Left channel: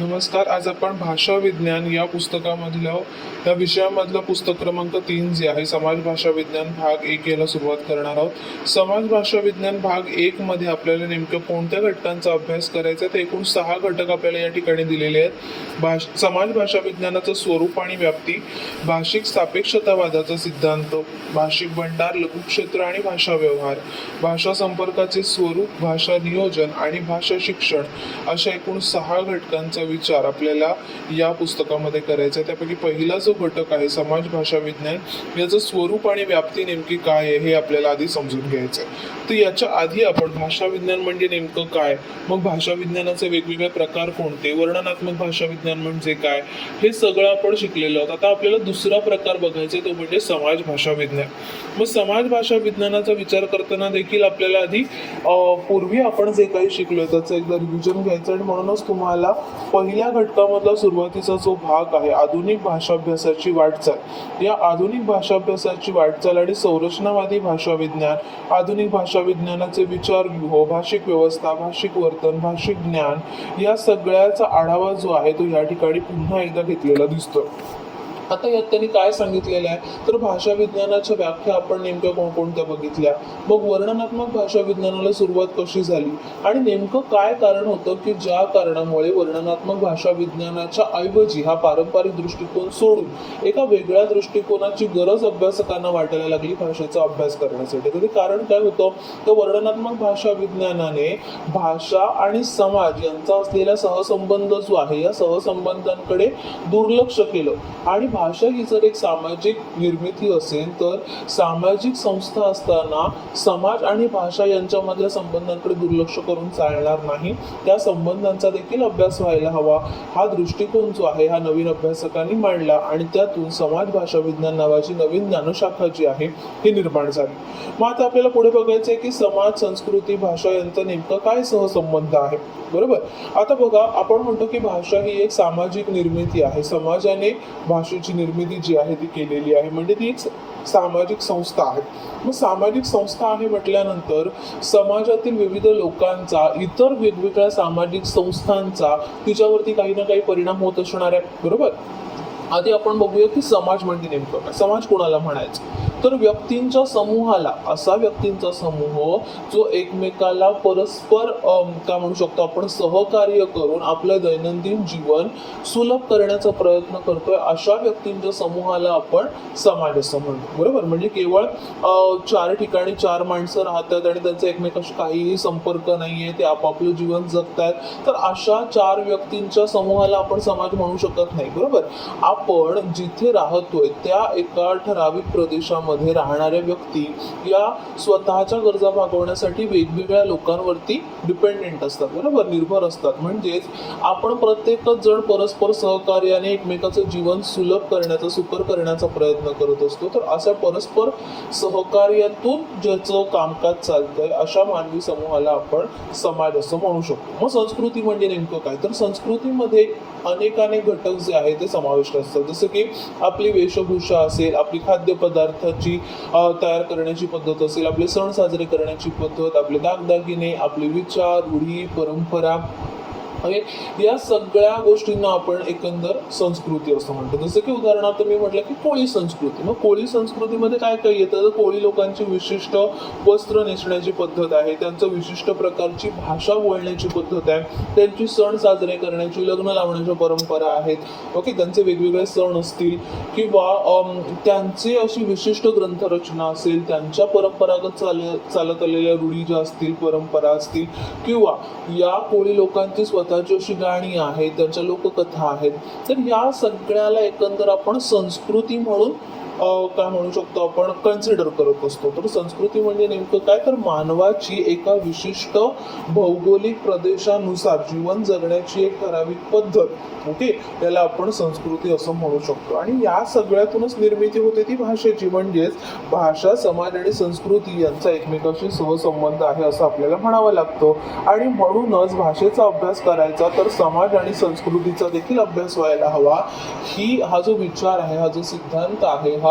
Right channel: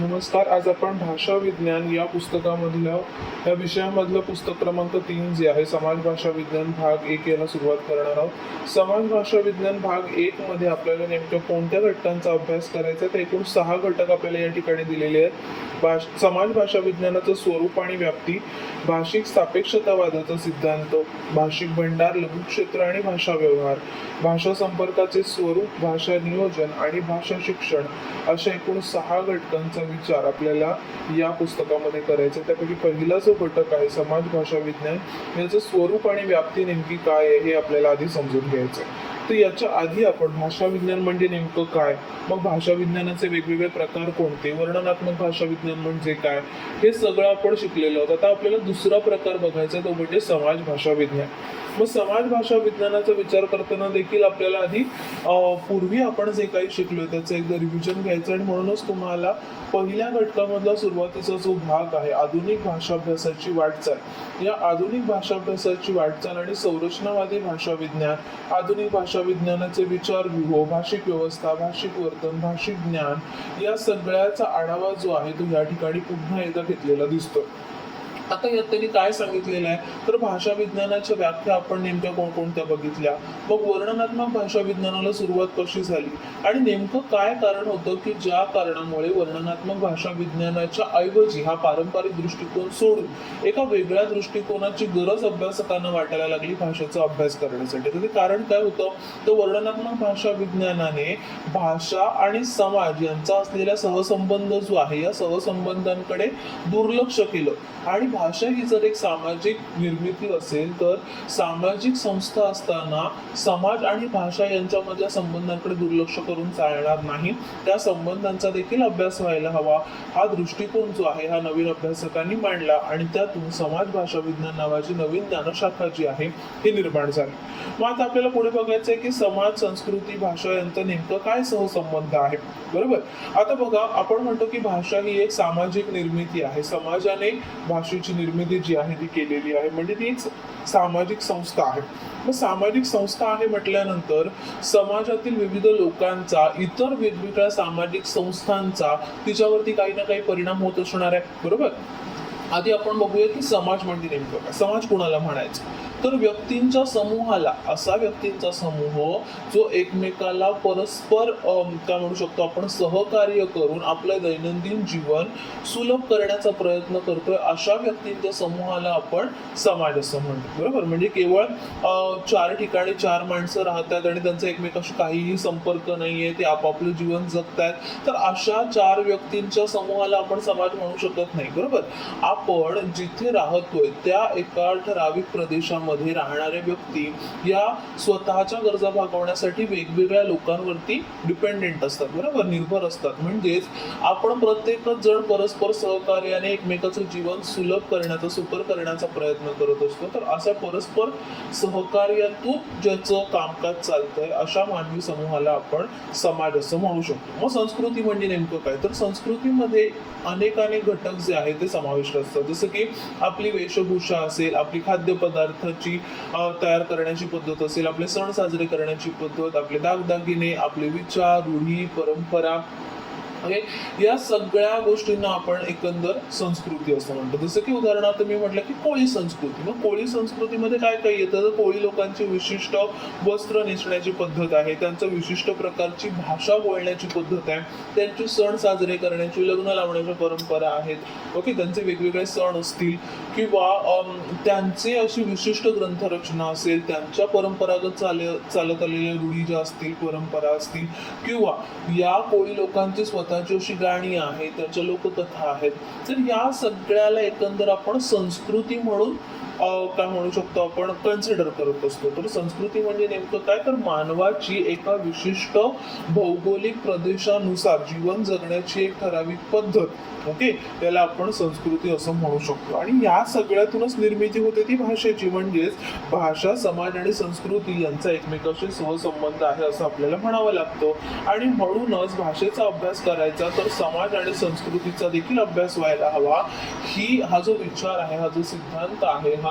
नमस्कार. आज आपण भाषा विज्ञान या पुस्तकामधलं या विषयामधलं पुस्तक क्रमांक 3 जे आहे समाज भाषा विज्ञान भाग 1 याला सुरुवात करणार आहोत. समाज भाषा विज्ञान भाग 1 मध्ये आपल्याला नेमकं कोणत्या घटकांचा अभ्यास करायचा आहे, तर एकूण 6 घटक आपल्याला या ठिकाणी दिलेले आहेत. समाज भाषा विज्ञानाचं स्वरूप आणि व्याप्ती, भाषिक सापेक्षतावादाचा सिद्धांत, भाषिक भंडार, लघुक्षेत्र आणि भाषा व्यवहार, भाषा संपर्काचे स्वरूप, भाषा नियोजन आणि भाषा शिक्षण अशा एकूण 6 घटकांचा विचार आपल्याला या पुस्तकामध्ये करायचा आहे. त्यापैकी पहिला जो घटक आहे समाज भाषा विज्ञान, याचं स्वरूप आणि व्याप्ती नेमकी काय आहे हे आपल्याला आधी समजून घ्यायचं आहे. तर याच्या आधी आपण भाषा विज्ञान म्हणजे नेमकं काय, मग भाषा विज्ञानाचे वेगवेगळे प्रकार कोणते, वर्णनात्मक भाषा विज्ञान म्हणजे काय, हे सगळं आपण शिकलेलो आहोत. आता आपल्याला दुसरा प्रकार बघायचा तो म्हणजे समाज भाषा विज्ञान. मग समाज भाषा विज्ञानाचा विचार करताना देखील आपल्याला आधी पूर्वी आपण जे काही शिकलो त्याचं एकदा रिव्हिजन घ्यायचं आणि म्हणूनच तुम्हाला पहिल्या घटकामधला सुरुवातीचा जो भाग आहे आधुनिक भाषाभ्यासाची वाटचाल, या आधुनिक भाषाभ्यासाची वाटचाल आणि संरचनावादी भाषा विज्ञान, आधुनिक भाषा विज्ञानाचे विचारव्यूह, भाषिक व्यवस्था, भाषिक वर्तन, भाषिक ज्ञान, या सगळ्याचा आढावा जो आहे तो या ठिकाणी पुन्हा एकदा घेतलेला दिसतो. आता यात त्यांनी काय सांगितलेलं आहे, तर भाषा विज्ञानाच्या व्याख्या आपण नेमक्या कोणकोणत्या बघितल्या, मग वर्णनात्मक भाषा विज्ञानाला सुरुवात कशी झाली आणि नेमकं काय कारण होतं की ज्या कारणामुळे वर्णनात्मक भाषा विज्ञानाच्या ऐवजी हा पारंपरिक दृष्टिकोन सोडून एका वेगळ्या दृष्टिकोनाची गरज अभ्यासकांना वाटायला लागली भाषेचा अभ्यास करण्यासाठी. तर ते कारण काय होतं, तर वर्णनात्मक भाषा विज्ञानाने भाषा आणि समाज यांचा असलेला सहसंबंध जो आहे या सहसंबंधांकडे दुर्लक्ष केलं आणि भाषा ही जर एक सामाजिक निर्मिती असेल तर सामाजिक संस्था असताना समाज आणि भाषा यांच्यामधल्या संबंधांकडे दुर्लक्ष करून चालणार नाही, त्या संबंधांचा देखील अभ्यास व्हायला हवा. हा दृष्टिकोन जो आहे हा नवीन अभ्यासकांनी मांडला आणि त्यातून समाज भाषा विज्ञान नावाची नवीन ज्ञानशाखा जी आहे ही निर्माण झाली. मग आता आपल्याला पुढे बघायचं आहे की समाज, संस्कृती, भाषा यांचा नेमकं काय सहसंबंध आहे. बरोबर, आता बघा आपण म्हणतो की भाषा ही एक सामाजिक निर्मिती आहे, समाजाने भाषेची निर्मिती जी आहे ती केलेली आहे, म्हणजे ती एक सामाजिक संस्था आहे. मग सामाजिक संस्था आहे म्हटल्यानंतर समाजातील विविध लोकांचा, इतर वेगवेगळ्या सामाजिक संस्थांचा तिच्यावरती काही ना काही परिणाम होत असणार आहे. बरोबर, आधी आपण बघूया की समाज म्हणजे नेमकं काय. समाज कोणाला म्हणायचं, तर व्यक्तींच्या समूहाला, असा व्यक्तींचा समूह जो एकमेकाला परस्पर काय म्हणू शकतो आपण सहकार्य करून आपलं दैनंदिन जीवन सुलभ करण्याचा प्रयत्न करतोय, अशा व्यक्तींच्या समूहाला आपण समाज असं म्हणतो. बरोबर, म्हणजे केवळ 4 ठिकाणी 4 माणसं राहतात आणि त्यांचा एकमेकाशी काहीही संपर्क नाहीये, ते आपापलं जीवन जगतायत, तर अशा 4 व्यक्तींच्या समूहाला आपण समाज म्हणू शकत नाही. बरोबर, आपण जिथे राहतोय त्या एका ठराविक प्रदेशामध्ये राहणाऱ्या व्यक्ती या स्वतःच्या गरजा भागवण्यासाठी वेगवेगळ्या लोकांवरती डिपेंडेंट असतात. बरोबर, निर्भर असतात. म्हणजेच आपण प्रत्येकच जण परस्पर सहकार्याने एकमेकाचं जीवन सुलभ करण्याचा, सुकर करण्याचा प्रयत्न करत असतो. तर अशा परस्पर सहकार्यातून ज्याचं कामकाज चालतंय अशा मानवी समूहाला आपण समाज असं म्हणू शकतो. मग संस्कृती म्हणजे नेमकं काय, तर संस्कृतीमध्ये अनेक घटक जे आहेत ते समाविष्ट असतात. जसं की आपली वेशभूषा असेल, आपली खाद्यपदार्थाची तयार करण्याची पद्धत असेल, आपले सण साजरे करण्याची पद्धत, आपले दागदागिने, आपले विचार, रूढी, परंपरा, या सगळ्या गोष्टींना आपण एकंदर संस्कृती असं म्हणतो. जसं की उदाहरणार्थ मी म्हटलं की कोळी संस्कृती. मग कोळी संस्कृतीमध्ये काय काय येतं, तर कोळी लोकांची विशिष्ट वस्त्र नेसण्याची पद्धत आहे, त्यांचं विशिष्ट प्रकारची भाषा बोलण्याची पद्धत आहे, त्यांचे सण साजरे करण्याची, लग्न लावण्याच्या परंपरा आहेत. ओके, त्यांचे वेगवेगळे सण असतील किंवा त्यांचे अशी विशिष्ट ग्रंथरचना असेल, त्यांच्या परंपरागत चालत आलेल्या रूढी ज्या असतील, परंपरा असतील, किंवा या कोळी लोकांची स्वतःची अशी गाणी आहेत, त्यांच्या लोककथा आहेत, तर या सगळ्याला एकंदर आपण संस्कृती म्हणून काय म्हणू शकतो आपण कन्सिडर करत असतो. तर संस्कृती म्हणजे नेमकं काय, तर मानवाची एका विशिष्ट भौगोलिक प्रदेशानुसार जीवन जगण्याची एक ठराविक पद्धत. ओके, याला आपण संस्कृती असं म्हणू शकतो. आणि या सगळ्यातूनच निर्मिती होते ती भाषेची. म्हणजेच भाषा, समाज आणि संस्कृती यांचा एकमेकाशी सहसंबंध आहे असं आपल्याला म्हणावं लागतं. आणि म्हणूनच भाषेचा अभ्यास करायचा तर समाज आणि संस्कृतीचा देखील अभ्यास व्हायला हवा. हा जो विचार आहे, हा जो सिद्धांत आहे, हा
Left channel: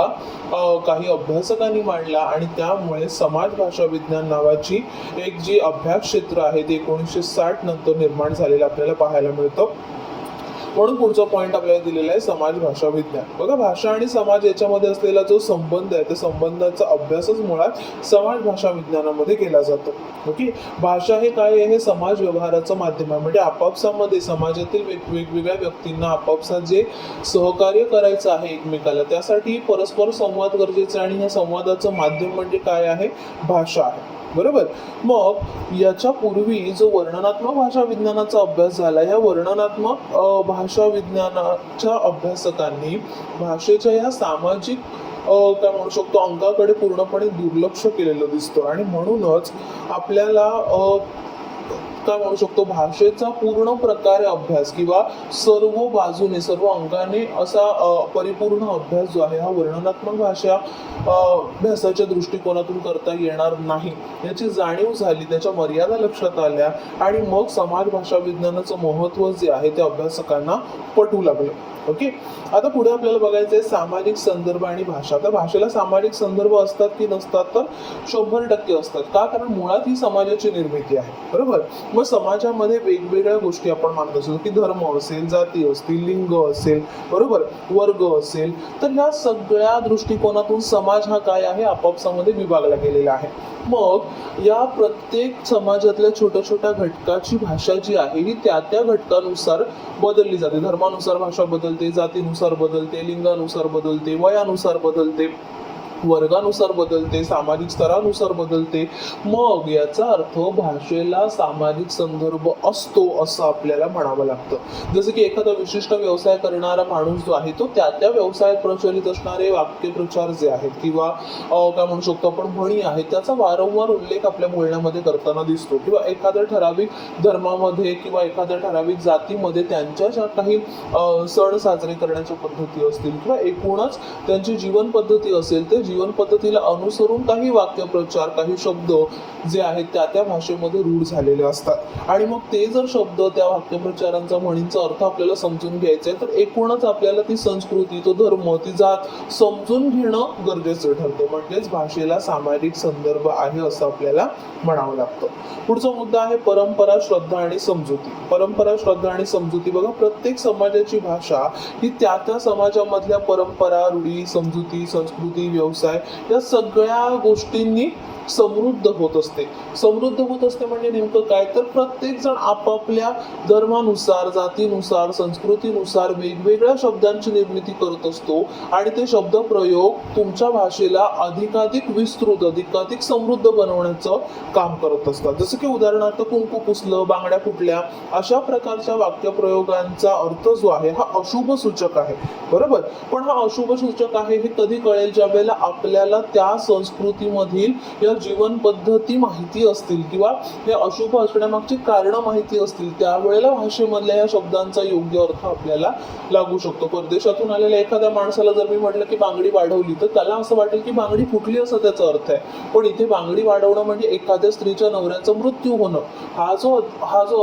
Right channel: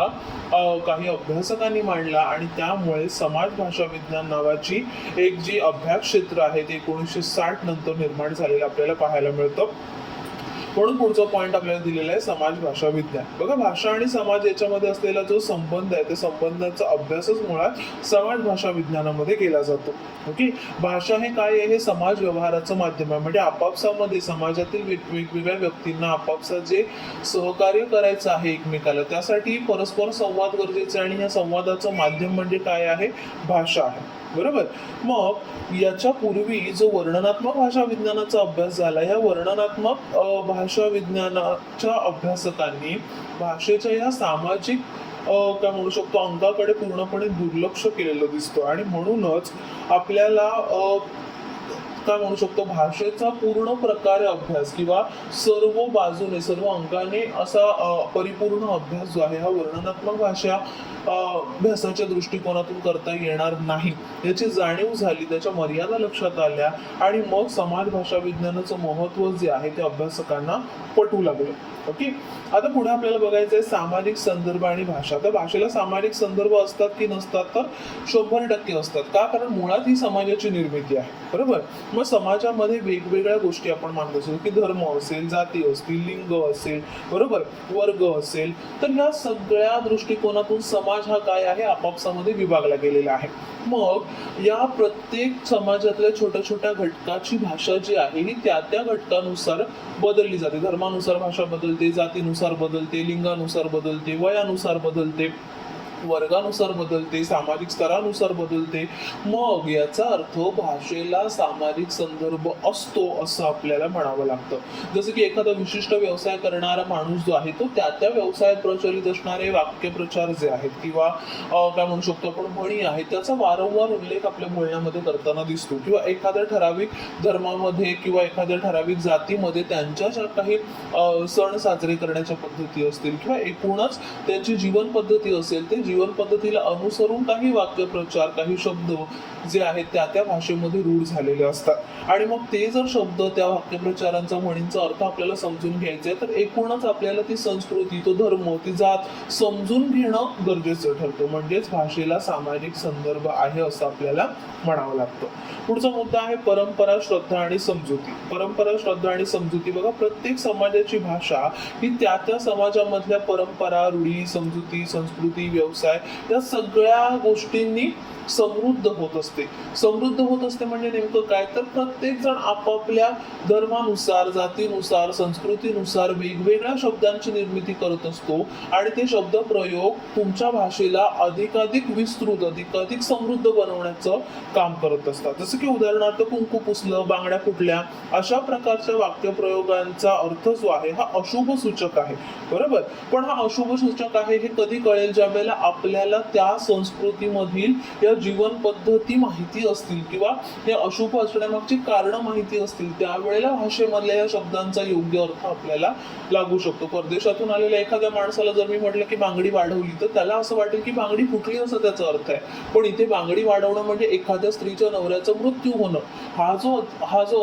काही अभ्यासकांनी मांडला आणि त्यामुळे समाज भाषा विज्ञान नावाची एक जी अभ्यास क्षेत्र आहे ते 1960 नंतर निर्माण झालेलं आपल्याला पाहायला मिळतं. म्हणून पुढचा पॉईंट आपल्याला दिलेला आहे समाज भाषा विज्ञान. बघा, भाषा आणि समाज याच्यामध्ये असलेला जो संबंध आहे त्या संबंधाचा अभ्यासच मुळात समाज भाषा विज्ञानामध्ये केला जातो. ओके, भाषा हे काय आहे? हे समाज व्यवहाराचं माध्यम आहे. म्हणजे आपापसामध्ये समाजातील वेगवेगळ्या व्यक्तींना आपापसात जे सहकार्य करायचं आहे एकमेकाला, त्यासाठी परस्पर संवाद गरजेचा आहे आणि या संवादाचं माध्यम म्हणजे काय आहे? भाषा आहे. बरोबर. मग याच्या पूर्वी जो वर्णनात्मक भाषा विज्ञानाचा अभ्यास झाला, ह्या वर्णनात्मक भाषा विज्ञानाच्या अभ्यासकांनी भाषेच्या या सामाजिक काय म्हणू शकतो अंकाकडे पूर्णपणे दुर्लक्ष केलेलं दिसतं आणि म्हणूनच आपल्याला काय म्हणू शकतो भाषेचा पूर्ण प्रकारे अभ्यास किंवा सर्व बाजूने सर्व अंगाने असा परिपूर्ण अभ्यास जो आहे हा वर्णनात्मक भाषा अभ्यासाच्या दृष्टिकोनातून करता येणार नाही याची जाणीव झाली, त्याच्या मर्यादा लक्षात आल्या आणि मग समाज भाषा विज्ञानाचं महत्त्व जे आहे ते अभ्यासकांना पटू लागलं. ओके, आता पुढे आपल्याला बघायचं आहे सामाजिक संदर्भ आणि भाषा. तर भाषेला सामाजिक संदर्भ असतात की नसतात? तर 100% असतात. का? कारण मुळात ही समाजाची निर्मिती आहे. बरोबर. मग समाजामध्ये वेगवेगळ्या गोष्टी आपण मानत असतो की धर्म असेल, जाती असतील, लिंग असेल, बरोबर, वर्ग असेल, तर या सगळ्या दृष्टिकोनातून समाज हा काय आहे? आपापसामध्ये विभागला गेलेला आहे. मग या प्रत्येक समाजातल्या छोट्या छोट्या घटकाची भाषा जी आहे ही त्या त्या घटकानुसार बदलली जाते. धर्मानुसार भाषा बदलते, जातीनुसार बदलते, लिंगानुसार बदलते, वयानुसार बदलते, वर्गानुसार बदलते, सामाजिक स्तरानुसार बदलते. मग याचा अर्थ भाषेला सामाजिक संदर्भ असतो असं आपल्याला म्हणावं लागतं. जसं की एखादा विशिष्ट व्यवसाय करणारा माणूस जो आहे तो त्या त्या व्यवसायात प्रचलित असणारे वाक्यप्रचार जे आहेत किंवा काय म्हणू शकतो आपण म्हणी आहेत त्याचा वारंवार उल्लेख आपल्या बोलण्यामध्ये करताना दिसतो. किंवा एखाद्या ठराविक धर्मामध्ये किंवा एखाद्या ठराविक जातीमध्ये त्यांच्या ज्या काही सण साजरे करण्याच्या पद्धती असतील किंवा एकूणच त्यांची जीवन पद्धती असेल ते जीवन पद्धतीला अनुसरून काही वाक्यप्रचार काही शब्द जे आहेत त्या त्या भाषेमध्ये रूढ झालेले असतात आणि मग ते जर शब्द त्या वाक्यप्रचारांचा म्हणींचा अर्थ आपल्याला समजून घ्यायचा आहे तर एकूणच आपल्याला ती संस्कृती तो धर्म ती जात समजून घेणं गरजेचं ठरते. म्हणजेच भाषेला सामाजिक संदर्भ आहे असं आपल्याला म्हणावं लागतं. पुढचा मुद्दा आहे परंपरा, श्रद्धा आणि समजुती. परंपरा, श्रद्धा आणि समजुती. बघा, प्रत्येक समाजाची भाषा ही त्या त्या समाजामधल्या परंपरा, रूढी, समजुती, संस्कृती, व्यवसाय या सगळ्या गोष्टींनी समृद्ध होत असते. समृद्ध होत असते म्हणजे नेमकं काय? तर प्रत्येक जण आपापल्या धर्मानुसार, जातीनुसार, संस्कृतीनुसार वेगवेगळ्या शब्दांची निर्मिती करत असतो आणि ते शब्द प्रयोग तुमच्या भाषेला अधिकाधिक विस्तृत अधिकाधिक समृद्ध बनवण्याचं काम करत असतात. जसं की उदाहरणार्थ कुंकू पुसलं, बांगड्या फुटल्या अशा प्रकारच्या वाक्यप्रयोगांचा अर्थ जो आहे हा अशुभ सूचक आहे. बरोबर. पण हा अशुभ सूचक आहे हे कधी कळेल? ज्या वेळेला आपल्याला त्या संस्कृतीमधील या जीवन पद्धती माहिती असतील किंवा हे अशुभ असण्यामागची कारणं माहिती असतील त्यावेळेला भाषेमधल्या या शब्दांचा योग्य अर्थ आपल्याला लागू शकतो. परदेशातून आलेल्या एखाद्या माणसाला जर मी म्हटलं की बांगडी वाढवली तर त्याला असं वाटेल की बांगडी फुटली असं त्याचा अर्थ आहे. पण इथे बांगडी वाढवणं म्हणजे एखाद्या स्त्रीच्या नवऱ्याचा मृत्यू होणं हा जो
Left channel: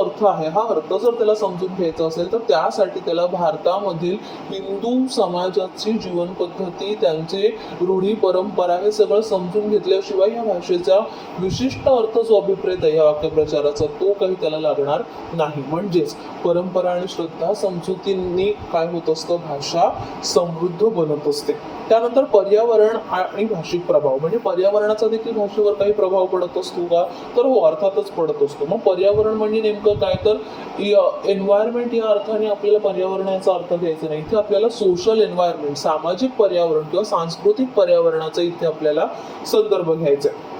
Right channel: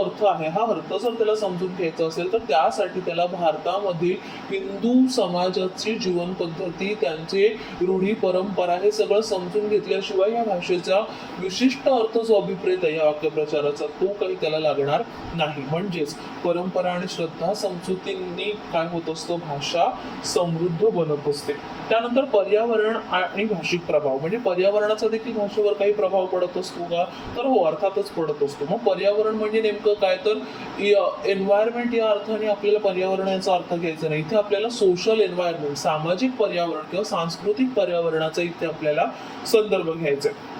अर्थ आहे हा अर्थ जर त्याला समजून घ्यायचा असेल तर त्यासाठी त्याला भारतामधील हिंदू समाजाची जीवन पद्धती त्यांचे रूढी परंपरा हे सगळं समजून घेतल्याशिवाय या भाषेचा विशिष्ट अर्थ जो अभिप्रेत आहे या वाक्यप्रचाराचा तो काही त्याला लागणार नाही. म्हणजेच परंपरा आणि श्रद्धा समजुतींनी काय होत असतं? भाषा समृद्ध बनत असते. त्यानंतर पर्यावरण आणि भाषिक प्रभाव. म्हणजे पर्यावरणाचा देखील भाषेवर काही प्रभाव पडत असतो का? तर हो, अर्थातच पडत असतो. मग पर्यावरण म्हणजे नेमकं काय? तर एन्व्हायरमेंट या अर्थाने आपल्याला पर्यावरण याचा अर्थ घ्यायचा नाही. इथे आपल्याला सोशल एन्व्हायरमेंट सामाजिक पर्यावरण किंवा सांस्कृतिक पर्यावरणाचा इथे आपल्याला संदर्भ घ्यायचा आहे.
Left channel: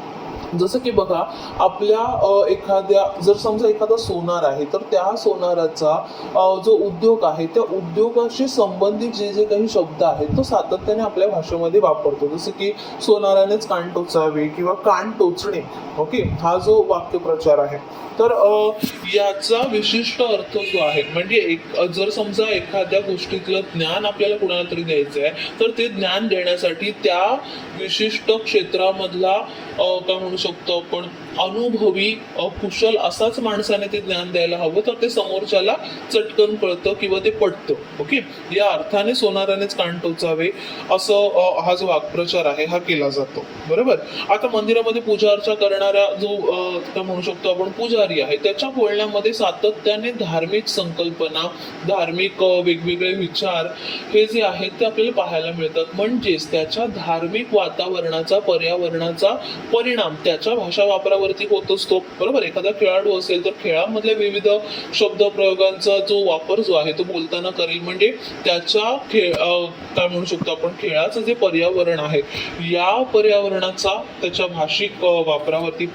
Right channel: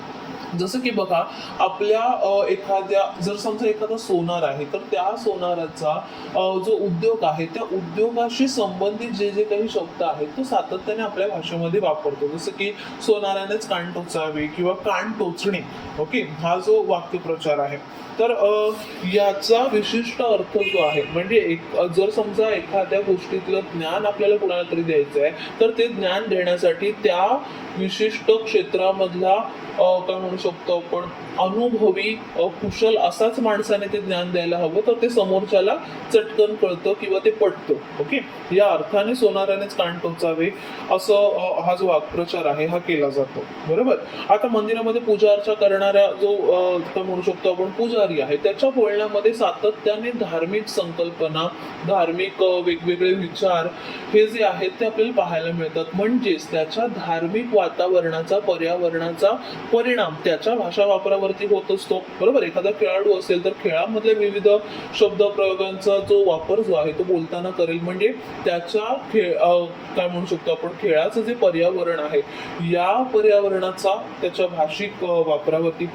जसं की बघा, आपल्या एखाद्या जर समजा एखादा सोनार आहे तर त्या सोनाराचा जो उद्योग आहे त्या उद्योगाशी संबंधित जे जे काही शब्द आहेत तो सातत्याने आपल्या भाषेमध्ये वापरतो. जसं की सोनारानेच कान टोचावे किंवा कान टोचणे. ओके, हा जो वाक्यप्रचार आहे तर याचा विशिष्ट अर्थ जो आहे म्हणजे जर समजा एखाद्या गोष्टीतलं ज्ञान आपल्याला कुणाला तरी द्यायचं आहे तर ते ज्ञान देण्यासाठी त्या विशिष्ट क्षेत्रामधला काय म्हणू शकतो आपण अनुभवी कुशल असाच माणसाने ते ज्ञान द्यायला हवं, तर ते समोरच्याला चटकन कळतं किंवा ते पटतं. ओके, या अर्थाने सोनारानेच कान टोचावे असं हा जो वाक्प्रचार आहे हा केला जातो. बरोबर. आता मंदिरामध्ये पूजा अर्चा करणाऱ्या जो काय म्हणू शकतो आपण पुजारी आहे, त्याच्या बोलण्यामध्ये सातत्याने धार्मिक संकल्पना, धार्मिक वेगवेगळे विचार हे जे आहेत ते आपल्याला पाहायला मिळतात. म्हणजेच त्याच्या धार्मिक वातावरणाचा, पर्यावरणाचा परिणाम त्याच्या भाषा वापरावरती होत असतो. बरोबर. एखादा खेळाडू असेल तर खेळामधल्या विविध शब्द प्रयोगांचा जो वापर जो आहे तो बोलताना करेल, म्हणजे त्याच्या काय म्हणू शकतो आपण खेळाचं जे पर्यावरण आहे या पर्यावरणाचा त्याच्या भाषिक वापरावरती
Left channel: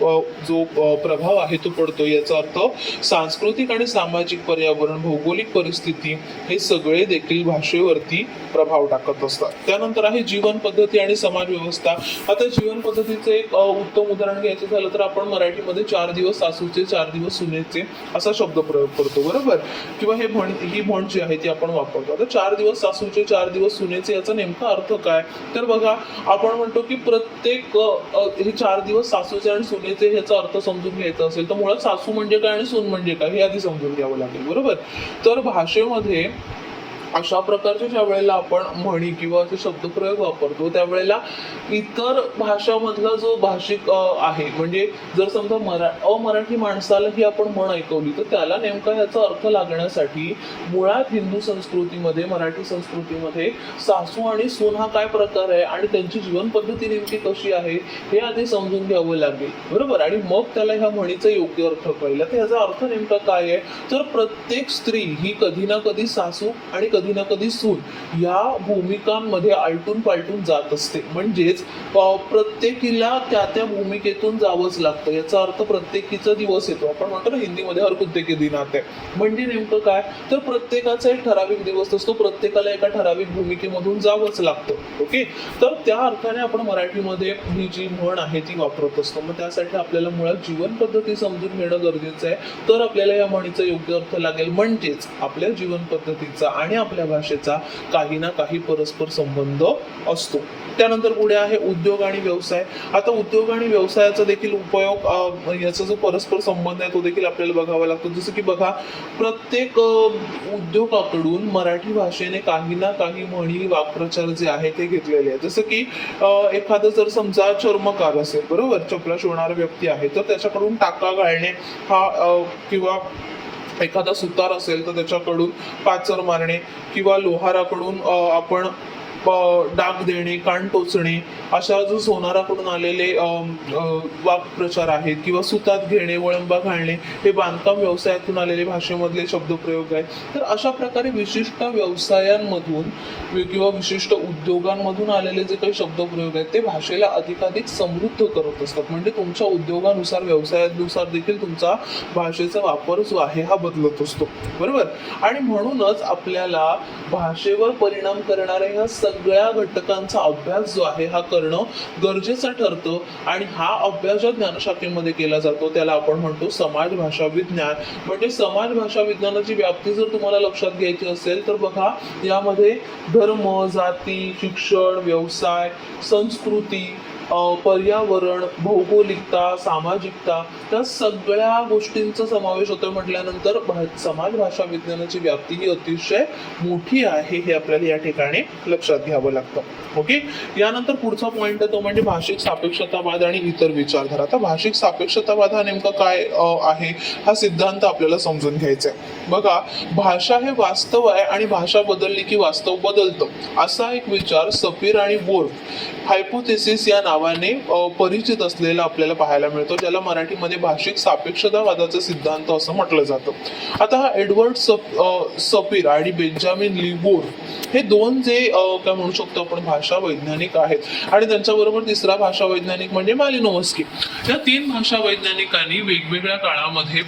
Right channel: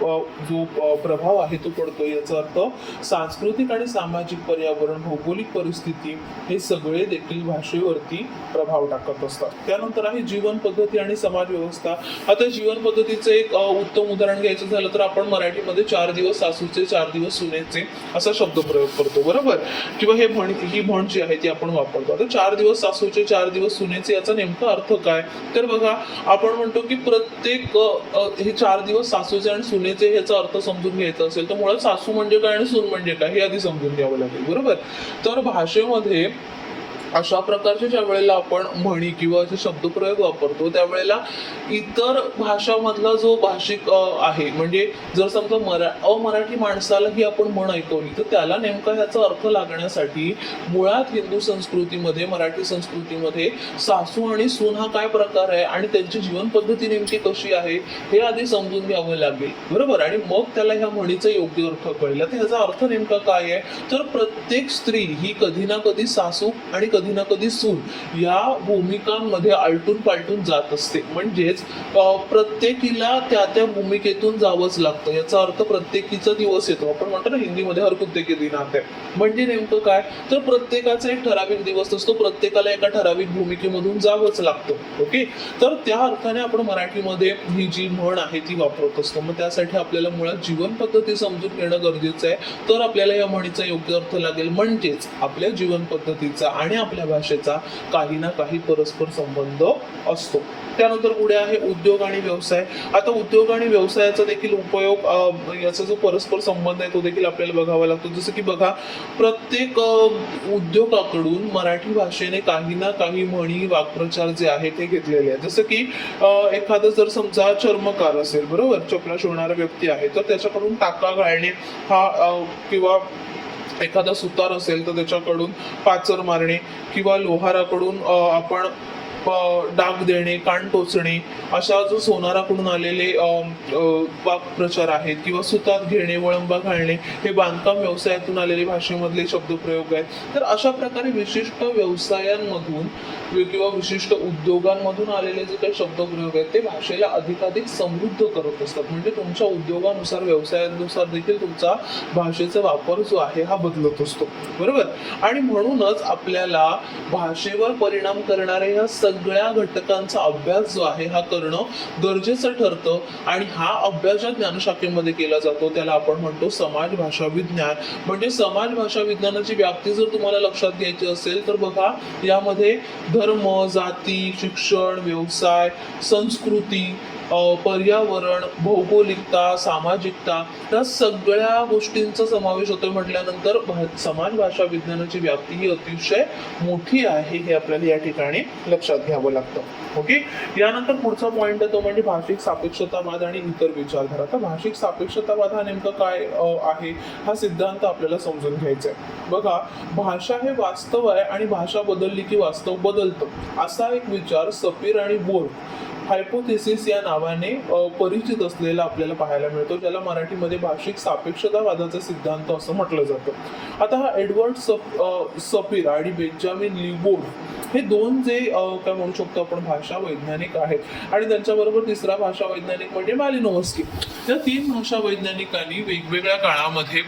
जो प्रभाव आहे तो पडतो. याचा अर्थ सांस्कृतिक आणि सामाजिक पर्यावरण, भौगोलिक परिस्थिती हे सगळे देखील भाषेवरती प्रभाव टाकत असतात. त्यानंतर आहे जीवन पद्धती आणि समाज व्यवस्था. आता जीवन पद्धतीचे एक उत्तम उदाहरण घ्यायचं झालं तर आपण मराठीमध्ये 4 दिवस सासूचे 4 दिवस सुनेचे असा शब्द प्रयोग करतो. बरोबर. किंवा ही म्हण जी आहे ती आपण वापरतो. आता 4 दिवस सासूचे 4 दिवस सुनेचे याचा नेमका अर्थ काय? तर बघा, आपण म्हणतो की प्रत्येक हे 4 दिवस सासूचे आणि सुनेचे याचा अर्थ समजून घ्यायचा असेल तर मुळात सासू म्हणजे काय आणि सून म्हणजे काय हे आधी समजून घ्यावं लागेल. बरोबर. तर भाषेमध्ये अशा प्रकारचे ज्या वेळेला आपण म्हणी किंवा असे शब्दप्रयोग वापरतो त्यावेळेला इतर भाषामधला जो भाषिक आहे, म्हणजे जर समजा अमराठी माणसाला ही आपण म्हण ऐकवली तर त्याला नेमका याचा अर्थ लागण्यासाठी मुळात हिंदू संस्कृतीमध्ये, मराठी संस्कृतीमध्ये सासू आणि सून हा काय प्रकार आहे आणि त्यांची जीवन पद्धती नेमकी कशी आहे हे आधी समजून घ्यावं लागेल. बरोबर. आणि मग त्याला ह्या म्हणीचा योग्य अर्थ कळला. तर याचा अर्थ नेमका काय आहे? तर प्रत्येक स्त्री ही कधी ना कधी सासू आणि कधी ना कधी सून या भूमिकांमध्ये आलटून पालटून जात असते. म्हणजेच प्रत्येकीला त्या त्या भूमिकेतून जावंच लागतं. याचा अर्थ प्रत्येकीचा दिवस येतो. आपण म्हणतो ना हिंदीमध्ये हर कुत्ते के दिन आते. म्हणजे नेमकं काय? तर प्रत्येकाचा एक ठराविक दिवस असतो, प्रत्येकाला एका ठराविक भूमिकेमधून जावंच लागतं. ओके. तर त्या अर्थाने आपण मराठीमध्ये ही जी म्हण आहे ती वापरत असतो. मग त्यासाठी आपल्याला मुळात जीवन पद्धती समजून घेणं गरजेचं आहे, तर आपल्याला या म्हणीचा योग्य अर्थ लागेल. म्हणजेच आपल्या जीवन पद्धतीचा आणि आपल्या भाषेचा काही ना काही परस्पर संबंध असतो. त्यानंतर पुढे आहे उद्योग आणि व्यवसाय. आता उद्योग आणि व्यवसायाचा देखील उपयोग, याचा जो परस्पर संबंध आहे तो देखील आपल्याला बघावा लागतो. जसं की बघा, प्रत्येक उद्योगाकडून मराठी भाषेने काही ना काही म्हणी, वाक्प्रचार जे आहे ते घेतलेले आहेत. जसं की एखादं जर समजा चर्मकार असेल, बरोबर, चपला शिवणारा व्यक्ती आहे, तर त्याच्याकडून टाका घालणे हा किंवा एखादा सुतार असेल तर त्याच्याकडून पाचर मारणे किंवा लोहाराकडून आपण डाग देणे, कान टोचणे अशा जो सोनाराकडून आलेले वाक्प्रचार आहेत किंवा सुतात घेणे, वळंबा घालणे हे बांधकाम व्यवसायातून आलेले भाषेमधले शब्दप्रयोग आहेत. तर अशा प्रकारे विशिष्ट व्यवसायांमधून किंवा विशिष्ट उद्योगांमधून आलेले जे काही शब्दप्रयोग आहेत ते भाषेला अधिकाधिक समृद्ध करत असतात. म्हणजे तुमच्या उद्योगानुसार, व्यवसायानुसार देखील तुमचा भाषेचा वापर जो आहे हा बदलत असतो. बरोबर. आणि म्हणूनच आपल्याला भाषेवर परिणाम करणाऱ्या ह्या सगळ्या घटकांचा अभ्यास जो आहे हा करणं गरजेचं ठरतं. आणि हा अभ्यास ज्या ज्ञानशाखेमध्ये केला जातो त्याला आपण म्हणतो समाज भाषा विज्ञान. म्हणजे समाज भाषा विज्ञानाची व्याप्ती जर तुम्हाला लक्षात घ्यायची असेल तर बघा, यामध्ये धर्म, जाती, शिक्षण, व्यवसाय, संस्कृती, पर्यावरण, भौगोलिकता, सामाजिकता या सगळ्या गोष्टींचा समावेश होतो. म्हटल्यानंतर समाज भाषा विज्ञानाची व्याप्ती ही अतिशय मोठी आहे हे आपल्याला या ठिकाणी लक्षात घ्यावं लागतं. ओके. यानंतर पुढचा पॉइंट तो म्हणजे भाषिक सापेक्षतावाद आणि इतर विचारधारा. आता भाषिक सापेक्षतावाद हा नेमका काय आहे हा सिद्धांत आपल्याला समजून घ्यायचा आहे. बघा, भाषा हे वास्तव आहे आणि भाषा बदलली की वास्तव बदलतं असा एक विचार सपीर आणि बोर्फ हायपोथेसिस या नावाने परिचित असलेला आपल्याला पाहायला मिळतो, ज्याला मराठीमध्ये भाषिक सापेक्षतावादाचा सिद्धांत असं म्हटलं जातं. आता हा एडवर्ड सपीर आणि बेंजामिन लिबोर हे दोन जे काय म्हणू शकतो आपण भाषा वैज्ञानिक आहेत आणि त्यांच्याबरोबर तिसरा भाषा वैज्ञानिक म्हणजे मॅलिनोव्स्की. या 3 भाषा वैज्ञानिकांनी वेगवेगळ्या काळामध्ये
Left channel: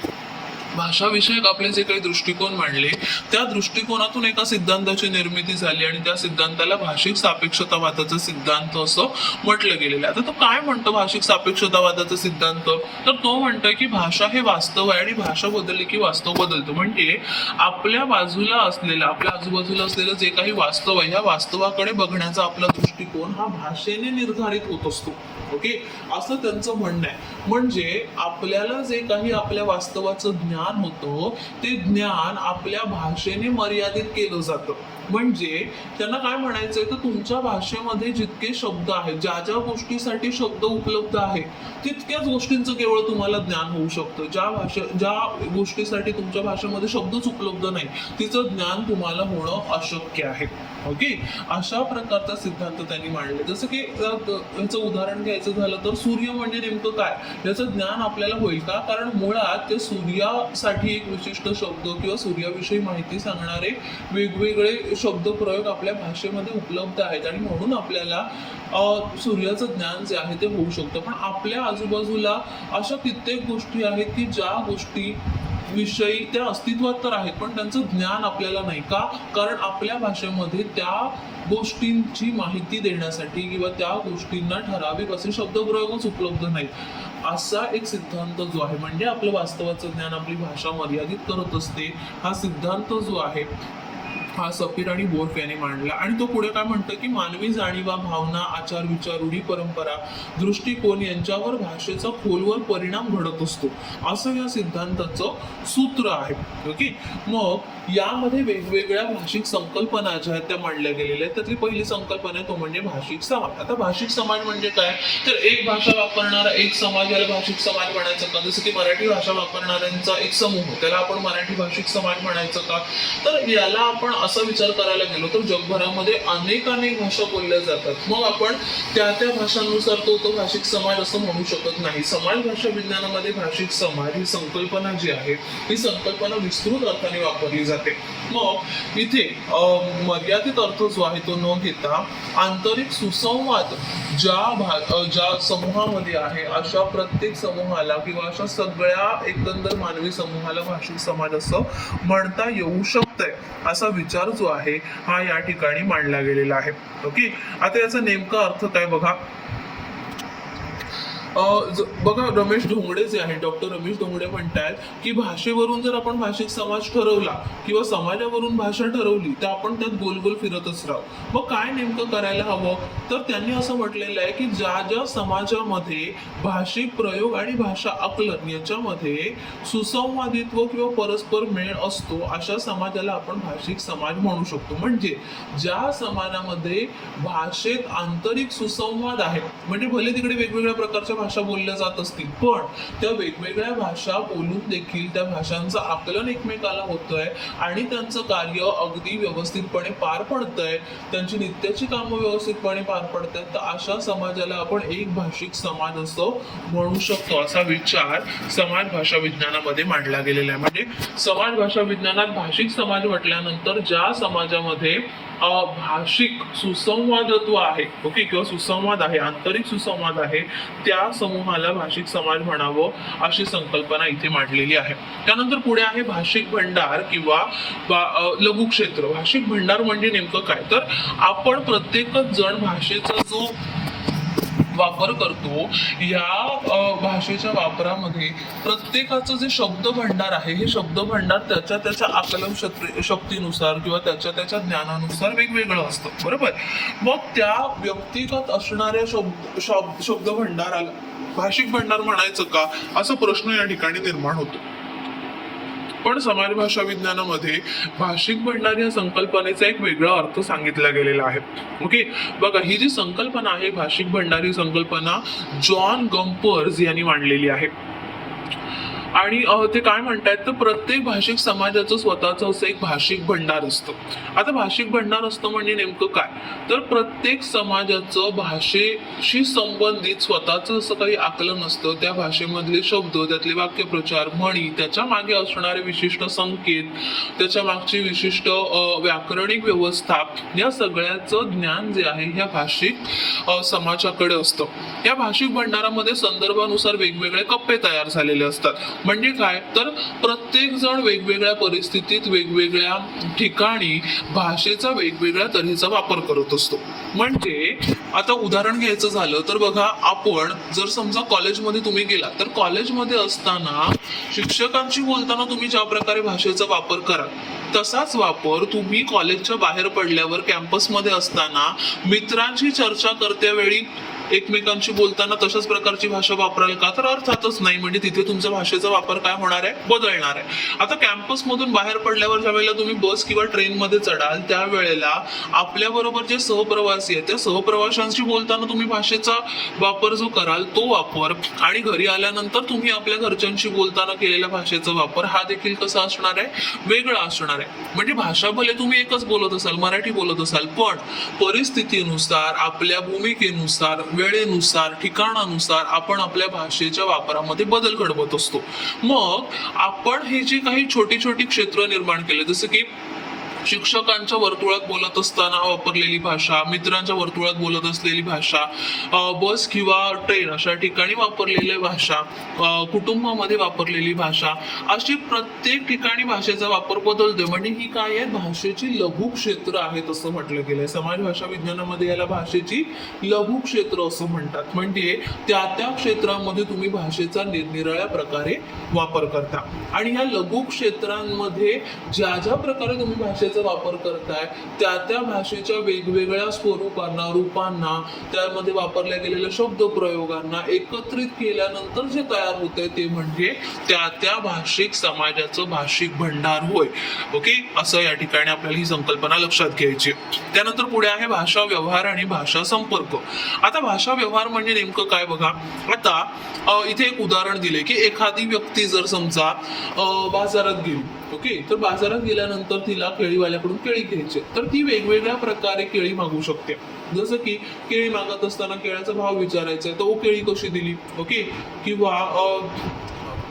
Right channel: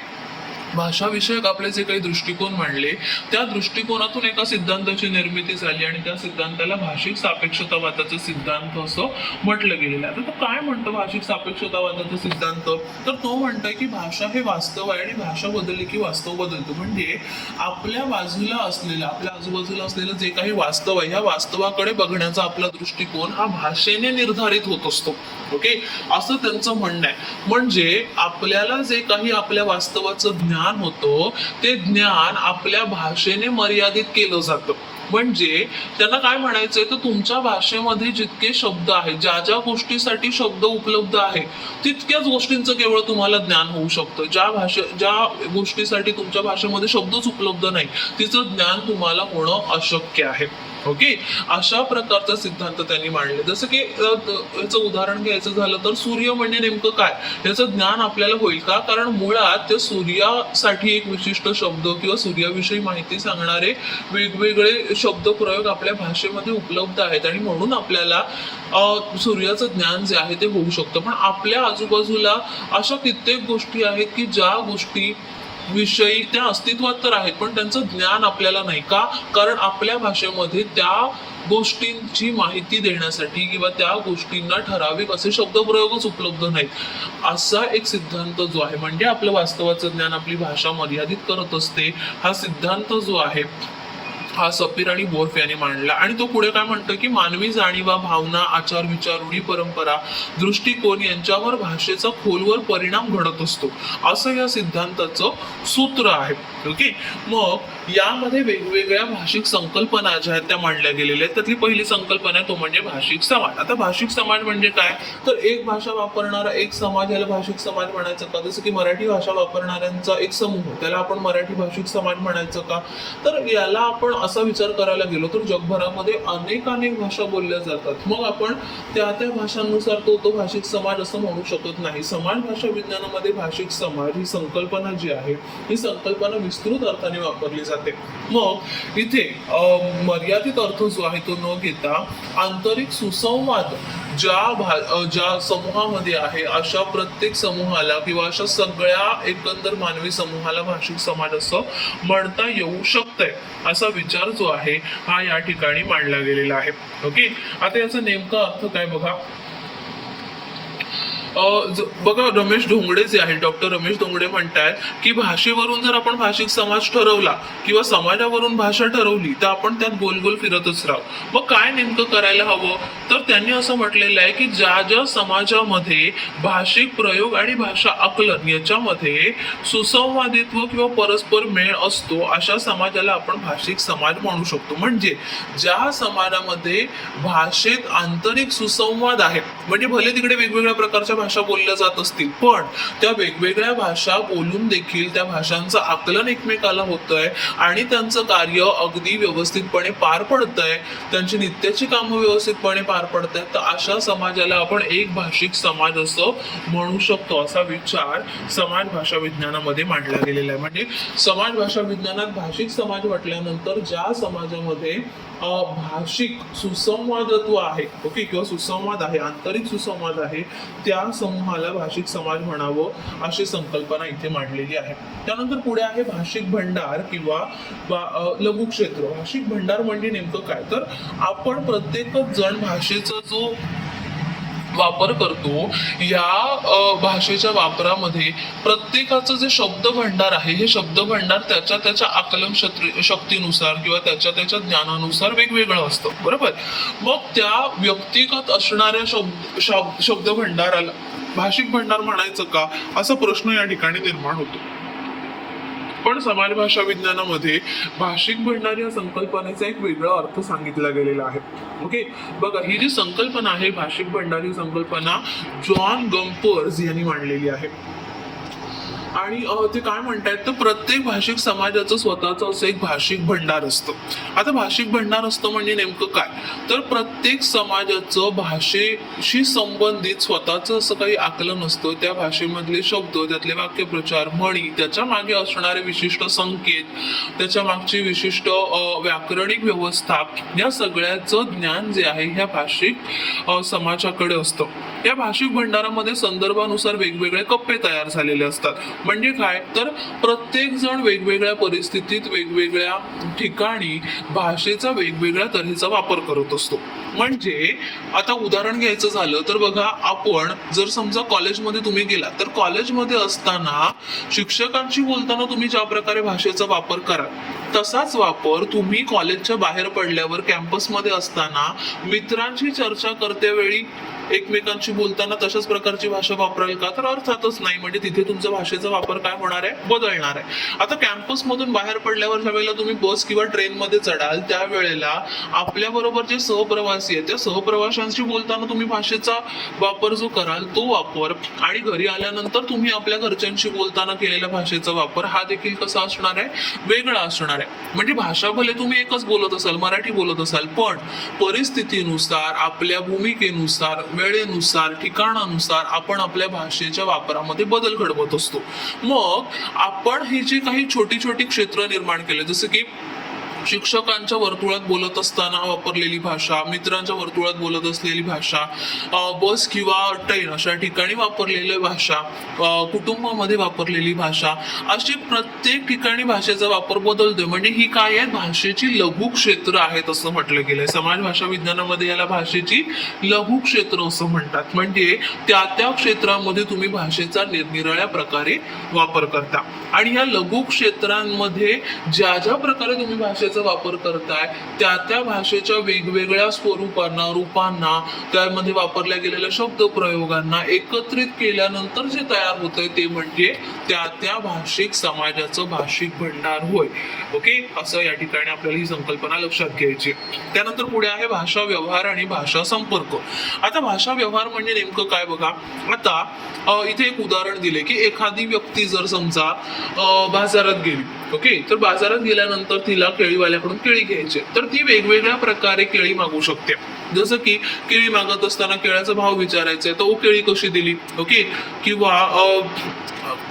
भाषाविषयक आपले जे काही दृष्टिकोन मांडले त्या दृष्टिकोनातून एका सिद्धांताची निर्मिती झाली आणि त्या सिद्धांताला भाषिक सापेक्षतावादाचा सिद्धांत असं म्हटलं गेलेलं आहे. आता तो काय म्हणतो भाषिक सापेक्षतावादाचा सिद्धांत? तर तो म्हणतो की भाषा हे वास्तव आहे आणि भाषा बदलली की वास्तव बदलतो. म्हणजे आपल्या बाजूला असलेलं, आपल्या आजूबाजूला असलेलं जे काही वास्तव आहे ह्या वास्तवाकडे बघण्याचा आपला दृष्टिकोन हा भाषेने निर्धारित होत असतो. ओके, असं त्यांचं म्हणणं आहे. म्हणजे आपल्याला जे काही आपल्या वास्तवाचं ज्ञान होतं ते ज्ञान आपल्या भाषेने मर्यादित केलं जातं. म्हणजे त्यांना काय म्हणायचंय, तर तुमच्या भाषेमध्ये जितके शब्द आहेत, ज्या ज्या गोष्टीसाठी शब्द उपलब्ध आहे तितक्याच गोष्टींचं केवळ तुम्हाला ज्ञान होऊ शकतं. ज्या गोष्टीसाठी तुमच्या भाषेमध्ये शब्दच उपलब्ध नाही तिचं ज्ञान तुम्हाला होणं अशक्य आहे. ओके, अशा प्रकारचा सिद्धांत त्यांनी मांडले. जसं की याचं उदाहरण घ्यायचं झालं तर सूर्य म्हणजे नेमकं काय याचं ज्ञान आपल्याला होईल का? कारण मुळात ते सूर्यासाठी एक विशिष्ट शब्द किंवा सूर्याविषयी माहिती सांगणारे वेगवेगळे शब्द प्रयोग आपल्या भाषेमध्ये उपलब्ध आहेत आणि म्हणून आपल्याला सूर्याचं ज्ञान जे आहे ते होऊ शकतं. पण आपल्या आजूबाजूला अशा कित्येक गोष्टी आहेत की ज्या गोष्टी विषयी त्या अस्तित्वात तर आहेत पण त्यांचं ज्ञान आपल्याला नाही का? कारण आपल्या भाषेमध्ये त्या गोष्टींची माहिती देण्यासाठी किंवा त्या गोष्टींना ठराविक असे शब्दप्रयोगच उपलब्ध नाहीत. असा एक सिद्धांत जो आहे, म्हणजे आपलं वास्तवाचं ज्ञान आपली भाषा मर्यादित करत असते, हा सिद्धांत जो आहे हा सपीर आणि गोर्फ यांनी मांडला. आणि तो पुढे काय म्हणतो की मानवी जाणीवा, भावना, आचार विचार, रूढी परंपरा, दृष्टिकोन यांच्यावर भाषेचा खोलवर परिणाम घडत असतो असं या सिद्धांताचं सूत्र आहे. ओके, मग यामध्ये वेगवेगळ्या भाषिक संकल्पना ज्या आहेत त्या मांडल्या गेलेल्या आहेत. त्यातली पहिली संकल्पना आहे तो म्हणजे भाषिक समाज. आता भाषिक समाज म्हणजे काय, तर एक भाषा वापरणारा एक समाज याला भाषिक समाज म्हणायचं का? जसं की मराठी भाषा वापरणाऱ्यांचा एक समूह त्याला आपण मराठी भाषिक समाज म्हणायचं का? तर याला आपण असा विचार करायला गेलो तर जगभरामध्ये अनेक भाषा बोलल्या जातात. मग आपण त्या भाषांनुसार तो भाषिक समाज असं म्हणू शकत नाही. समाज भाषा विज्ञानामध्ये भाषिक समाज ही संकल्पना जी आहे ही संकल्पना विस्तृत अर्थाने वापरली जाते. मग इथे मर्यादित अर्थ जो आहे तो न घेता आंतरिक सुसंवाद ज्या समूहामध्ये आहे अशा प्रत्येक समूहाला किंवा अशा सगळ्या एकंदर मानवी समूहाला भाषिक समाज असं म्हणता येऊ शकतंय. असा विचार जो आहे हा या ठिकाणी मांडला गेलेला आहे. ओके, आता याचा नेमका अर्थ काय बघा. बघा, रमेश धोंगडे जे आहेत, डॉक्टर रमेश धोंगडे म्हणतात की भाषेवरून जर आपण भाषिक समाज ठरवला किंवा समाजावरून भाषा ठरवली तर आपण त्यात गोल गोल फिरतच राहू. मग काय नेमकं करायला हवं, तर त्यांनी असं म्हटलेलं आहे की ज्या ज्या समाजामध्ये भाषिक प्रयोग आणि भाषा आकलन याच्यामध्ये सुसंवादित्व किंवा परस्पर मेळ असतो अशा समाजाला आपण भाषिक समाज म्हणू शकतो. म्हणजे ज्या समाजामध्ये भाषेत आंतरिक सुसंवाद आहे, म्हणजे भले तिकडे वेगवेगळ्या प्रकारच्या भाषा बोलल्या जात असतील पण त्या वेगवेगळ्या भाषा बोलून देखील त्या भाषांचं आकलन एकमेकाला होतंय आणि त्यांचं कार्य अगदी व्यवस्थितपणे पार पडतंय, त्यांची नित्याची कामं व्यवस्थितपणे पार पडतायत, तर अशा समाजाला आपण एक भाषिक समाज असं म्हणू शकतो. असा विचार समाज भाषा विज्ञानामध्ये मांडला गेलेला आहे. म्हणजे समाज भाषा विज्ञानात भाषिक समाज म्हटल्यानंतर ज्या समाजामध्ये भाषिक सुसंवादत्व आहे, ओके, किंवा सुसंवाद आहे, आंतरिक सुसंवाद आहे, त्या समूहाला भाषिक समाज म्हणावं अशी संकल्पना इथे मांडलेली आहे. त्यानंतर पुढे आहे भाषिक भंडार किंवा लघुक्षेत्र. भाषिक भंडार म्हणजे नेमकं काय, तर आपण प्रत्येकच जण भाषेचा जो वापर करतो या भाषेच्या वापरामध्ये प्रत्येकाचं जे शब्द भंडार आहे हे शब्द भंडार त्याच्या आकलन शक्तीनुसार किंवा त्याच्या ज्ञानानुसार वेगवेगळं असतं, बरोबर. मग त्या व्यक्तिगत असणाऱ्या शब्द भंडाराला भाषिक भंडार म्हणायचं का असा प्रश्न या ठिकाणी निर्माण होतो. पण समाज भाषा विज्ञानामध्ये भाषिक भंडार या संकल्पनेचा एक वेगळा अर्थ सांगितला गेलेला आहे. ओके, बघा, ही जी संकल्पना आहे भाषिक भंडार ही संकल्पना जॉन गम्पर्स यांनी मांडलेली आहे. आणि ते काय म्हणतात, तर प्रत्येक भाषिक समाजाचं स्वतःचं असं एक भाषिक भंडार असतं. आता भाषिक भंडार असतं म्हणजे नेमकं काय, तर प्रत्येक समाजाचं भाषेशी संबंधित स्वतःचं असं काही आकलन असतं. त्या भाषेमधले शब्द, त्यातले वाक्यप्रचार, म्हणी, त्याच्या मागे असणारे विशिष्ट संकेत, त्याच्या मागची विशिष्ट व्याकरणिक व्यवस्था, या सगळ्याचं ज्ञान जे आहे ह्या भाषिक समाजाकडे असतं. या भाषिक भंडारामध्ये संदर्भानुसार वेगवेगळे कप्पे तयार झालेले असतात. म्हणजे काय तर प्रत्येक जण वेगवेगळ्या परिस्थितीत वेगवेगळ्या ठिकाणी भाषेचा वेगवेगळ्या तऱ्हेचा वापर करत असतो. म्हणजे आता उदाहरण घ्यायचं झालं तर बघा, आपण जर समजा कॉलेजमध्ये तुम्ही गेला तर कॉलेजमध्ये असताना शिक्षकांशी बोलताना तुम्ही ज्या प्रकारे भाषेचा वापर करा तसाच वापर तुम्ही कॉलेजच्या बाहेर पडल्यावर कॅम्पसमध्ये असताना मित्रांशी चर्चा करत्या वेळी एकमेकांशी बोलताना तशाच प्रकारची भाषा वापराल का? तर अर्थातच नाही. म्हणजे तिथे तुमच्या भाषेचा वापर काय होणार आहे? बदलणार आहे. आता कॅम्पस मधून बाहेर पडल्यावर ज्या वेळेला तुम्ही बस किंवा ट्रेन मध्ये चढाल त्यावेळेला आपल्या बरोबर जे सहप्रवासी आहेत त्या सहप्रवाशांशी बोलताना तुम्ही भाषेचा वापर जो कराल तो वापर, आणि घरी आल्यानंतर तुम्ही आपल्या घरच्यांशी बोलताना केलेल्या भाषेचा वापर हा देखील कसा असणार आहे? वेगळा असणार आहे. म्हणजे भाषा भले तुम्ही एकच बोलत असाल, मराठी बोलत असाल, पण परिस्थितीनुसार, आपल्या भूमिकेनुसार, वेळेनुसार, ठिकाणानुसार आपण आपल्या भाषेच्या वापरामध्ये बदल घडवत असतो. मग आपण ही जी काही छोटी छोटी क्षेत्र निर्माण केले, जसं की शिक्षकांच्या वर्तुळात बोलत असताना वापरलेली भाषा, मित्रांच्या वर्तुळात बोलत असलेली भाषा, बस किंवा ट्रेन अशा ठिकाणी वापरलेली भाषा, कुटुंबामध्ये वापरलेली भाषा, अशी प्रत्येक ठिकाणी भाषेचा वापर बदलतोय. म्हणजे ही काय आहे? भाषेची लघु क्षेत्र आहेत असं म्हटलं गेलंय. समाज भाषा विज्ञानामध्ये याला भाषेची लघु क्षेत्र असं म्हणतात. म्हणजे त्या त्या क्षेत्रामध्ये तुम्ही भाषेचा निरनिराळ्या प्रकारे वापर करता, आणि या लघु क्षेत्रांमध्ये ज्या ज्या प्रकारे तुम्ही भाषेचा वापर करताय त्या त्या भाषेच्या वेगवेगळ्या स्वरूपांना, रूपांना, त्यामध्ये वापरल्या गेलेल्या शब्द प्रयोगांना एकत्रित केल्यानंतर जे तयार होतंय ते म्हणजे त्या त्या भाषिक समाजाचं भाषिक भंडार होय. ओके, असं या ठिकाणी आपल्याला ही संकल्पना लक्षात घ्यायची. त्यानंतर पुढे आहे भाषा व्यवहार आणि भाषा संपर्क. आता भाषा व्यवहार म्हणजे नेमकं काय बघा. आता इथे एक उदाहरण दिले की एखादी व्यक्ती जर समजा बाजारात गेली, ओके, तर बाजारात गेल्यानंतर तिला केळीवाल्याकडून केळी घ्यायची, तर ती वेगवेगळ्या प्रकारे केळी मागू शकते. जसं की केळी मागत असताना केळ्याचा भाव विचारायचा आहे, तर केळी कशी दिली, ओके, किंवा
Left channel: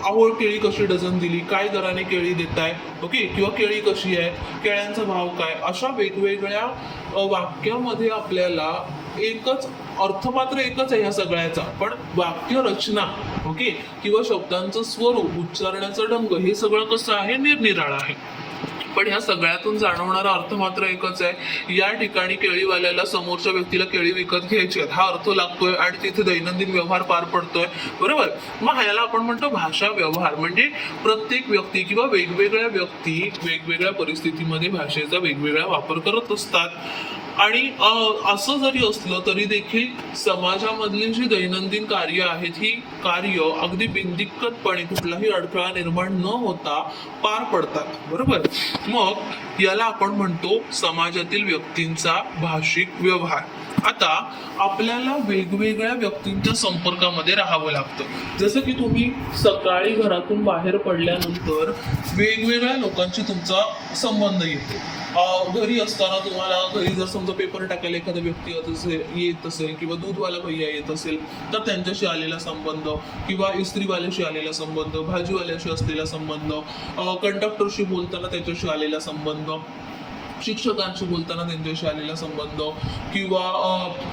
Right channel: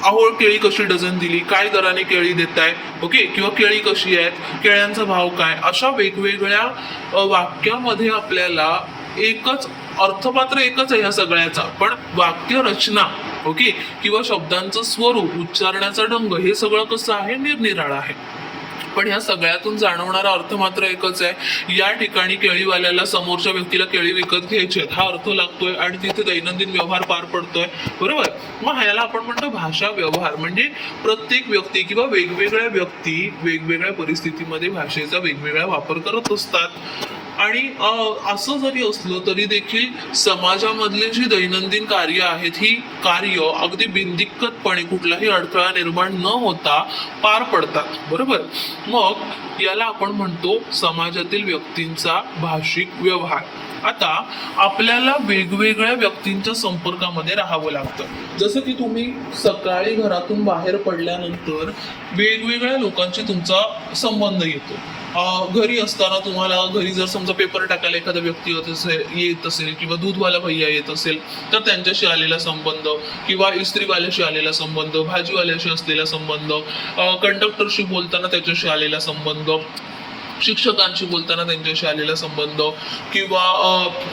अहो केळी कशी डझन दिली, काय दराने केळी देताय, ओके, किंवा केळी कशी आहेत, केळ्यांचा भाव काय, अशा वेगवेगळ्या वाक्यामध्ये आपल्याला एकच अर्थपात्र एकच आहे ह्या सगळ्याचा, पण वाक्य रचना, ओके, किंवा शब्दांचं स्वरूप, उच्चारण्याचा ढंग, हे सगळं कसं आहे? निरनिराळं आहे. पण ह्या सगळ्यातून जाणवणारा अर्थ मात्र एकच आहे. या ठिकाणी केळीवाल्याला समोरच्या व्यक्तीला केळी विकत घ्यायची आहेत हा अर्थ लागतोय, आणि तिथे दैनंदिन व्यवहार पार पडतोय, बरोबर. मग ह्याला आपण म्हणतो भाषा व्यवहार. म्हणजे प्रत्येक व्यक्ती किंवा वेगवेगळ्या व्यक्ती वेगवेगळ्या परिस्थितीमध्ये भाषेचा वेगवेगळा वापर करत असतात. आणि असं जरी असलं तरी देखील समाजामधली जी दैनंदिन कार्य आहेत ही कार्य अगदी बिनदिक्कतपणे कुठलाही अडथळा निर्माण न होता पार पडतात, बरोबर. मग याला आपण म्हणतो समाजातील व्यक्तींचा भाषिक व्यवहार. आता आपल्याला वेगवेगळ्या व्यक्तींच्या संपर्कामध्ये राहावं लागतं. जसं की तुम्ही सकाळी घरातून बाहेर पडल्यानंतर वेगवेगळ्या लोकांशी तुमचा संबंध येतो. घरी असताना तुम्हाला घरी जर समजा पेपर टाकायला एखादा व्यक्ती येत असेल किंवा दूधवाला भैया येत असेल तर त्यांच्याशी आलेला संबंध, किंवा इस्त्रीवाल्याशी आलेला संबंध, भाजीवाल्याशी असलेला संबंध, कंडक्टरशी बोलताना त्याच्याशी आलेला संबंध, शिक्षकांशी बोलताना त्यांच्याशी आलेला संबंध, किंवा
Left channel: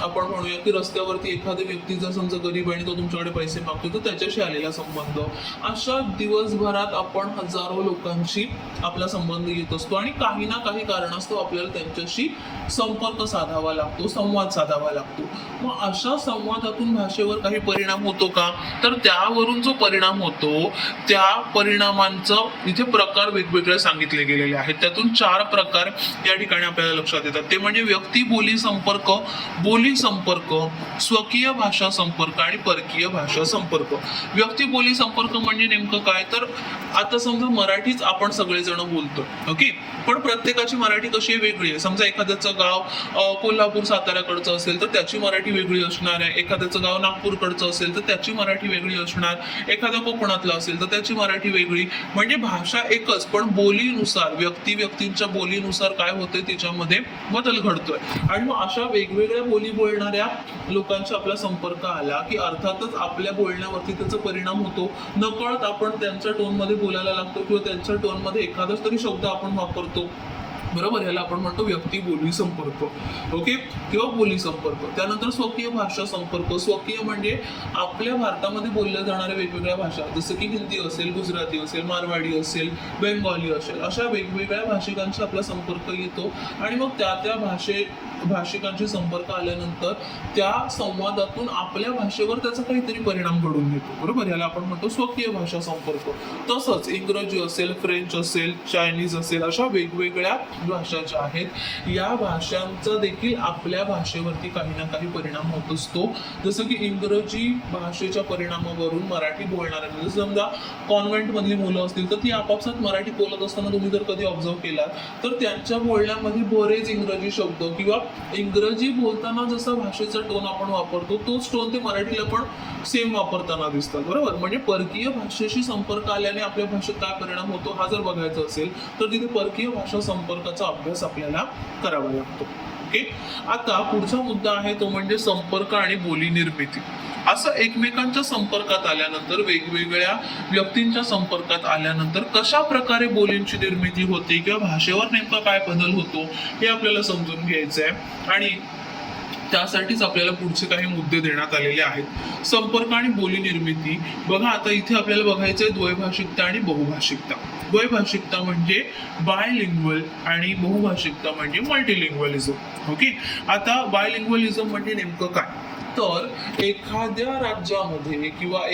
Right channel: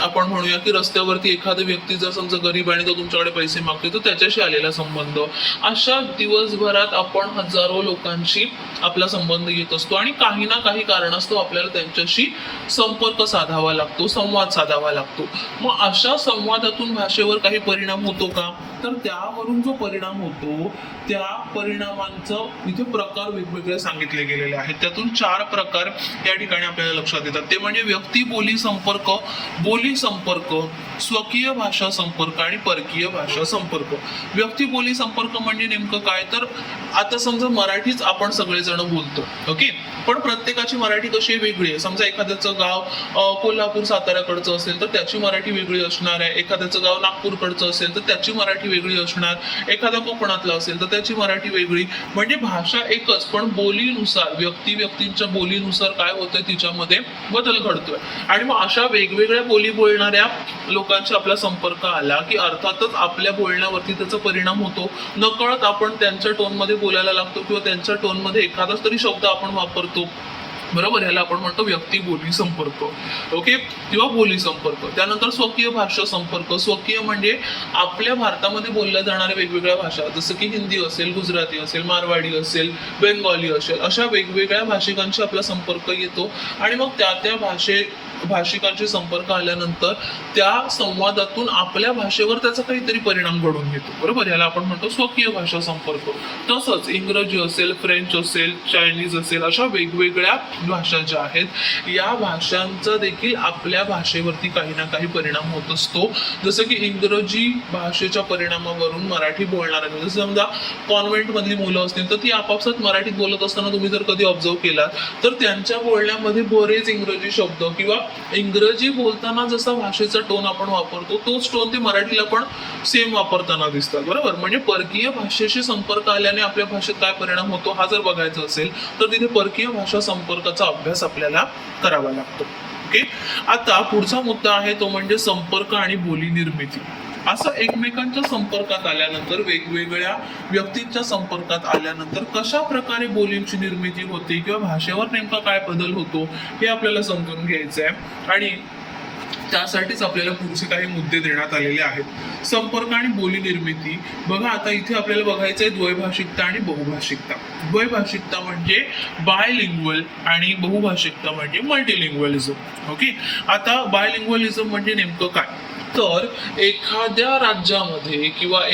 आपण म्हणूया की रस्त्यावरती एखादा व्यक्ती जर समजा गरीब आणि तो तुमच्याकडे पैसे मागतो तर त्याच्याशी आलेला संबंध. अशा दिवसभरात आपण हजारो लोकांशी आपला संबंध येत असतो, आणि काही ना काही कारणास्तव आपल्याला त्यांच्याशी संपर्क साधावा लागतो, संवाद साधावा लागतो. मग अशा संवादातून भाषेवर काही परिणाम होतो का? तर त्यावरून जो परिणाम होतो त्या परिणामांचं इथे प्रकार वेगवेगळे सांगितले गेलेले आहेत. त्यातून 4 प्रकार या ठिकाणी आपल्याला लक्षात येतात. ते म्हणजे व्यक्ती बोली संपर्क, स्वकीय भाषा संपर्क आणि परकीय भाषा संपर्क. व्यक्ती बोली संपर्क म्हणजे नेमकं काय? तर आता समजा मराठीच आपण सगळेजण बोलतो, ओके, पण प्रत्येकाची मराठी कशी वेगळी आहे. समजा एखाद्याचं गाव कोल्हापूर साताऱ्याकडचं असेल तर त्याची मराठी वेगळी असणार आहे, एखाद्याचं गाव नागपूरकडचं असेल तर त्याची मराठी वेगळी असणार, एखाद्या कोकणातला असेल तर त्याची मराठी वेगळी. म्हणजे भाषा एकच, पण बोलीनुसार व्यक्तींच्या बोलीनुसार काय होतंय तिच्यामध्ये बदल घडतोय. आणि मग अशा वेगवेगळ्या बोली बोलणाऱ्या लोकांशी आपला संपर्क आला की अर्थातच आपल्या बोलण्यावरती त्याचा परिणाम होतो. नकळत आपण त्यांच्या टोनमध्ये बोलायला लागतो, किंवा त्यांच्या टोनमध्ये एखादाच तरी शब्द आपण वापरतो. बरोबर, याला आपण म्हणतो व्यक्ती बोली संपर्क. ओके, किंवा बोली संपर्क. त्यानंतर स्वकीय भाषा संपर्क. स्वकीय म्हणजे आपल्या भारतामध्ये बोलल्या जाणाऱ्या वेगवेगळ्या भाषा, जसं की हिंदी असेल, गुजराती असेल, मारवाडी असेल, बेंगॉली असेल, अशा वेगवेगळ्या भाषिकांशी आपला संपर्क येतो आणि मग त्या भाषिकांशी संपर्क आल्यानंतर त्या संवादातून आपल्या भाषेवर त्याचा काहीतरी परिणाम घडून येतो. बरोबर, याला आपण म्हणतो स्वकीय भाषा संपर्क. तसंच इंग्रजी असेल, फ्रेंच असेल, चायनीज असेल, अशा वेगवेगळ्या भाषा ज्या आहेत या भाषांचा देखील आपल्या भाषेवरती काही ना काही परिणाम होत असतो. जसं की इंग्रजी भाषेच्या परिणामावरून मराठी बोलणाऱ्या, जसं समजा कॉन्व्हेंट मधली मुलं असतील तर ती आपापसात मराठीत बोलत असताना तुम्ही जर कधी ऑब्झर्व केलात तर त्यांच्या बोलण्यामध्ये बरेच इंग्रजी शब्द किंवा इंग्रजी बोलताना जसा भाषेचा टोन आपण वापरतो तोच टोन ते मराठीला पण सेम वापरताना दिसतात. बरोबर, म्हणजे परकीय भाषेशी संपर्क आल्याने आपल्या भाषेत काय परिणाम होतो हा जर बघायचा असेल तर तिथे परकीय भाषा संपर्काचा अभ्यास आपल्याला करावा लागतो. ओके, आता पुढचा मुद्दा आहे तो म्हणजे संपर्क आणि बोली निर्मिती. असं एकमेकांच्या संपर्कात आल्यानंतर, वेगवेगळ्या व्यक्तींच्या संपर्कात आल्यानंतर कशा प्रकारे बोलींची निर्मिती होते किंवा भाषेवर नेमका काय बदल होतो हे आपल्याला समजून घ्यायचं आहे आणि त्यासाठीच आपल्याला पुढचे काही मुद्दे देण्यात आलेले आहेत. संपर्क आणि बोली निर्मिती. बघा, आता इथे आपल्याला बघायचं आहे द्वैभाषिकता आणि बहुभाषिकता. द्वैभाषिकता म्हणजे बायलिंग्वल आणि बहुभाषिकता म्हणजे मल्टीलिंग्वलिझम. ओके, आता बायलिंग्वलिझम म्हणजे नेमकं काय, तर एखाद्या राज्यामध्ये किंवा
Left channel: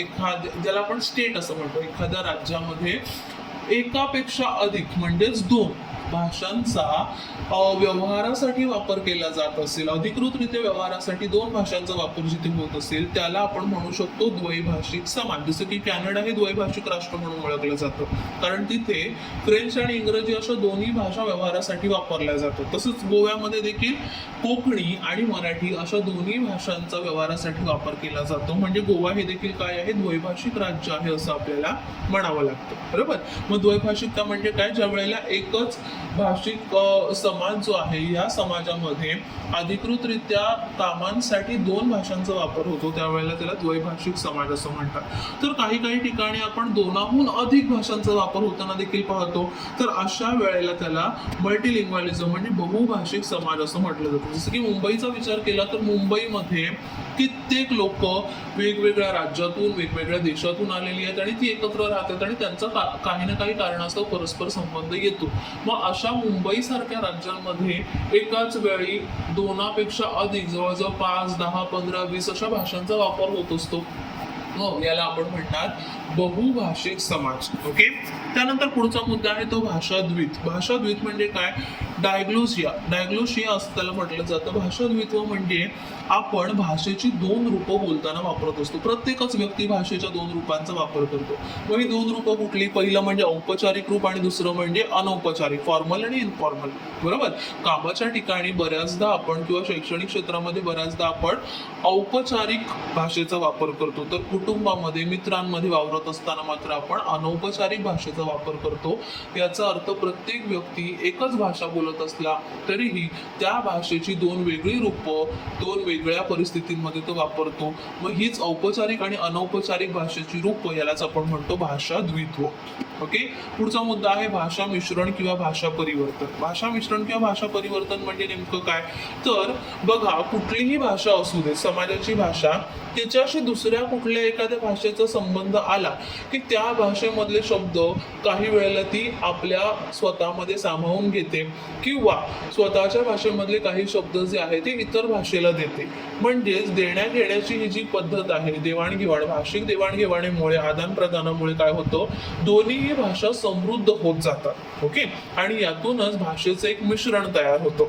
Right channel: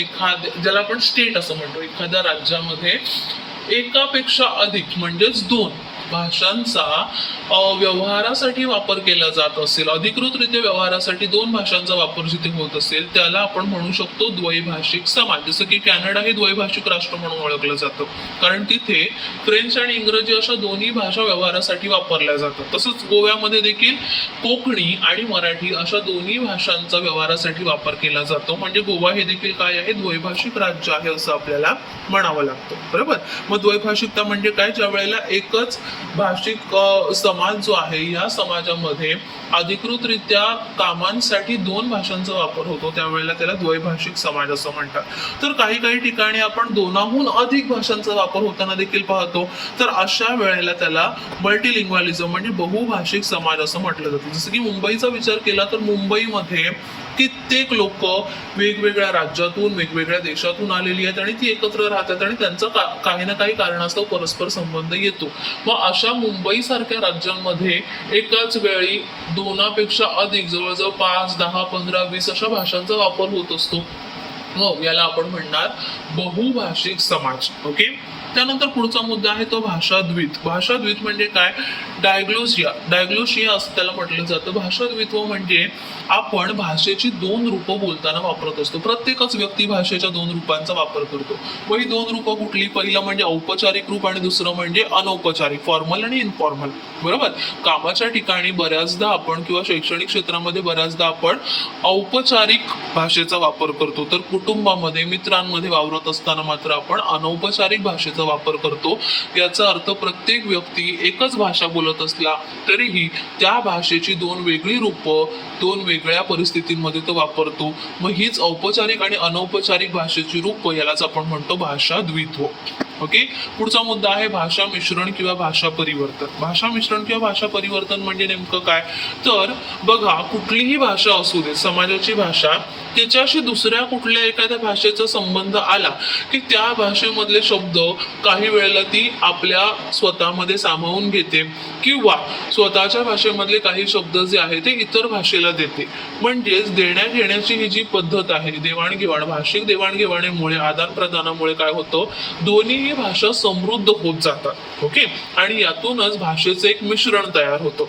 ज्याला आपण स्टेट असं म्हणतो, एखाद्या राज्यामध्ये एकापेक्षा अधिक म्हणजेच 2 भाषांचा व्यवहारासाठी वापर केला जात असेल, अधिकृतरित्या व्यवहारासाठी 2 भाषांचा वापर जिथे होत असेल त्याला आपण म्हणू शकतो द्वैभाषिक समाज. जसं की कॅनडा हे द्वैभाषिक राष्ट्र म्हणून ओळखलं जातं कारण तिथे फ्रेंच आणि इंग्रजी अशा दोन्ही भाषा व्यवहारासाठी वापरल्या जातात. तसंच गोव्यामध्ये देखील कोकणी आणि मराठी अशा दोन्ही भाषांचा व्यवहारासाठी वापर केला जातो. म्हणजे गोवा हे देखील काय आहे, द्वैभाषिक राज्य आहे असं आपल्याला म्हणावं लागतं. बरोबर, मग द्वैभाषिकता म्हणजे काय, ज्या वेळेला एकच भाषिक समाज जो आहे या समाजामध्ये अधिकृतरित्या कामांसाठी 2 भाषांचा वापर होतो त्यावेळेला त्याला द्वैभाषिक समाज असं म्हणतात. तर काही ठिकाणी आपण 2हून अधिक भाषांचा वापर होताना देखील पाहतो, तर अशा वेळेला त्याला मल्टीलिंग्वलिझम म्हणजे बहुभाषिक समाज असं म्हटलं जातं. जसं की मुंबईचा विचार केला तर मुंबईमध्ये कित्येक लोक वेगवेगळ्या राज्यातून, वेगवेगळ्या देशातून आलेली आहेत आणि ती एकत्र राहतात आणि त्यांचा काही ना काही कारणास्तव परस्पर संबंध येतो. मग अशा मुंबई सारख्या राज्यांमध्ये एकाच वेळी 2पेक्षा अधिक, जवळजवळ 5, 10, 15, 20 अशा भाषांचा वापर होत असतो. मग याला आपण म्हणणार बहुभाषिक समाज. ओके, त्यानंतर पुढचा मुद्दा आहे तो भाषाद्वित. भाषाद्वित म्हणजे काय, डायग्लोसिया असं त्याला म्हटलं जातं. भाषाद्वित्व म्हणजे आपण भाषेची 2 रूपं बोलताना वापरत असतो. प्रत्येकच व्यक्ती भाषेच्या 2 रूपांचा वापर करतो. व ही 2 रूपं कुठली, पहिलं म्हणजे औपचारिक रूप आणि दुसरं म्हणजे अनौपचारिक, फॉर्मल आणि इनफॉर्मल. बरोबर, कामाच्या ठिकाणी बऱ्याचदा आपण किंवा शैक्षणिक क्षेत्रामध्ये बऱ्याचदा आपण औपचारिक भाषेचा वापर करतो, तर कुटुंबामध्ये, मित्रांमध्ये वावरत असताना मात्र आपण अनौपचारिक भाषेचा वापर करतो. याचा अर्थ प्रत्येक व्यक्ती एकच भाषा बोलत असला तरीही त्या भाषेची 2 वेगळी रूपं 2 वेगळ्या परिस्थितींमध्ये तो वापरतो. मग हीच औपचारिक आणि अनौपचारिक भाषेची रूपं, यालाच आपण म्हणतो भाषाद्वित्व. ओके, पुढचा मुद्दा आहे भाषा मिश्रण किंवा भाषा परिवर्तन. भाषा मिश्रण किंवा भाषा परिवर्तन म्हणजे नेमकं काय, तर बघा, कुठलीही भाषा असू दे, समाजाची भाषा, तिच्याशी दुसऱ्या कुठल्या एखाद्या भाषेचा संबंध आला की त्या भाषेमधले शब्द काही वेळेला ती आपल्या स्वतःमध्ये सामावून घेते किंवा स्वतःच्या भाषेमधले काही शब्द जे आहे ते इतर भाषेला देते. म्हणजेच देण्या घेण्याची ही जी पद्धत आहे, देवाणघेवाण, भाषिक देवाणघेवाणीमुळे, आदान प्रदानामुळे काय होतं, दोन्हीही भाषा समृद्ध होत जातात. ओके, आणि यातूनच भाषेचं एक मिश्रण तयार होतं.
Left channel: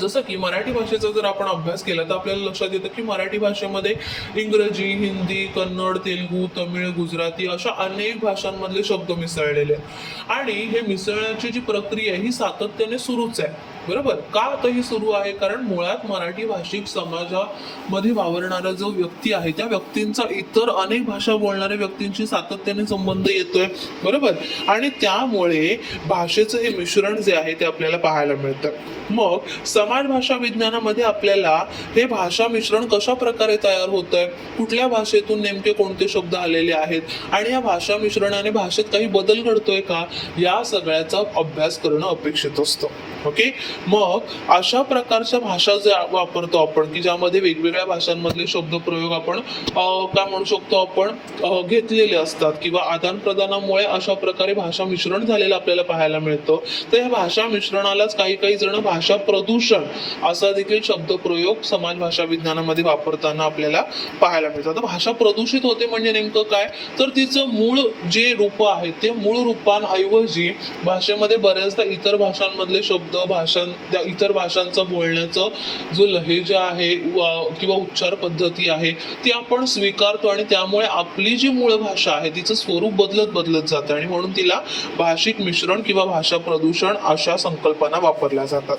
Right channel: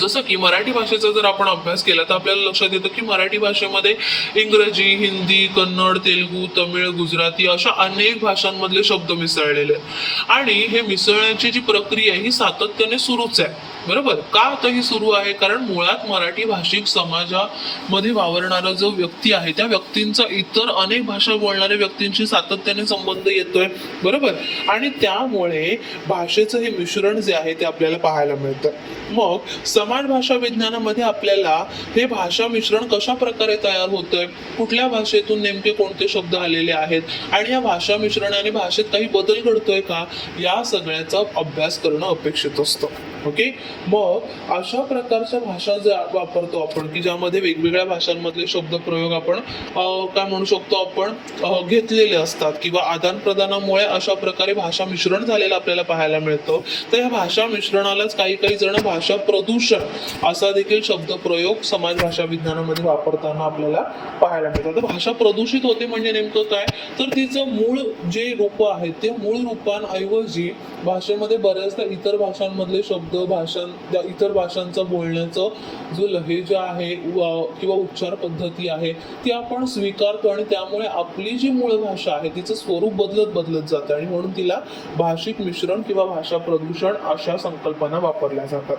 जसं की मराठी भाषेचा जर आपण अभ्यास केला तर आपल्याला लक्षात येतं की मराठी भाषेमध्ये इंग्रजी, हिंदी, कन्नड, तेलुगू, तमिळ, गुजराती अशा अनेक भाषांमधले शब्द मिसळलेले आहेत आणि हे मिसळण्याची जी प्रक्रिया आहे ही सातत्याने सुरूच आहे. बरोबर. का आता ही सुरू आहे? कारण मुळात मराठी भाषिक समाजामध्ये वावरणारा जो व्यक्ती आहे त्या व्यक्तींचा इतर अनेक भाषा बोलणाऱ्या व्यक्तींशी सातत्याने संबंध येतोय, बरोबर. आणि त्यामुळे भाषेचं हे मिश्रण जे आहे ते आपल्याला पाहायला मिळतं. मग समाज भाषा विज्ञानामध्ये आपल्याला हे भाषा मिश्रण कशा प्रकारे तयार होतंय, कुठल्या भाषेतून नेमके कोणते शब्द आलेले आहेत आणि या भाषा मिश्रणाने भाषेत काही बदल घडतोय का, या सगळ्याचा अभ्यास करणं अपेक्षित असतं. ओके. मग अशा प्रकारच्या भाषा ज्या वापरतो आपण की ज्यामध्ये वेगवेगळ्या भाषांमधले शब्दप्रयोग आपण काय म्हणू शकतो आपण घेतलेले असतात किंवा आदान प्रदानामुळे अशा प्रकारे भाषा मिश्रण झालेलं आपल्याला पाहायला मिळतं. तर या भाषा मिश्रणालाच काही काही जण भाषा प्रदूषण असा देखील शब्दप्रयोग समाज भाषा विज्ञानामध्ये वापरताना आपल्याला पाहायला मिळतात. तर भाषा प्रदूषित होते म्हणजे नेमकं काय, तर तिचं मूळ जे रूप आहे ते मूळ रूपांऐवजी भाषेमध्ये बऱ्याचदा इतर भाषांमधले शब्द त्या इतर भाषांचा बोलण्याचं जो लहेजा आहे किंवा उच्चार पद्धती आहे ती आपण स्वीकारतो आणि त्यामुळे आपली जी मूळ भाषा आहे तिचं स्वरूप बदलत बदलत जातं आणि म्हणून तिला भाषिक मिश्रण किंवा भाषा प्रदूषण अशा संकल्पना वापरल्या जातात.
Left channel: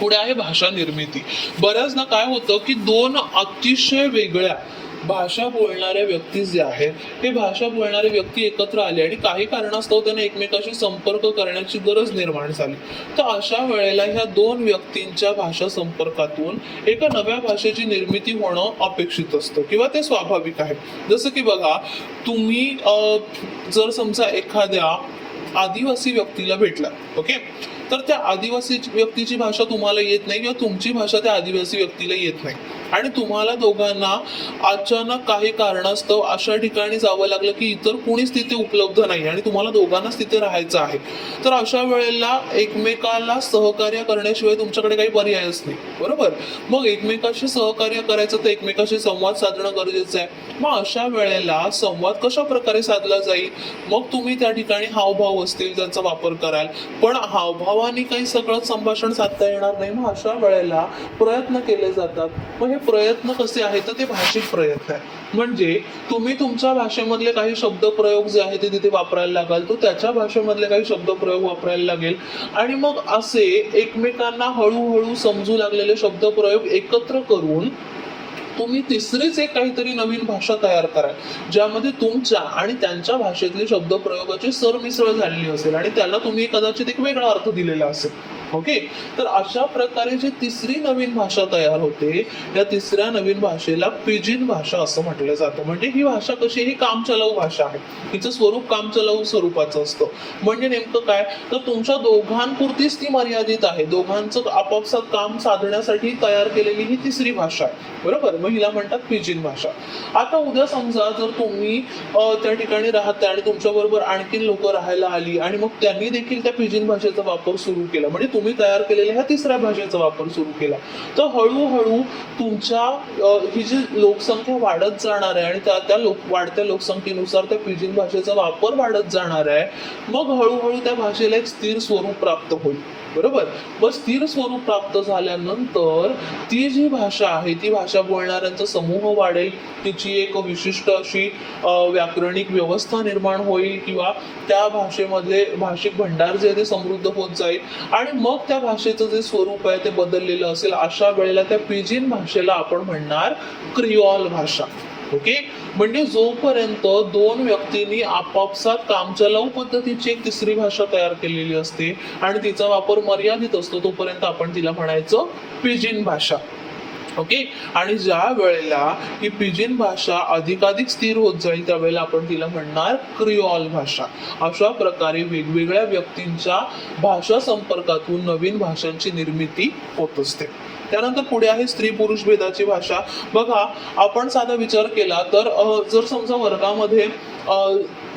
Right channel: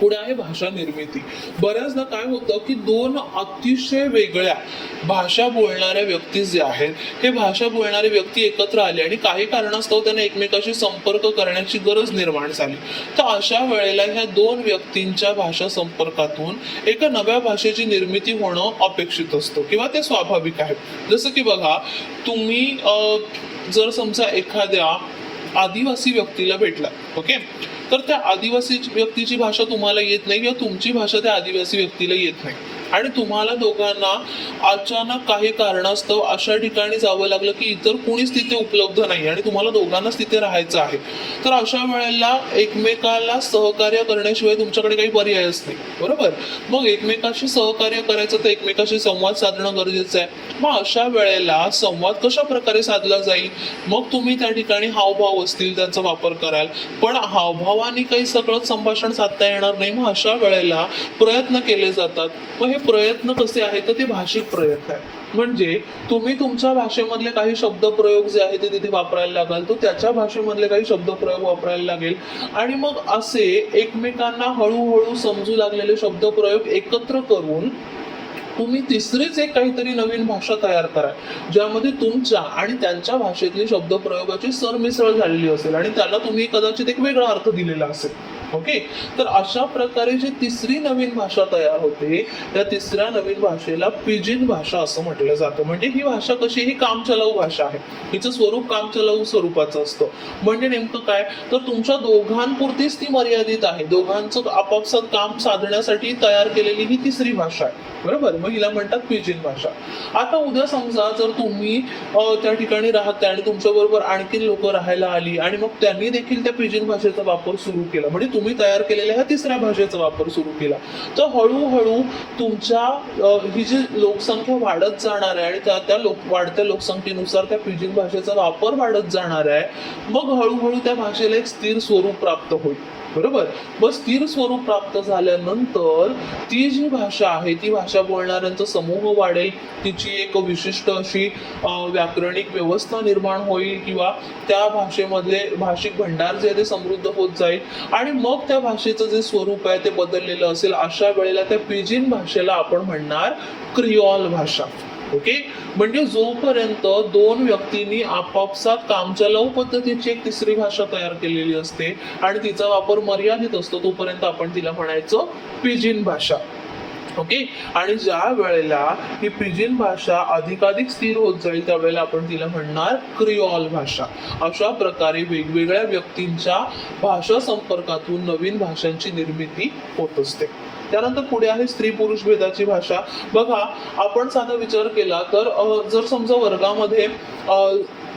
पुढे आहे भाषा निर्मिती. बऱ्याचदा काय होतं की दोन अतिशय वेगळ्या भाषा बोलणाऱ्या व्यक्ती जे आहेत हे भाषा बोलणारे व्यक्ती एकत्र आले आणि काही कारणास्तव त्यांना एकमेकाशी संपर्क करण्याची गरज निर्माण झाली. तर अशा वेळेला ह्या दोन व्यक्तींच्या भाषा संपर्कातून एका नव्या भाषेची निर्मिती होणं अपेक्षित असतं किंवा ते स्वाभाविक आहे. जसं की बघा, तुम्ही जर समजा एखाद्या आदिवासी व्यक्तीला भेटला, ओके, तर त्या आदिवासी व्यक्तीची भाषा तुम्हाला येत नाही किंवा तुमची भाषा त्या आदिवासी व्यक्तीला येत नाही आणि तुम्हाला दोघांना अचानक काही कारणास्तव अशा ठिकाणी जावं लागलं की इतर कोणीच तिथे उपलब्ध नाही आणि तुम्हाला दोघांनाच तिथे राहायचं आहे. तर अशा वेळेला एकमेकाला सहकार्य करण्याशिवाय तुमच्याकडे काही पर्यायच नाही, बरोबर. मग एकमेकाशी सहकार्य करायचं तर एकमेकाशी संवाद साधणं गरजेचं आहे. मग अशा वेळेला संवाद कशा प्रकारे साधला जाईल, मग तुम्ही त्या ठिकाणी हावभाव असतील त्यांचा वापर कराल, पण हावभावाने काही सगळं संभाषण साधता येणार नाही. मग अशा वेळेला प्रयत्न केले जातात. मग हे प्रयत्न कसे आहेत तर ते भाषिक प्रयत्न आहेत. म्हणजे तुम्ही तुमच्या भाषेमधले काही शब्दप्रयोग जे आहे ते तिथे वापरायला लागाल, तो त्याच्या भाषेमधले काही शब्दप्रयोग वापरायला लागेल आणि मग असे एकमेकांना हळूहळू समजू लागलेले शब्दप्रयोग एकत्र करून तुम्ही तिसरीच एक काहीतरी नवीन भाषा तयार करा ज्यामध्ये तुमच्या आणि त्यांच्या भाषेतली शब्दप्रयोगाची सरमिसळ झालेली असेल आणि त्याला तुम्ही कदाचित एक वेगळा अर्थ दिलेला असेल. ओके. तर अशा प्रकारे जी तिसरी नवीन भाषा तयार होते या तिसऱ्या नवीन भाषेला पिजिन भाषा असं म्हटलं जातं. म्हणजे ही भाषा कशी, ही कामचलाऊ भाषा आहे, हिचं स्वरूप कामचलाऊ स्वरूपाचं असतं. म्हणजे नेमकं काय, तर तुमच्या दोघांपुरतीच ती मर्यादित आहे, दोघांचं आपापसात काम साधण्यासाठी तयार केलेली ही तिसरी भाषा आहे, बरोबर. मग हिला म्हणतात पिजिन भाषा. आता उद्या समजा जर तुम्ही त्या ठिकाणी राहता आणि तुमच्या बरोबर आणखी लोक राहायला आली आणि मग त्यांनी देखील त्या पिजिन भाषेचा वापर सुरू केला, म्हणजे तुम्ही तयार केलेल्या ह्या तिसऱ्या भाषेचा वापर सुरू केला, तर हळूहळू तुमच्या ही जी लोकसंख्या वाढत जाणार आहे आणि त्या वाढत्या लोकसंख्येनुसार त्या पिजिन भाषेचा वापर वाढत जाणार आहे. मग हळूहळू त्या भाषेला एक स्थिर स्वरूप प्राप्त होईल, बरोबर. मग स्थिर स्वरूप प्राप्त झाल्यानंतर ती जी भाषा आहे ती भाषा बोलणाऱ्यांचा समूह वाढेल, तिची एक विशिष्ट अशी व्याकरणिक व्यवस्था निर्माण होईल किंवा त्या भाषेमध्ये भाषिक भंडार जे आहे ते समृद्ध होत जाईल आणि मग त्या भाषेचं जे स्वरूप आहे ते बदललेलं असेल. अशा वेळेला त्या पिजिन भाषेला आपण म्हणणार क्रिऑल भाषा. ओके. म्हणजे जोपर्यंत दोन व्यक्तींनी आपापसात कामचलाऊ पद्धतीची एक तिसरी भाषा तयार केलेली असते आणि तिचा वापर मर्यादित असतो तोपर्यंत आपण तिला म्हणायचं पिजिन भाषा. ओके. आणि ज्या वेळेला ही पिजिन भाषा अधिकाधिक स्थिर होत जाईल त्यावेळेला आपण तिला म्हणणार क्रिऑल भाषा. अशा प्रकारे वेगवेगळ्या व्यक्तींच्या भाषा संपर्कातून नवीन भाषांची निर्मिती होत असते. त्यानंतर पुढे आहे स्त्री पुरुष भेदाची भाषा. बघा, आपण साधा विचार केला तर जर समजा वर्गामध्ये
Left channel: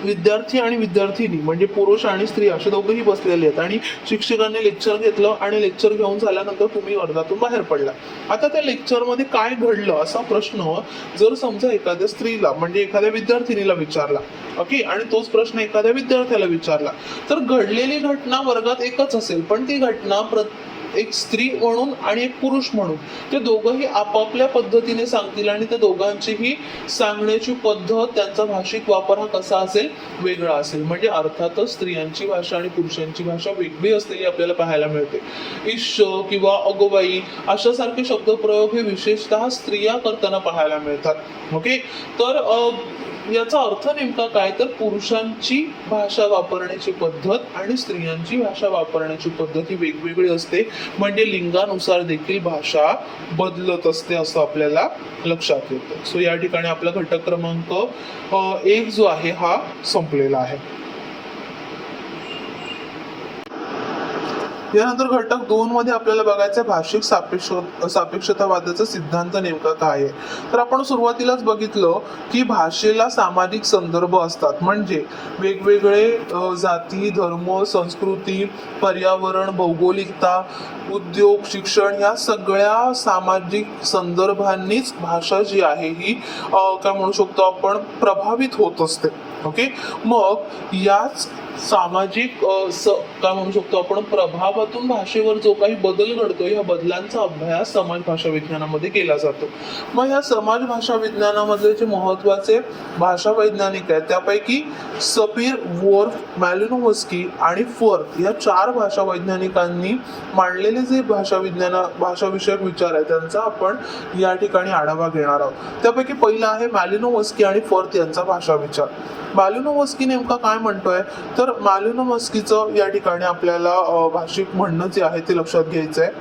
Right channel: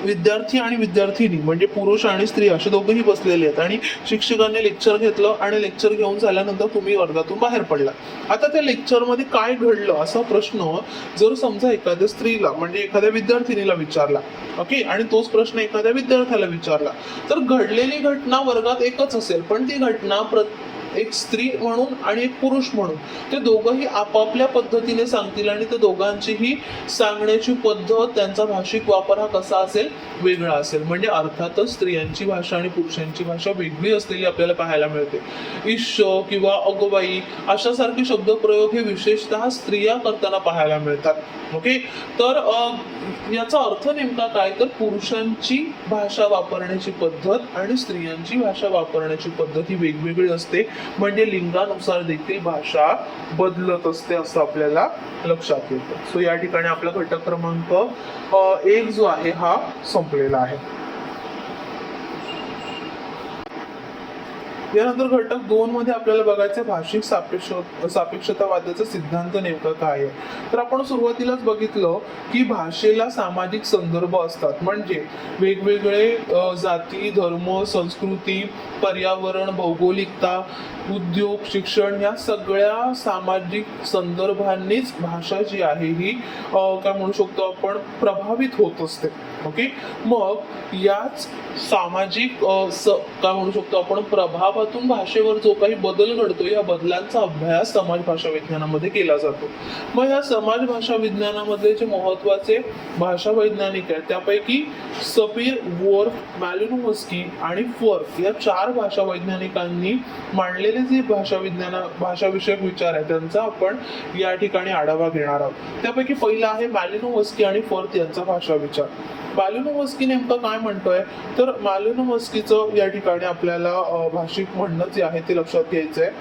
विद्यार्थी आणि विद्यार्थिनी म्हणजे पुरुष आणि स्त्री असे दोघेही बसलेले आहेत आणि शिक्षकांनी लेक्चर घेतलं आणि लेक्चर घेऊन झाल्यानंतर तुम्ही वर्गातून बाहेर पडला. आता त्या लेक्चरमध्ये काय घडलं असा प्रश्न जर समजा एखाद्या स्त्रीला म्हणजे एखाद्या विद्यार्थिनीला विचारला, ओके, आणि तोच प्रश्न एखाद्या विद्यार्थ्याला विचारला, तर घडलेली घटना वर्गात एकच असेल पण ती घटना एक स्त्री म्हणून आणि एक पुरुष म्हणून ते दोघंही आपापल्या पद्धतीने सांगतील आणि ते दोघांचीही सांगण्याची पद्धत, त्यांचा भाषिक वापर हा कसा असेल, वेगळा असेल. म्हणजे अर्थातच स्त्रियांची भाषा आणि पुरुषांची भाषा वेगळी असलेली आपल्याला पाहायला मिळते. ईश किंवा अगोबाई अशासारखे शब्दप्रयोग हे विशेषतः स्त्रिया करताना पाहायला मिळतात. ओके, तर याचा अर्थ नेमका काय, तर पुरुषांची भाषा वापरण्याची पद्धत आणि स्त्रियांची भाषा वापरण्याची पद्धत ही वेगवेगळी असते. म्हणजे लिंगानुसार देखील भाषा बदलत असते असं आपल्याला लक्षात येतं. सो या ठिकाणी आपला घटक क्रमांक 1 जो आहे हा संपलेला आहे. यानंतर घटक 2 मध्ये आपल्याला बघायचं भाषिक सापेक्षतावादाचा सिद्धांत नेमका काय आहे. तर आपण सुरुवातीलाच बघितलं की भाषेला सामाजिक संदर्भ असतात. म्हणजे वेगवेगळे जाती, धर्म, संस्कृती, पर्यावरण, भौगोलिकता, उद्योग, शिक्षण या सगळ्या सामाजिक संदर्भांनीच भाषा जी आहे ही काय म्हणू शकतो आपण प्रभावित होत असते. ओके, मग याच सामाजिक काय म्हणू शकतो आपण प्रभावातून भाषेवर जो काही बदल घडतो या बदलांचा अभ्यास समाज भाषा विज्ञानामध्ये केला जातो. मग या समाज भाषा विज्ञानामधले जे महत्वाचे भाषा वैज्ञानिक आहेत त्यापैकी सपीर, वोर्फ, मॅलिनोव्स्की आणि फर्क या 4 भाषा वैज्ञानिकांनी मांडलेले जे भाषाविषयक विचार आहेत त्यांचा आपण या ठिकाणी आढावा घेणार आहोत. त्यापैकी पहिला आहे मॅलिनोव्स्की आणि फर्क यांचा भाषा विचार. मॅलिनोव्स्की नेमका काय म्हणतोय, तर मॅलिनोव्स्कीचं या ठिकाणी आपल्याला भाषिक म्हणणं जे आहे ते लक्षात घ्यायचंय.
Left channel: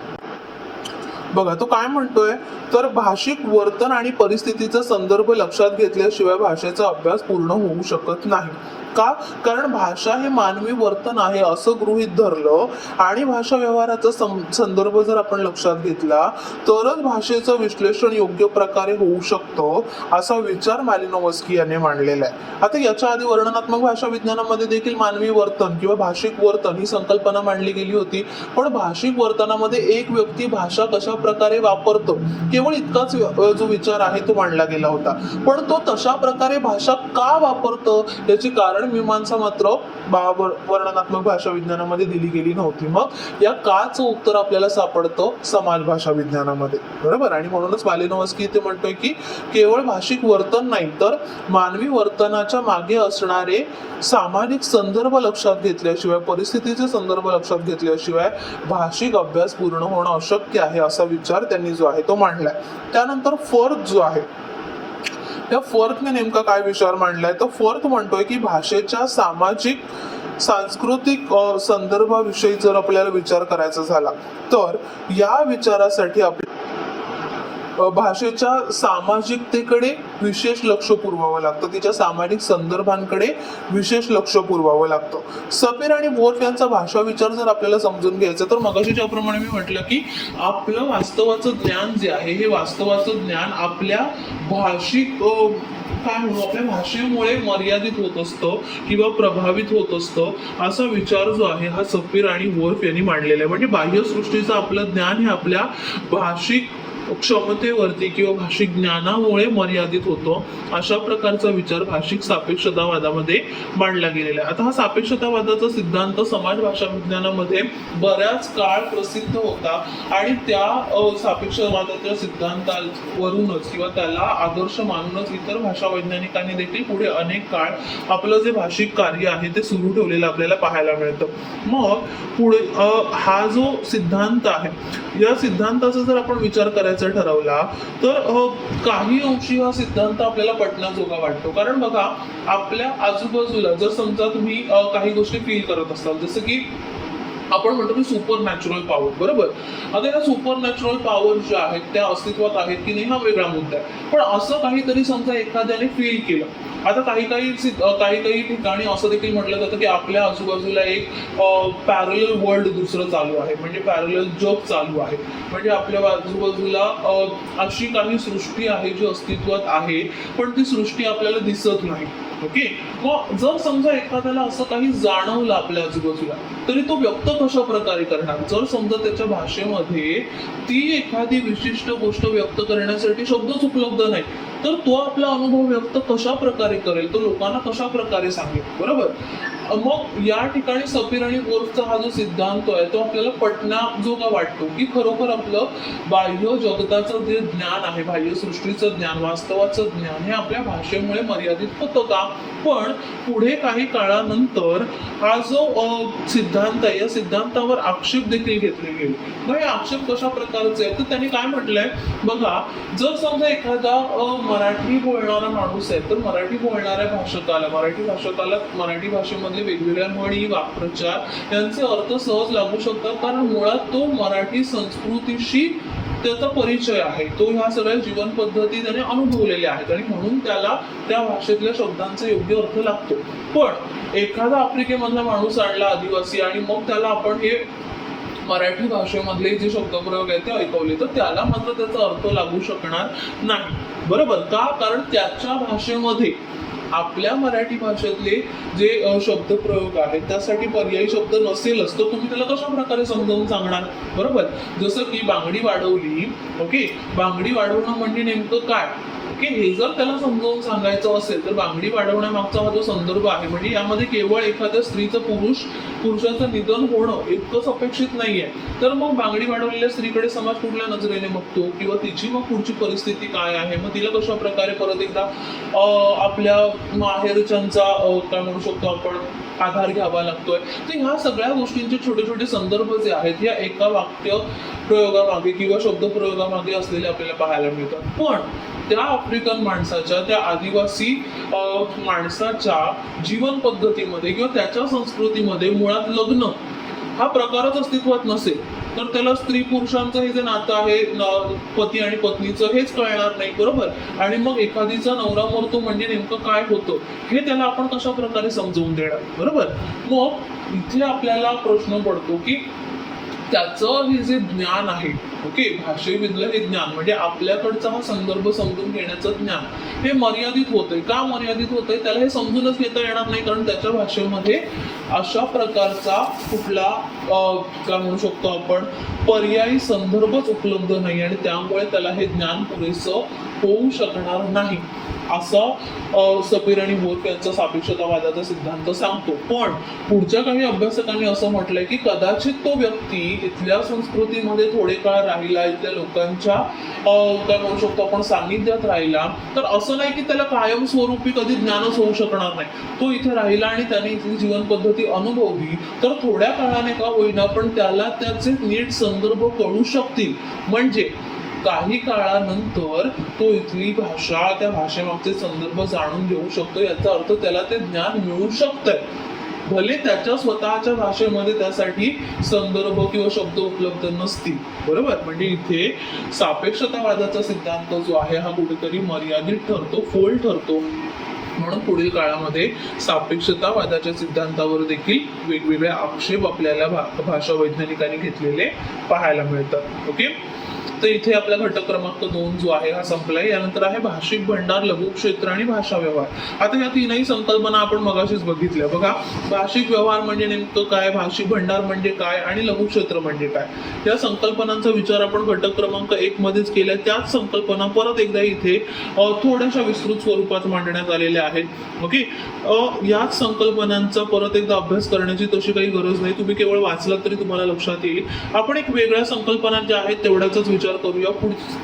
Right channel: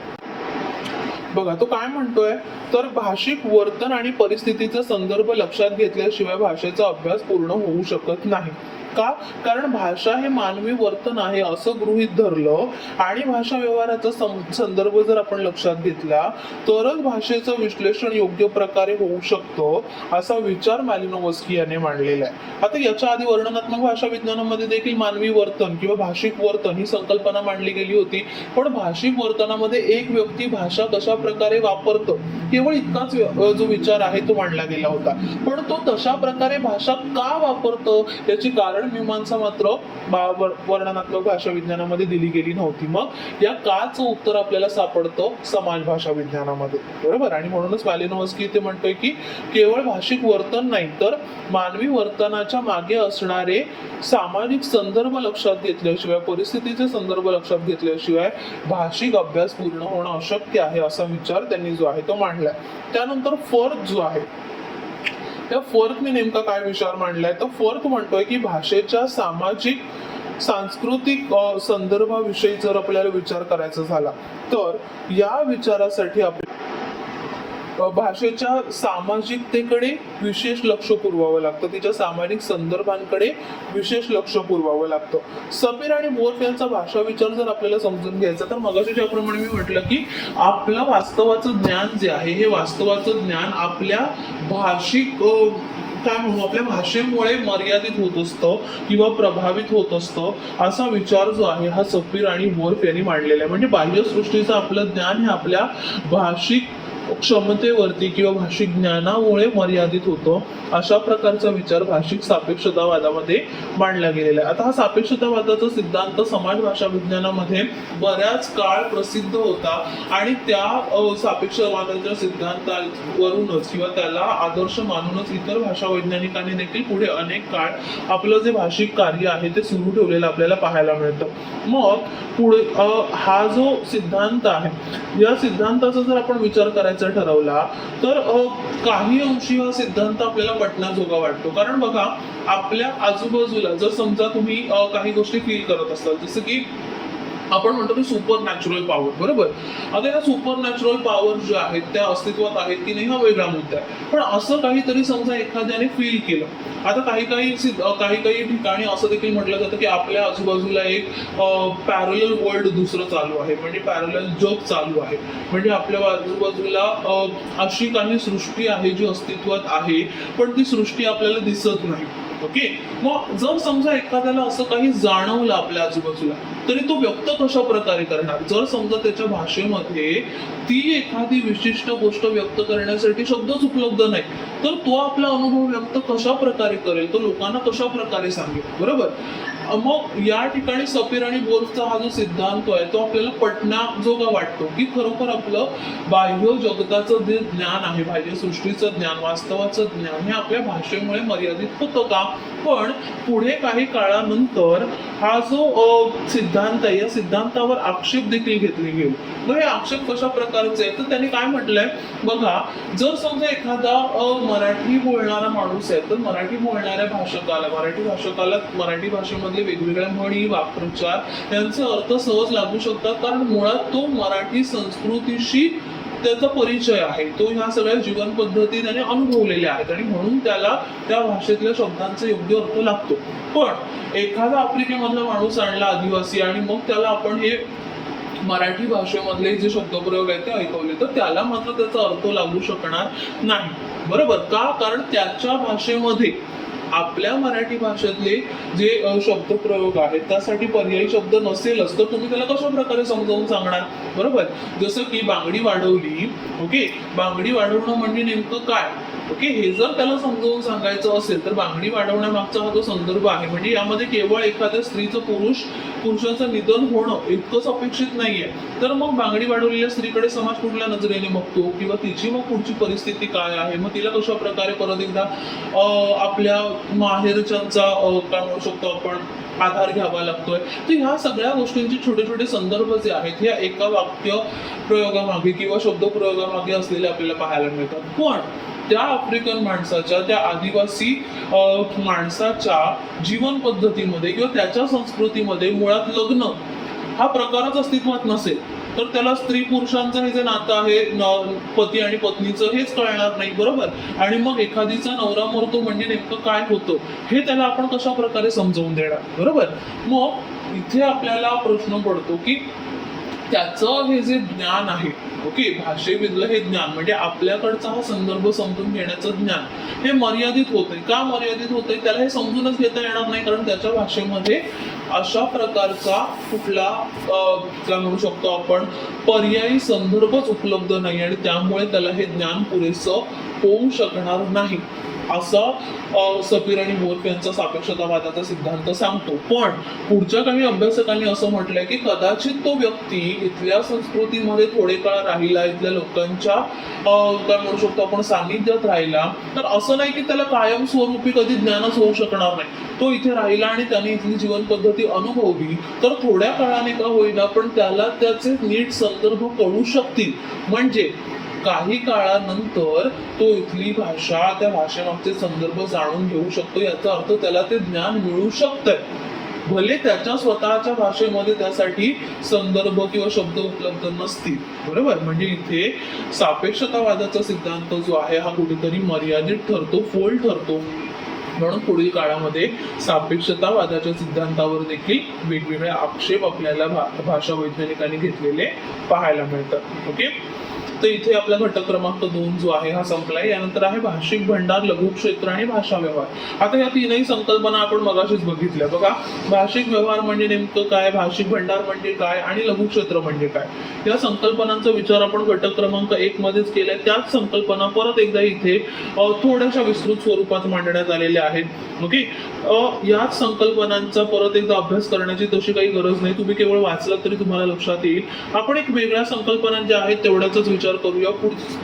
बघा तो काय म्हणतोय, तर भाषिक वर्तन आणि परिस्थितीचा संदर्भ लक्षात घेतल्याशिवाय भाषेचा अभ्यास पूर्ण होऊ शकत नाही. का, कारण भाषा हे मानवी वर्तन आहे असं गृहीत धरलं आणि भाषा व्यवहाराचा संदर्भ जर आपण लक्षात घेतला तरच भाषेचं विश्लेषण योग्य प्रकारे होऊ शकतो असा विचार मॅलिनोव्स्की यांनी मांडलेला आहे. आता याच्या आधी वर्णनात्मक भाषा विज्ञानामध्ये देखील मानवी वर्तन किंवा भाषिक वर्तन ही संकल्पना मांडली गेली होती. पण भाषिक वर्तनामध्ये एक व्यक्ती भाषा कशा प्रकारे वापरतो केवळ इतकाच जो विचार आहे तो मांडला गेला होता. पण तो तशा प्रकारे भाषा का वापरतो याची कारण मीमांसा मात्र वर्णनात्मक भाषा विज्ञानामध्ये दिली गेली नव्हती. मग या काचं उत्तर आपल्याला सापडतं समाज भाषा विज्ञानामध्ये, बरोबर. आणि म्हणूनच मॅलिनोव्स्की ते म्हणतोय की केवळ भाषिक वर्तन नाही तर मानवी वर्तनाच्या मागे असणारे सामाजिक संदर्भ लक्षात घेतल्याशिवाय, परिस्थितीचे संदर्भ लक्षात घेतल्याशिवाय भाषिक अभ्यास पूर्ण होणं अशक्य आहे असा विचार त्यांनी जो आहे तो मांडलाय. त्यानंतर फर्क जो आहे त्या फर्कने नेमका काय विचार मांडलाय, तर फर्क म्हणतोय की भाषेच्या सामाजिक सांस्कृतिक संदर्भाविषयी जर आपल्याला विचार करायचा झाला तर या विचारासाठी भाषेच्या सामाजिकतेकडे विशेष लक्ष पुरवावं लागतं, तिच्या सामाजिक संदर्भांकडे विशेष लक्ष पुरवावं लागतं. सपीर आणि वोर्फ यांचा भाषा विचार जर आपल्याला समजून घ्यायचा तर मगाशी ज्याप्रमाणे मी म्हटलं की आपलं वास्तवाचं ज्ञान जे आहे हे वास्तवाचं ज्ञान आपल्या भाषिक काय म्हणू आपल्या भाषेमुळे मर्यादित होत असतो किंवा प्रभावित होत असतो असा विचार जो आहे हा सपीर आणि वोर्फ यांनी मांडलेला आहे. म्हणजे बाह्य सृष्टीचं आपलं ज्ञान हे आपल्या भाषिक क्षमतेवरती किंवा भाषिक ज्ञानामुळे मर्यादित होतो अशा प्रकारचा विचार भाषिक सापेक्षतावादामध्ये मांडला गेलेला आहे. आता हा सापेक्षतावादाचा सिद्धांत समाज भाषा विज्ञानामध्ये बऱ्याच काळ प्रसिद्ध होता आणि त्या सापेक्षतावादाच्या सिद्धांतावरूनच किंवा त्याला आदर्श मानूनच इतर भाषा वैज्ञानिकांनी देखील पुढे अनेक काळ आपलं जे भाषिक कार्य आहे ते सुरू ठेवलेलं आपल्याला पाहायला मिळतं. मग पुढे हा जो सिद्धांत आहे या सिद्धांताचा जर आपण विचार करायचा ठरवला तर काही अंशी हा सिद्धांत आपल्याला पटण्याजोगा वाटतो. कारण बघा आपल्या आजूबाजूला जर समजा तुम्ही काही गोष्टी फील करत असाल जसं की आपण म्हणतो की सुपर नॅचरल पॉवर, बरोबर. आता या सुपर नॅचरल पॉवर ज्या आहेत त्या अस्तित्वात आहेत की नाही हा वेगळा मुद्दा आहे. पण असं काहीतरी समजा एखाद्याने फील केलं. आता काही ठिकाणी असं देखील म्हटलं जातं की आपल्या आजूबाजूला एक पॅरलल वर्ल्ड दुसरं चालू आहे, म्हणजे पॅरलल जग चालू आहे. म्हणजे आपल्या आजूबाजूला अशी काही सृष्टी आहे जी अस्तित्वात आहे पण ती सृष्टी आपल्याला दिसत नाही. ओके, मग जर समजा एखाद्याला असं काही जाणवलं आपल्या आजूबाजूला तरी तो व्यक्त कशा प्रकारे करणार. जर समजा त्याच्या भाषेमध्ये ती एखादी विशिष्ट गोष्ट व्यक्त करण्यासाठी शब्दच उपलब्ध नाही, तर तो आपला अनुभव व्यक्त कशा प्रकारे करेल, तो लोकांना कशा प्रकारे सांगेल. बरोबर. मग या ठिकाणी सपीर आणि वोल्फचा हा जो सिद्धांत आहे तो आपल्याला पटण्याजोगा वाटतो, की खरोखर आपलं बाह्य जगताचं जे ज्ञान आहे, बाह्य सृष्टीचं ज्ञान, वास्तवाचं ज्ञान हे आपल्या भाषेमुळे मर्यादित होतं का. पण पुढे काही काळानंतर हा जो सिद्धांत आहे या सिद्धांतावर आक्षेप देखील घेतले गेले. मग हे आक्षेप कशा प्रकारचे आहेत, तर त्यांनी काय म्हटलंय बघा, जर समजा एखादा मराठी बोलणारा माणूस आहे, तर मराठी बोलणाऱ्या भाषकाला, मराठी भाषेमध्ये वेगवेगळ्या म्हणी, वाक्प्रचार यांचे अर्थ सहज लागू शकतात, कारण मुळात तो मराठी संस्कृतीशी त्याचा परिचय आहे, तो ह्या सगळ्या जीवन पद्धती त्याने अनुभवलेल्या आहेत आणि म्हणून त्याला त्या भाषेतल्या शब्दांचा योग्य अर्थ लागतो. पण एखादा आफ्रिकेमधला माणूस आणला आदिवासी आणि मग त्याला आपण हे मराठी भाषेमधले जे शब्दप्रयोग आहेत ते ऐकवले, तर त्याला मात्र त्याचा अर्थ लागू शकणार नाही. बरोबर का. कारण त्याच्या भाषेमध्ये आपल्या मराठी भाषेतले जे शब्दप्रयोग आहेत त्यासाठी पर्यायी शब्द नसेलच, तर तुम्ही त्याला कशा प्रकारे समजावून सांगणार. बरोबर. जसं की बांगडी वाढवली. ओके. बांगडी वाढवणं म्हणजे नेमकं काय. ओके. हे जर त्याला समजावून सांगायचं असेल तर बांगडी वाढवण्यामागचा हा जो संदर्भ आहे, म्हणजे यामध्ये केवळ एखाद्या स्त्रीचं पुरुषाचं निधन होणं इतकंच अपेक्षित नाहीये, तर मग बांगडी वाढवलेल्या स्त्रीकडे समाज कुठल्या नजरेने बघतो, किंवा तिची मग पुढची परिस्थिती काय आहे, मग तिला कशा प्रकारे परत एकदा आपल्या माहेरच्यांचा काय म्हणू शकतो आपण आधार घ्यावा लागतोय. तर ह्या सगळ्या गोष्टींचे छोटे छोटे संदर्भ जे आहेत या एका वाक्य प्रयोगामागे किंवा शब्द प्रयोगामागे असलेले आपल्याला पाहायला मिळतात. पण त्या आफ्रिकन माणसाच्या, त्या आदिवासी माणसाच्या जीवन पद्धतीमध्ये किंवा त्याच्या संस्कृतीमध्ये मुळात लग्न हा प्रकारच अस्तित्वात नसेल, तर त्याला स्त्री पुरुषांचं हे जे नातं आहे, पती आणि पत्नीचं, हेच कळणार नाही. बरोबर. आणि मग एखादीचा नवरा मरतो म्हणजे नेमकं काय होतं हे त्याला आपण कशा प्रकारे समजावून देणार. बरोबर. मग इथे आपल्याला प्रश्न पडतो की त्याचं हे जे ज्ञान आहे, ओके, भाषेमधलं हे ज्ञान म्हणजे आपल्याकडचा हा संदर्भ समजून घेण्याचं ज्ञान हे मर्यादित होतंय. का मर्यादित होतंय, त्याला हे समजूनच घेता येणार नाही, कारण त्याच्या भाषेमध्ये अशा प्रकारचा कुठला काय म्हणू शकतो आपण पर्यायी संदर्भच उपलब्ध नाही आणि त्यामुळे त्याला हे ज्ञान पुरेसं होऊ शकणार नाही, असं सपीर आणि वोल्फ यांचा सापेक्षतावादाचा सिद्धांत सांगतो. पण पुढच्या काही अभ्यासकांनी असं म्हटलंय की कदाचित तो व्यक्ती इथल्या संस्कृतीमध्ये थोडे काळ राहिला, इथल्या लोकांच्या काय म्हणू शकतो आपण सानिध्यात राहिला, तर असं नाही की त्याला कायमस्वरूपी कधी ज्ञानच होऊ शकणार नाही. तो इथे राहिला आणि त्याने इथली जीवन पद्धती अनुभवली, तर थोड्या काळाने का होईना पण त्याला त्याचे नीट संदर्भ कळू शकतील. म्हणजे काही काळानंतर तो इथली भाषा, त्या भाषेमागचे संदर्भ जाणून घेऊ शकतो. याचा अर्थ त्याला ते ज्ञान मिळू शकतंय, भले त्याच्या स्वतःच्या भाषेमध्ये त्यासाठी संदर्भ किंवा शब्द उपलब्ध नसतील. बरोबर. म्हणजे इथे सापेक्षतावादाचा सिद्धांत जो आहे हा कुठेतरी मर्यादित ठरतो, फोल ठरतो. म्हणून पुढील काळामध्ये सापेक्षतावादाच्या सिद्धांतावर देखील वेगवेगळे आक्षेप आपल्याला भाषा वैज्ञानिकांनी घेतलेले पाहायला मिळतात. ओके. तर इथे आपला घटक क्रमांक 2 जो आहे हा संपलाय. यानंतर आहे भाषिक भंडार, लघुक्षेत्र आणि भाषा व्यवहार. आता या तीनही संकल्पना आपण मगाशीच बघितल्या. बघा, भाषिक व्यवहार म्हणजे नेमकं काय, भाषिक भंडार म्हणजे काय आणि लघुक्षेत्र म्हणजे काय, या संकल्पनांचा विचार आपण घटक क्रमांक 1 मध्येच केलाय. त्याच संकल्पना परत एकदा इथे थोड्याशा विस्तृत स्वरूपात मांडण्यात आलेल्या आहेत. ओके. याच संकल्पनांचा परत एकदा अभ्यास करण्याची तशी काही गरज नाही, तुम्ही केवळ वाचलात तरी तुम्हाला लक्षात येईल. आपण एक वेगळ्या संकल्पना ज्या आहेत तेवढ्याचाच विचार करूया.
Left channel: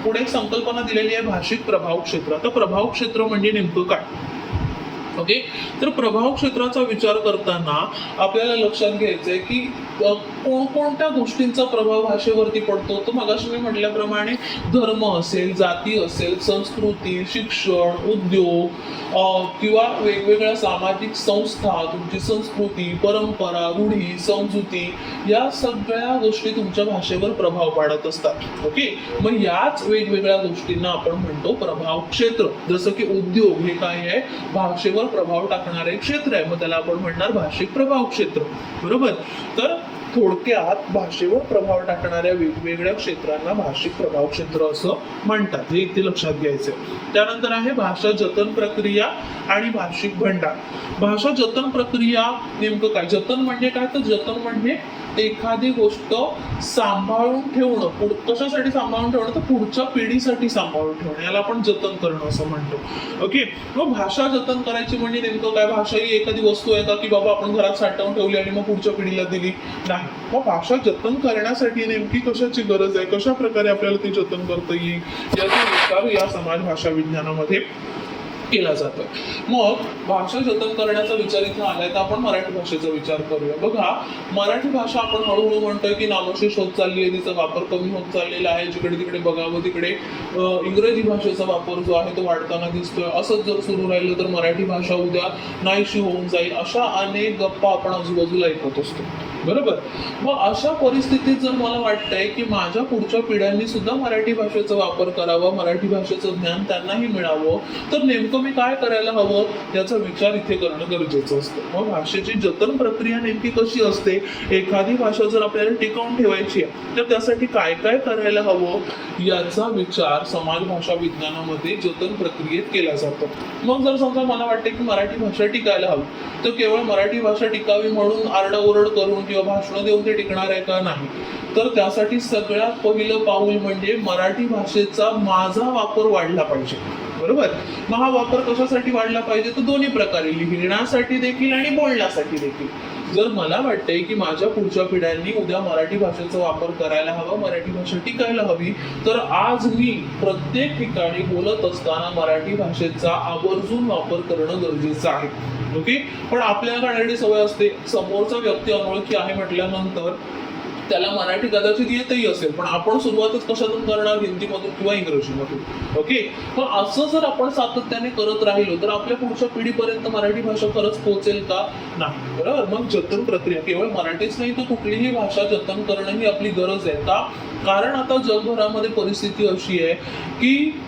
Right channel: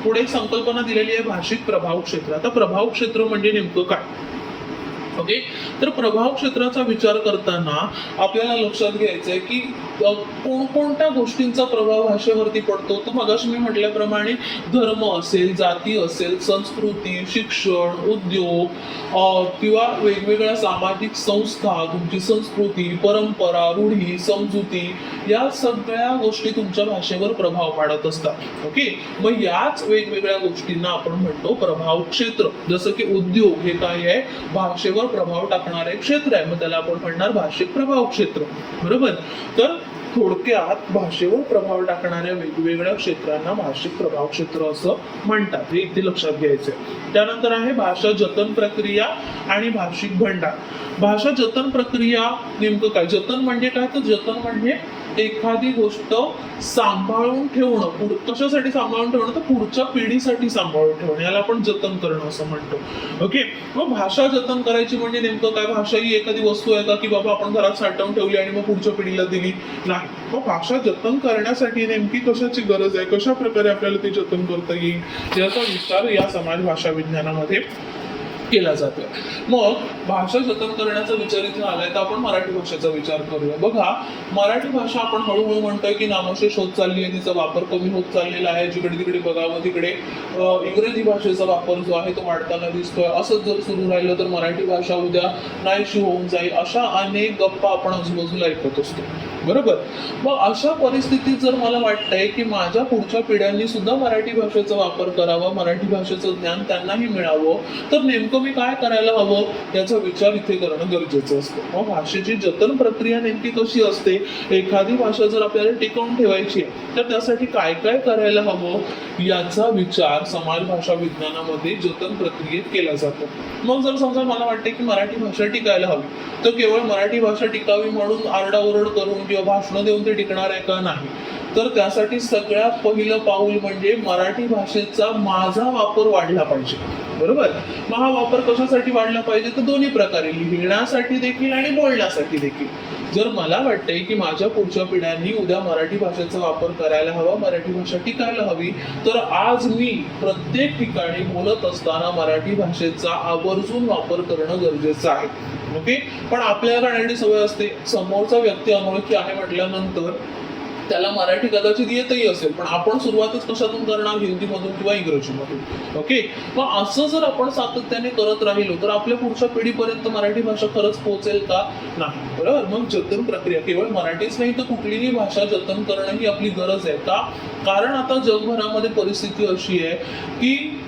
पुढे संकल्पना दिलेली आहे भाषिक प्रभाव क्षेत्र. आता प्रभाव क्षेत्र म्हणजे नेमकं काय. ओके. तर प्रभाव क्षेत्राचा विचार करताना आपल्याला लक्षात घ्यायचंय की कोणकोणत्या गोष्टींचा प्रभाव भाषेवरती पडतो. तर मगाशी मी म्हटल्याप्रमाणे धर्म असेल, जाती असेल, संस्कृती, शिक्षण, उद्योग किंवा वेगवेगळ्या सामाजिक संस्था, तुमची संस्कृती, परंपरा, रूढी, समजुती, या सगळ्या गोष्टी तुमच्या भाषेवर प्रभाव पाडत असतात. ओके. मग याच वेगवेगळ्या गोष्टींना आपण म्हणतो प्रभाव क्षेत्र. जसं की उद्योग हे काय आहे, भाषेवर प्रभाव टाकणारे क्षेत्र आहे, मग त्याला आपण म्हणणार भाषिक प्रभाव क्षेत्र. बरोबर. तर थोडक्यात भाषेवर प्रभाव टाकणाऱ्या वेगवेगळ्या क्षेत्रांना भाषिक प्रभाव क्षेत्र असं म्हणतात, हे इथे लक्षात घ्यायचंय. त्यानंतर आहे भाषा जतन प्रक्रिया आणि भाषिक भंडार. भाषा जतन प्रक्रिया नेमकं काय? जतन म्हणजे काय? तर जतन म्हणजे एखादी गोष्ट सांभाळून ठेवणं. कशासाठी सांभाळून ठेवणं? तर पुढच्या पिढीसाठी सांभाळून ठेवणं, याला आपण जतन करणं असं म्हणतो. ओके. मग भाषा जतन करायची म्हणजे नेमकं काय? भाषा ही एखादी वस्तू आहे का की बाबा आपण घरात साठवून ठेवली आणि मग पुढच्या पिढीला दिली? नाही. मग भाषा जतन करण्यासाठी नेमकी कशाची गरज आहे, कशा प्रकारे आपल्याला ती जतन करता येईल, याचा विचार या समाज भाषा विज्ञानामध्ये केला जातो. मग भाषा जतन करण्याचा विचार इथे आलाय तर आपण मराठी भाषेचा विचार करूया. बघा, मराठी भाषा आपण हळूहळू म्हणतोय की नामशेष होत चालली आहे, तिचा वापर कमी होत चाललेला आहे. जिकडे तिकडे बघावं तिकडे इंग्रजी भाषेचा वापर जो आहे तो वाढताना दिसतोय. असंच जर सुरू राहिलं तर मराठी भाषा उद्या नाहीशी होऊन जाईल, अशा अनेक गप्पा आपण आजूबाजूला ऐकत असतो, बरोबर. मग अशा परिस्थितीत जर मला वाटतंय की माझ्या पुढच्या पिढ्यांनी सुद्धा मराठी भाषेचा वापर करावा, मराठी भाषेचं ज्ञान त्यांनाही मिळावं, तर नेमकं मी काय करायला हवं याचा विचार इथे करणं गरजेचं असतं. मग भाषेची जतन प्रक्रिया नेमकी कशी असते? एखादी भाषा जर आपल्याला टिकवून ठेवायची आहे तर त्यासाठी काय काय करायला हवं याचा विचार समाज भाषा विज्ञानामध्ये जतन प्रक्रियेत केला जातो. मग जर समजा मला वाटतं की मराठी भाषा टिकायला हवी, तर केवळ मराठी भाषा टिकावी म्हणून आरडाओरड करून किंवा भाषणं देऊन ते टिकणार आहे का? नाही. तर त्यासाठी सगळ्यात पहिलं पाऊल म्हणजे मराठी भाषेचा माझा वापर वाढला पाहिजे, बरोबर. मग हा वापर कशासाठी वाढला पाहिजे? तर दोन्ही प्रकारे, लिहिण्यासाठी देखील आणि बोलण्यासाठी देखील. जर मला वाटतंय की माझ्या पुढच्या पिढ्यांनी उद्या मराठी भाषेचा वापर करायला हवा, मराठी भाषा टिकायला हवी, तर आज मी प्रत्येक ठिकाणी बोलत असताना मराठी भाषेचा आवर्जून वापर करणं गरजेचं आहे. ओके. पण आपल्याला काढण्याची सवय असते, समोरचा व्यक्ती अनोळखी आहे म्हटल्यानंतर त्याला मराठी कदाचित येतही असेल, पण आपण सुरुवातच कशातून करणार? हिंदीमधून किंवा इंग्रजीमधून. ओके. मग असं जर आपण सातत्याने करत राहिलो तर आपल्या पुढच्या पिढीपर्यंत मराठी भाषा खरंच पोहोचेल का? नाही, बरोबर. मग जतन प्रक्रिया केवळ मराठीच नाही तर कुठलीही भाषा जतन करणं ही आपली गरज आहे. का? कारण आता जगभरामध्ये परिस्थिती अशी आहे की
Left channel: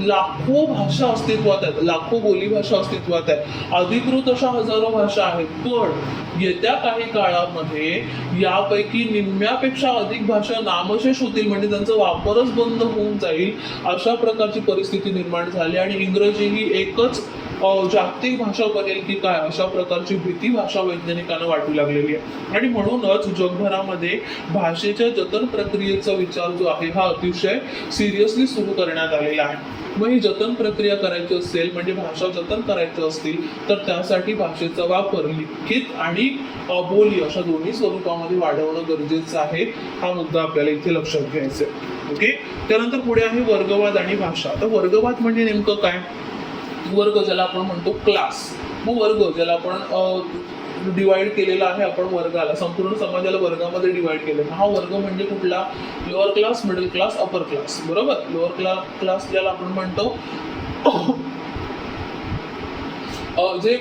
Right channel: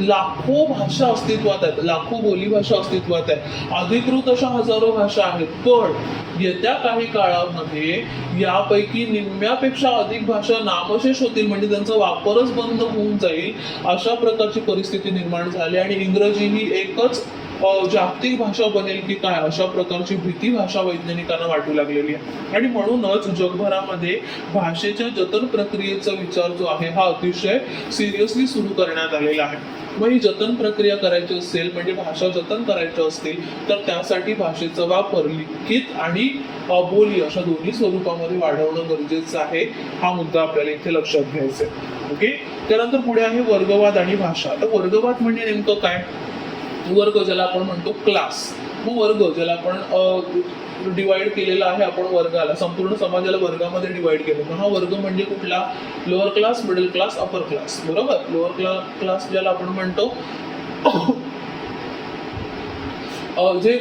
लाखो भाषा अस्तित्वात आहेत, लाखो बोलीभाषा अस्तित्वात आहे, अधिकृत अशा हजारो भाषा आहेत. पण येत्या काही काळामध्ये यापैकी निम्म्यापेक्षा अधिक भाषा नामशेष होतील, म्हणजे त्यांचा वापरच बंद होऊन जाईल, अशा प्रकारची परिस्थिती निर्माण झाली आणि इंग्रजी ही एकच जागतिक भाषा बनेल की काय, अशा प्रकारची भीती भाषा वैज्ञानिकांना वाटू लागलेली आहे. आणि म्हणूनच जगभरामध्ये भाषेच्या जतन प्रक्रियेचा विचार जो आहे हा अतिशय सिरियसली सुरू करण्यात आलेला आहे. मग ही जतन प्रक्रिया करायची असेल, म्हणजे भाषा जतन करायची असतील, तर त्यासाठी भाषेचा वापर लिखित आणि बोली अशा दोन्ही स्वरूपामध्ये वाढवणं गरजेचं आहे. हा मुद्दा आपल्याला इथे लक्षात घ्यायचा आहे. ओके. त्यानंतर पुढे आहे वर्गवाद आणि भाषा. आता वर्गवाद म्हणजे नेमकं काय? वर्ग ज्याला आपण म्हणतो क्लास. मग वर्ग ज्याला आपण डिवाइड केलेला आहे, आपण वर्गाला, संपूर्ण समाजाला वर्गामध्ये डिवाइड केलं. हा वर्ग म्हणजे कुठला? Lower class, middle class, upper class, बरोबर. लोअर क्लास ज्याला आपण म्हणतो जे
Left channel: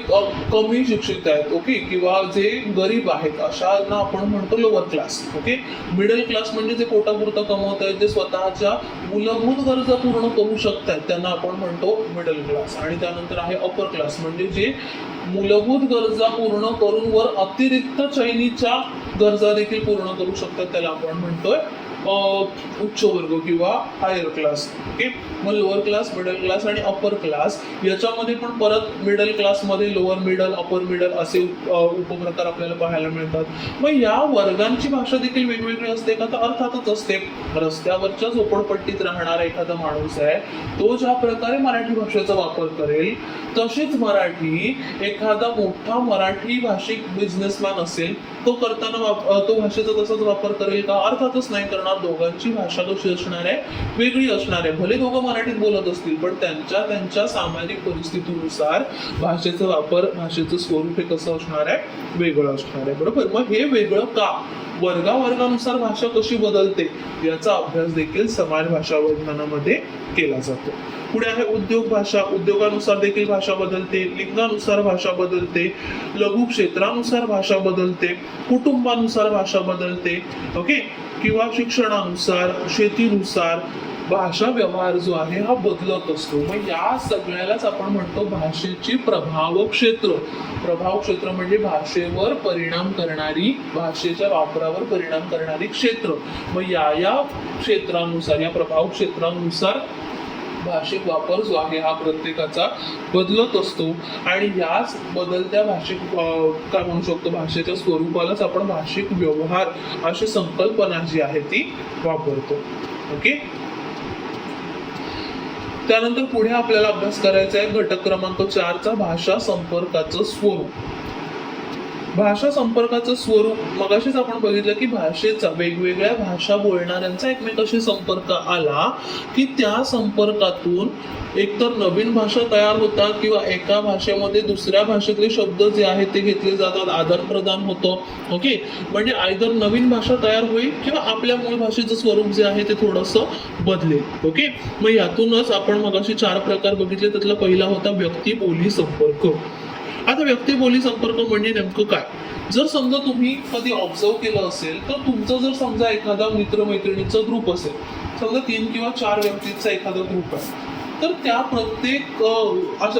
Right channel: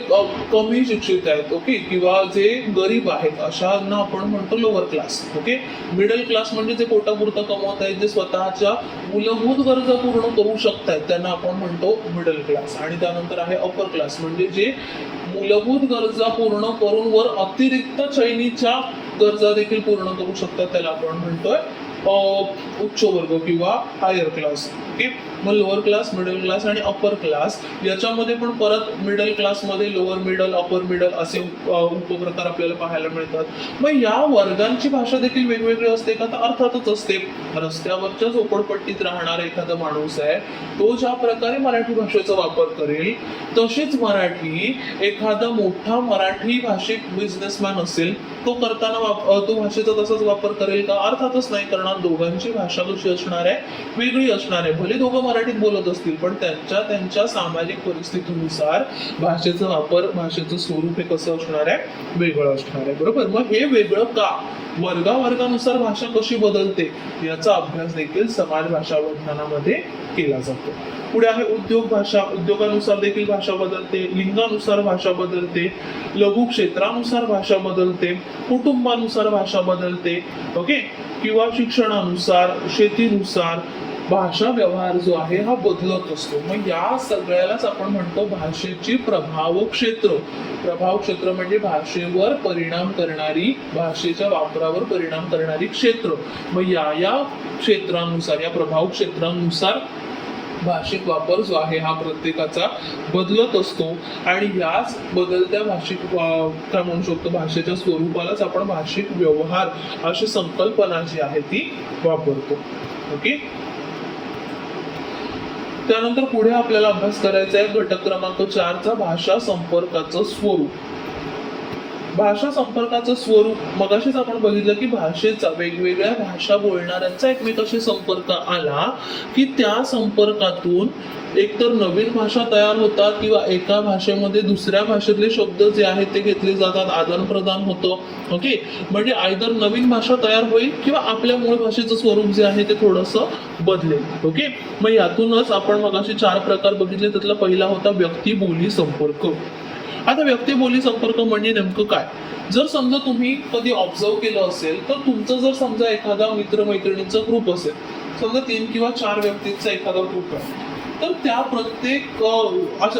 कमी शिक्षित आहेत, ओके, किंवा जे गरीब आहेत अशांना आपण म्हणतो lower class. Okay. Middle class म्हणजे जे पोटापुरतं कमवत आहेत, जे स्वतःच्या मूलभूत गरजा पूर्ण करू शकतात, त्यांना आपण म्हणतो मिडल क्लास. आणि त्यानंतर आहे अपर क्लास, म्हणजे जे मूलभूत गरजा पूर्ण करून वर अतिरिक्त चैनीच्या गरजा देखील पूर्ण करू शकतात, त्याला आपण म्हणतोय उच्च वर्ग किंवा हायर क्लास. ओके. मग लोअर क्लास, मिडल क्लास आणि अपर क्लास, याच्यामध्ये पण परत मिडल क्लासमध्ये लोअर मिडल, अपर मिडल असे उपप्रकार आपल्याला पाहायला मिळतात. मग या वर्गांची भाषा देखील वेगवेगळी असते का? तर अर्थातच असते. रस्त्यावरच्या झोपडपट्टीत राहणारा एखादा माणूस आहे, तो ज्या प्रकारे मराठी भाषेचा वापर करेल, तसेच मराठी एखादा मोठा मराठी भाषिक बिझनेसमॅन असेल, तो करताना तो भाषेचा तसाच वापर करेल का? अर्थातच नाही करणार. दोघांची भाषा कशी असणार आहे? वेगळी असणार आहे. भले दोघं मराठीत बोलत असतील, पण त्यांच्या त्यांच्या सामाजिक परिस्थितीनुसार भाषेचा वापर, भाषेचं स्वरूप हे कसं असणार आहे? वेगळं असणार आहे, बरोबर. मग हे वेगळं का? वर्गानुसार भाषा कशी बदलते याचा अभ्यास देखील समाज भाषा विज्ञानामध्ये केला जातो. पुढे आहे उद्योग भाषा. उद्योगानुसार देखील भाषा बदलते, लिंगानुसार भाषा बदलते, लघु क्षेत्रानुसार भाषा बदलते, कुटुंबानुसार भाषा बदलते, ओके, किंवा शिक्षणानुसार, शेतीनुसार, भाषा व्यवहार जो आहे हा बदलत असतो. मग या सगळ्यालाच आपण म्हणतो भाषेची प्रभाव क्षेत्र. प्रभाव क्षेत्र म्हणजे भाषेवर परिणाम करणारी, भाषेच्या वापरावर परिणाम करणारी क्षेत्र. मग या क्षेत्रानुसार, या प्रभाव क्षेत्रानुसार भाषिक वापर जो आहे हा प्रत्येकाचा बदलत असतो. आणि ह्याच बदलत्या भाषिक काय म्हणू शकतो, भाषेच्या स्वरूपालाच आपण भाषिक व्यवहार अशी संकल्पना जी आहे ती वापरतो. ओके. त्यानंतर पुढे आपल्याला अभ्यास करायचा आहे घटक क्रमांक 4 चा भाषा संपर्काचं स्वरूप. भाषा संपर्काचं स्वरूप मगाशीच आपण बघितलं की भाषेचा, वेगवेगळ्या भाषा बोलणाऱ्यांचा एकमेकाशी संपर्क आला की त्या संपर्कातून एकतर नवीन भाषा तयार होतात किंवा एका भाषेमध्ये दुसऱ्या भाषेतले शब्द जे आहेत ते घेतले जातात, आदान प्रदान होतं. ओके. म्हणजे आयदर नवीन भाषा तयार होईल किंवा आपल्या मूळ भाषेचं स्वरूप जे आहे ते थोडंसं बदलेल. ओके. मग यातूनच आपण मगाशी 4 प्रकार बघितले. त्यातला पहिला होता व्यक्ती बोली संपर्क. आता व्यक्ती बोली संपर्क म्हणजे नेमकं काय? जर समजा तुम्ही कधी ऑब्झर्व केलं असेल तर तुमचं जर समजा एखादा मित्रमैत्रिणींचा ग्रुप असेल, समजा 3 किंवा 4 व्यक्तींचा एखादा ग्रुप आहे, तर त्या प्रत्येक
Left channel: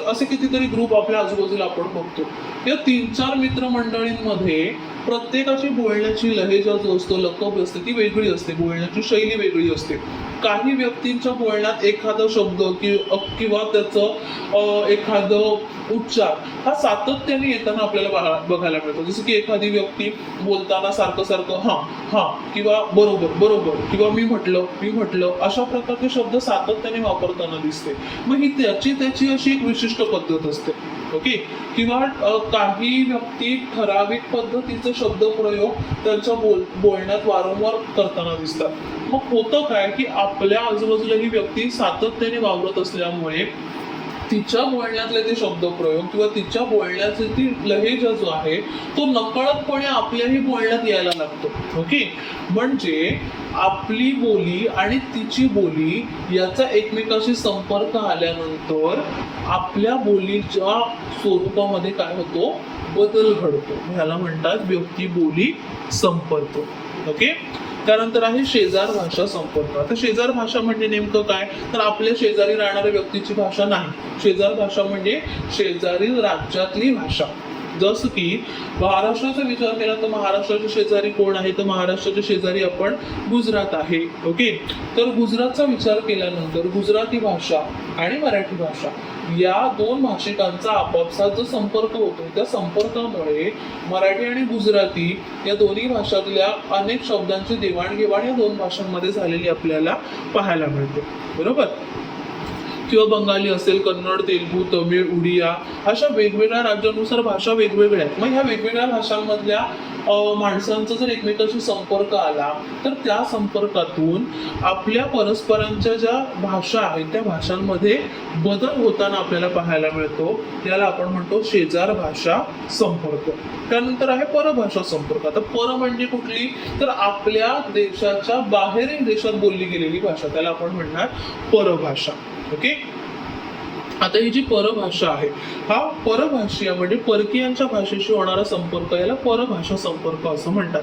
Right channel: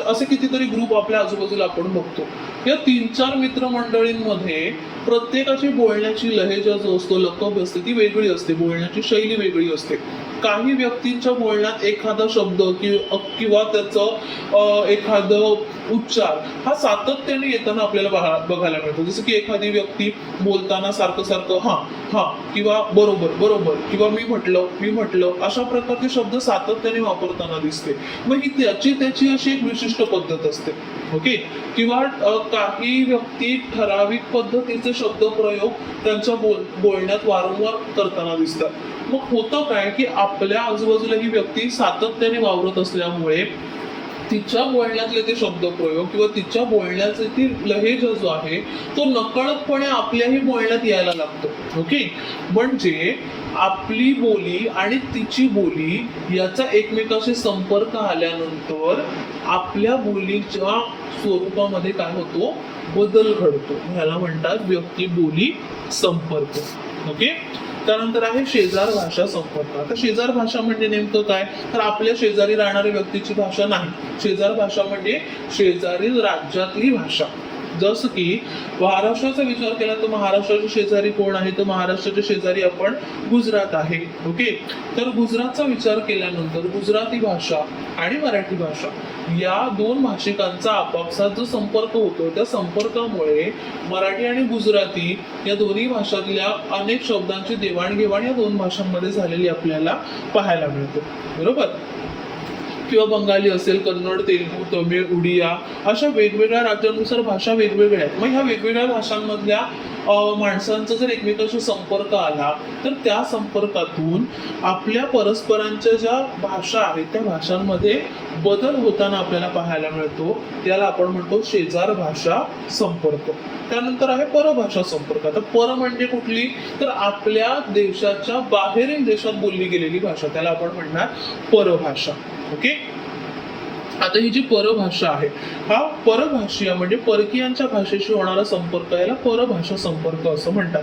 असे कितीतरी ग्रुप आपल्या आजूबाजूला आपण बघतो. या 3-4 मित्रमंडळींमध्ये प्रत्येकाची बोलण्याची लहेजा जो असतो, लकब असते, ती वेगळी असते, बोलण्याची शैली वेगळी असते. काही व्यक्तींच्या बोलण्यात एखादा शब्द किंवा त्याचं एखादं उच्चार हा सातत्याने येताना आपल्याला बघायला मिळतो. जसं की एखादी व्यक्ती बोलताना सारखं सारखं हा हा किंवा बरोबर बरोबर किंवा मी म्हटलं अशा प्रकारचे शब्द सातत्याने वापरताना दिसते. मग ही त्याची अशी एक विशिष्ट पद्धत असते. ओके. किंवा काही व्यक्ती ठराविक पद्धतीचे शब्द प्रयोग त्यांच्या बोलण्यात वारंवार करताना दिसतात. मग होतं काय की आपल्या आजूबाजूला ही व्यक्ती सातत्याने वावरत असल्यामुळे तिच्या बोलण्यातले ते शब्द प्रयोग किंवा तिच्या बोलण्याचे ती लहेजा जो आहे तो नकळतपणे आपल्याही बोलण्यात यायला लागतो. ओके. म्हणजे आपली बोली आणि तिची बोली याचा एकमेकाशी संपर्क आल्यानंतर आपल्या बोलीच्या स्वरूपामध्ये काय होतो, बदल घडतो. ह्याला म्हणतात व्यक्ती बोली संपर्क. ओके. त्यानंतर आहे शेजार भाषा संपर्क. आता शेजार भाषा म्हणजे नेमकं काय, तर आपल्या शेजारी राहणाऱ्या व्यक्तीची भाषा नाही. शेजार भाषा म्हणजे शेजारी राज्यातली भाषा. जसं की महाराष्ट्राचा विचार केला तर महाराष्ट्राचे शेजारी कोण आहे, तर महाराष्ट्राच्या शेजारी आपण गुजरात आहे. ओके. तर गुजरातचा विचार केल्यानंतर गुजराती भाषा आणि मराठी भाषा या 2 भाषिकांचा आपापसात जो संपर्क होतो, त्या संपर्कामुळे मराठी आणि गुजराती या दोन्ही भाषातल्या अनेक शब्दांची देवाणघेवाण या 2 भाषांमध्ये झालेली आपल्याला पाहायला मिळते. बरोबर. किंवा बंगाली असेल, कन्नड, तेलुगू, तमिळ, उडिया अशा वेगवेगळ्या राज्यानुसार भाषा वेगवेगळ्या आहेत. मग ह्या वेगवेगळ्या भाषांमधल्या माणसांचा जर एकमेकांशी संपर्क आला तर त्या संपर्कातून आपल्या परस्परांच्या ज्या भाषा आहेत त्या भाषांमध्ये बदल होताना आपल्याला पाहायला मिळतो. याला आपण म्हणतो शेजार भाषा संपर्क. त्यानंतर आहे परभाषा संपर्क. आता पर म्हणजे कुठली, तर आपल्या देशाच्या बाहेरील देशात बोलली गेलेली भाषा, त्याला आपण म्हणणार परभाषा. ओके. आता ही जी परभाषा आहे, हा परभाषीय म्हणजे परकीयांच्या भाषेशी होणारा संपर्क याला परभाषा संपर्क असं म्हणतात.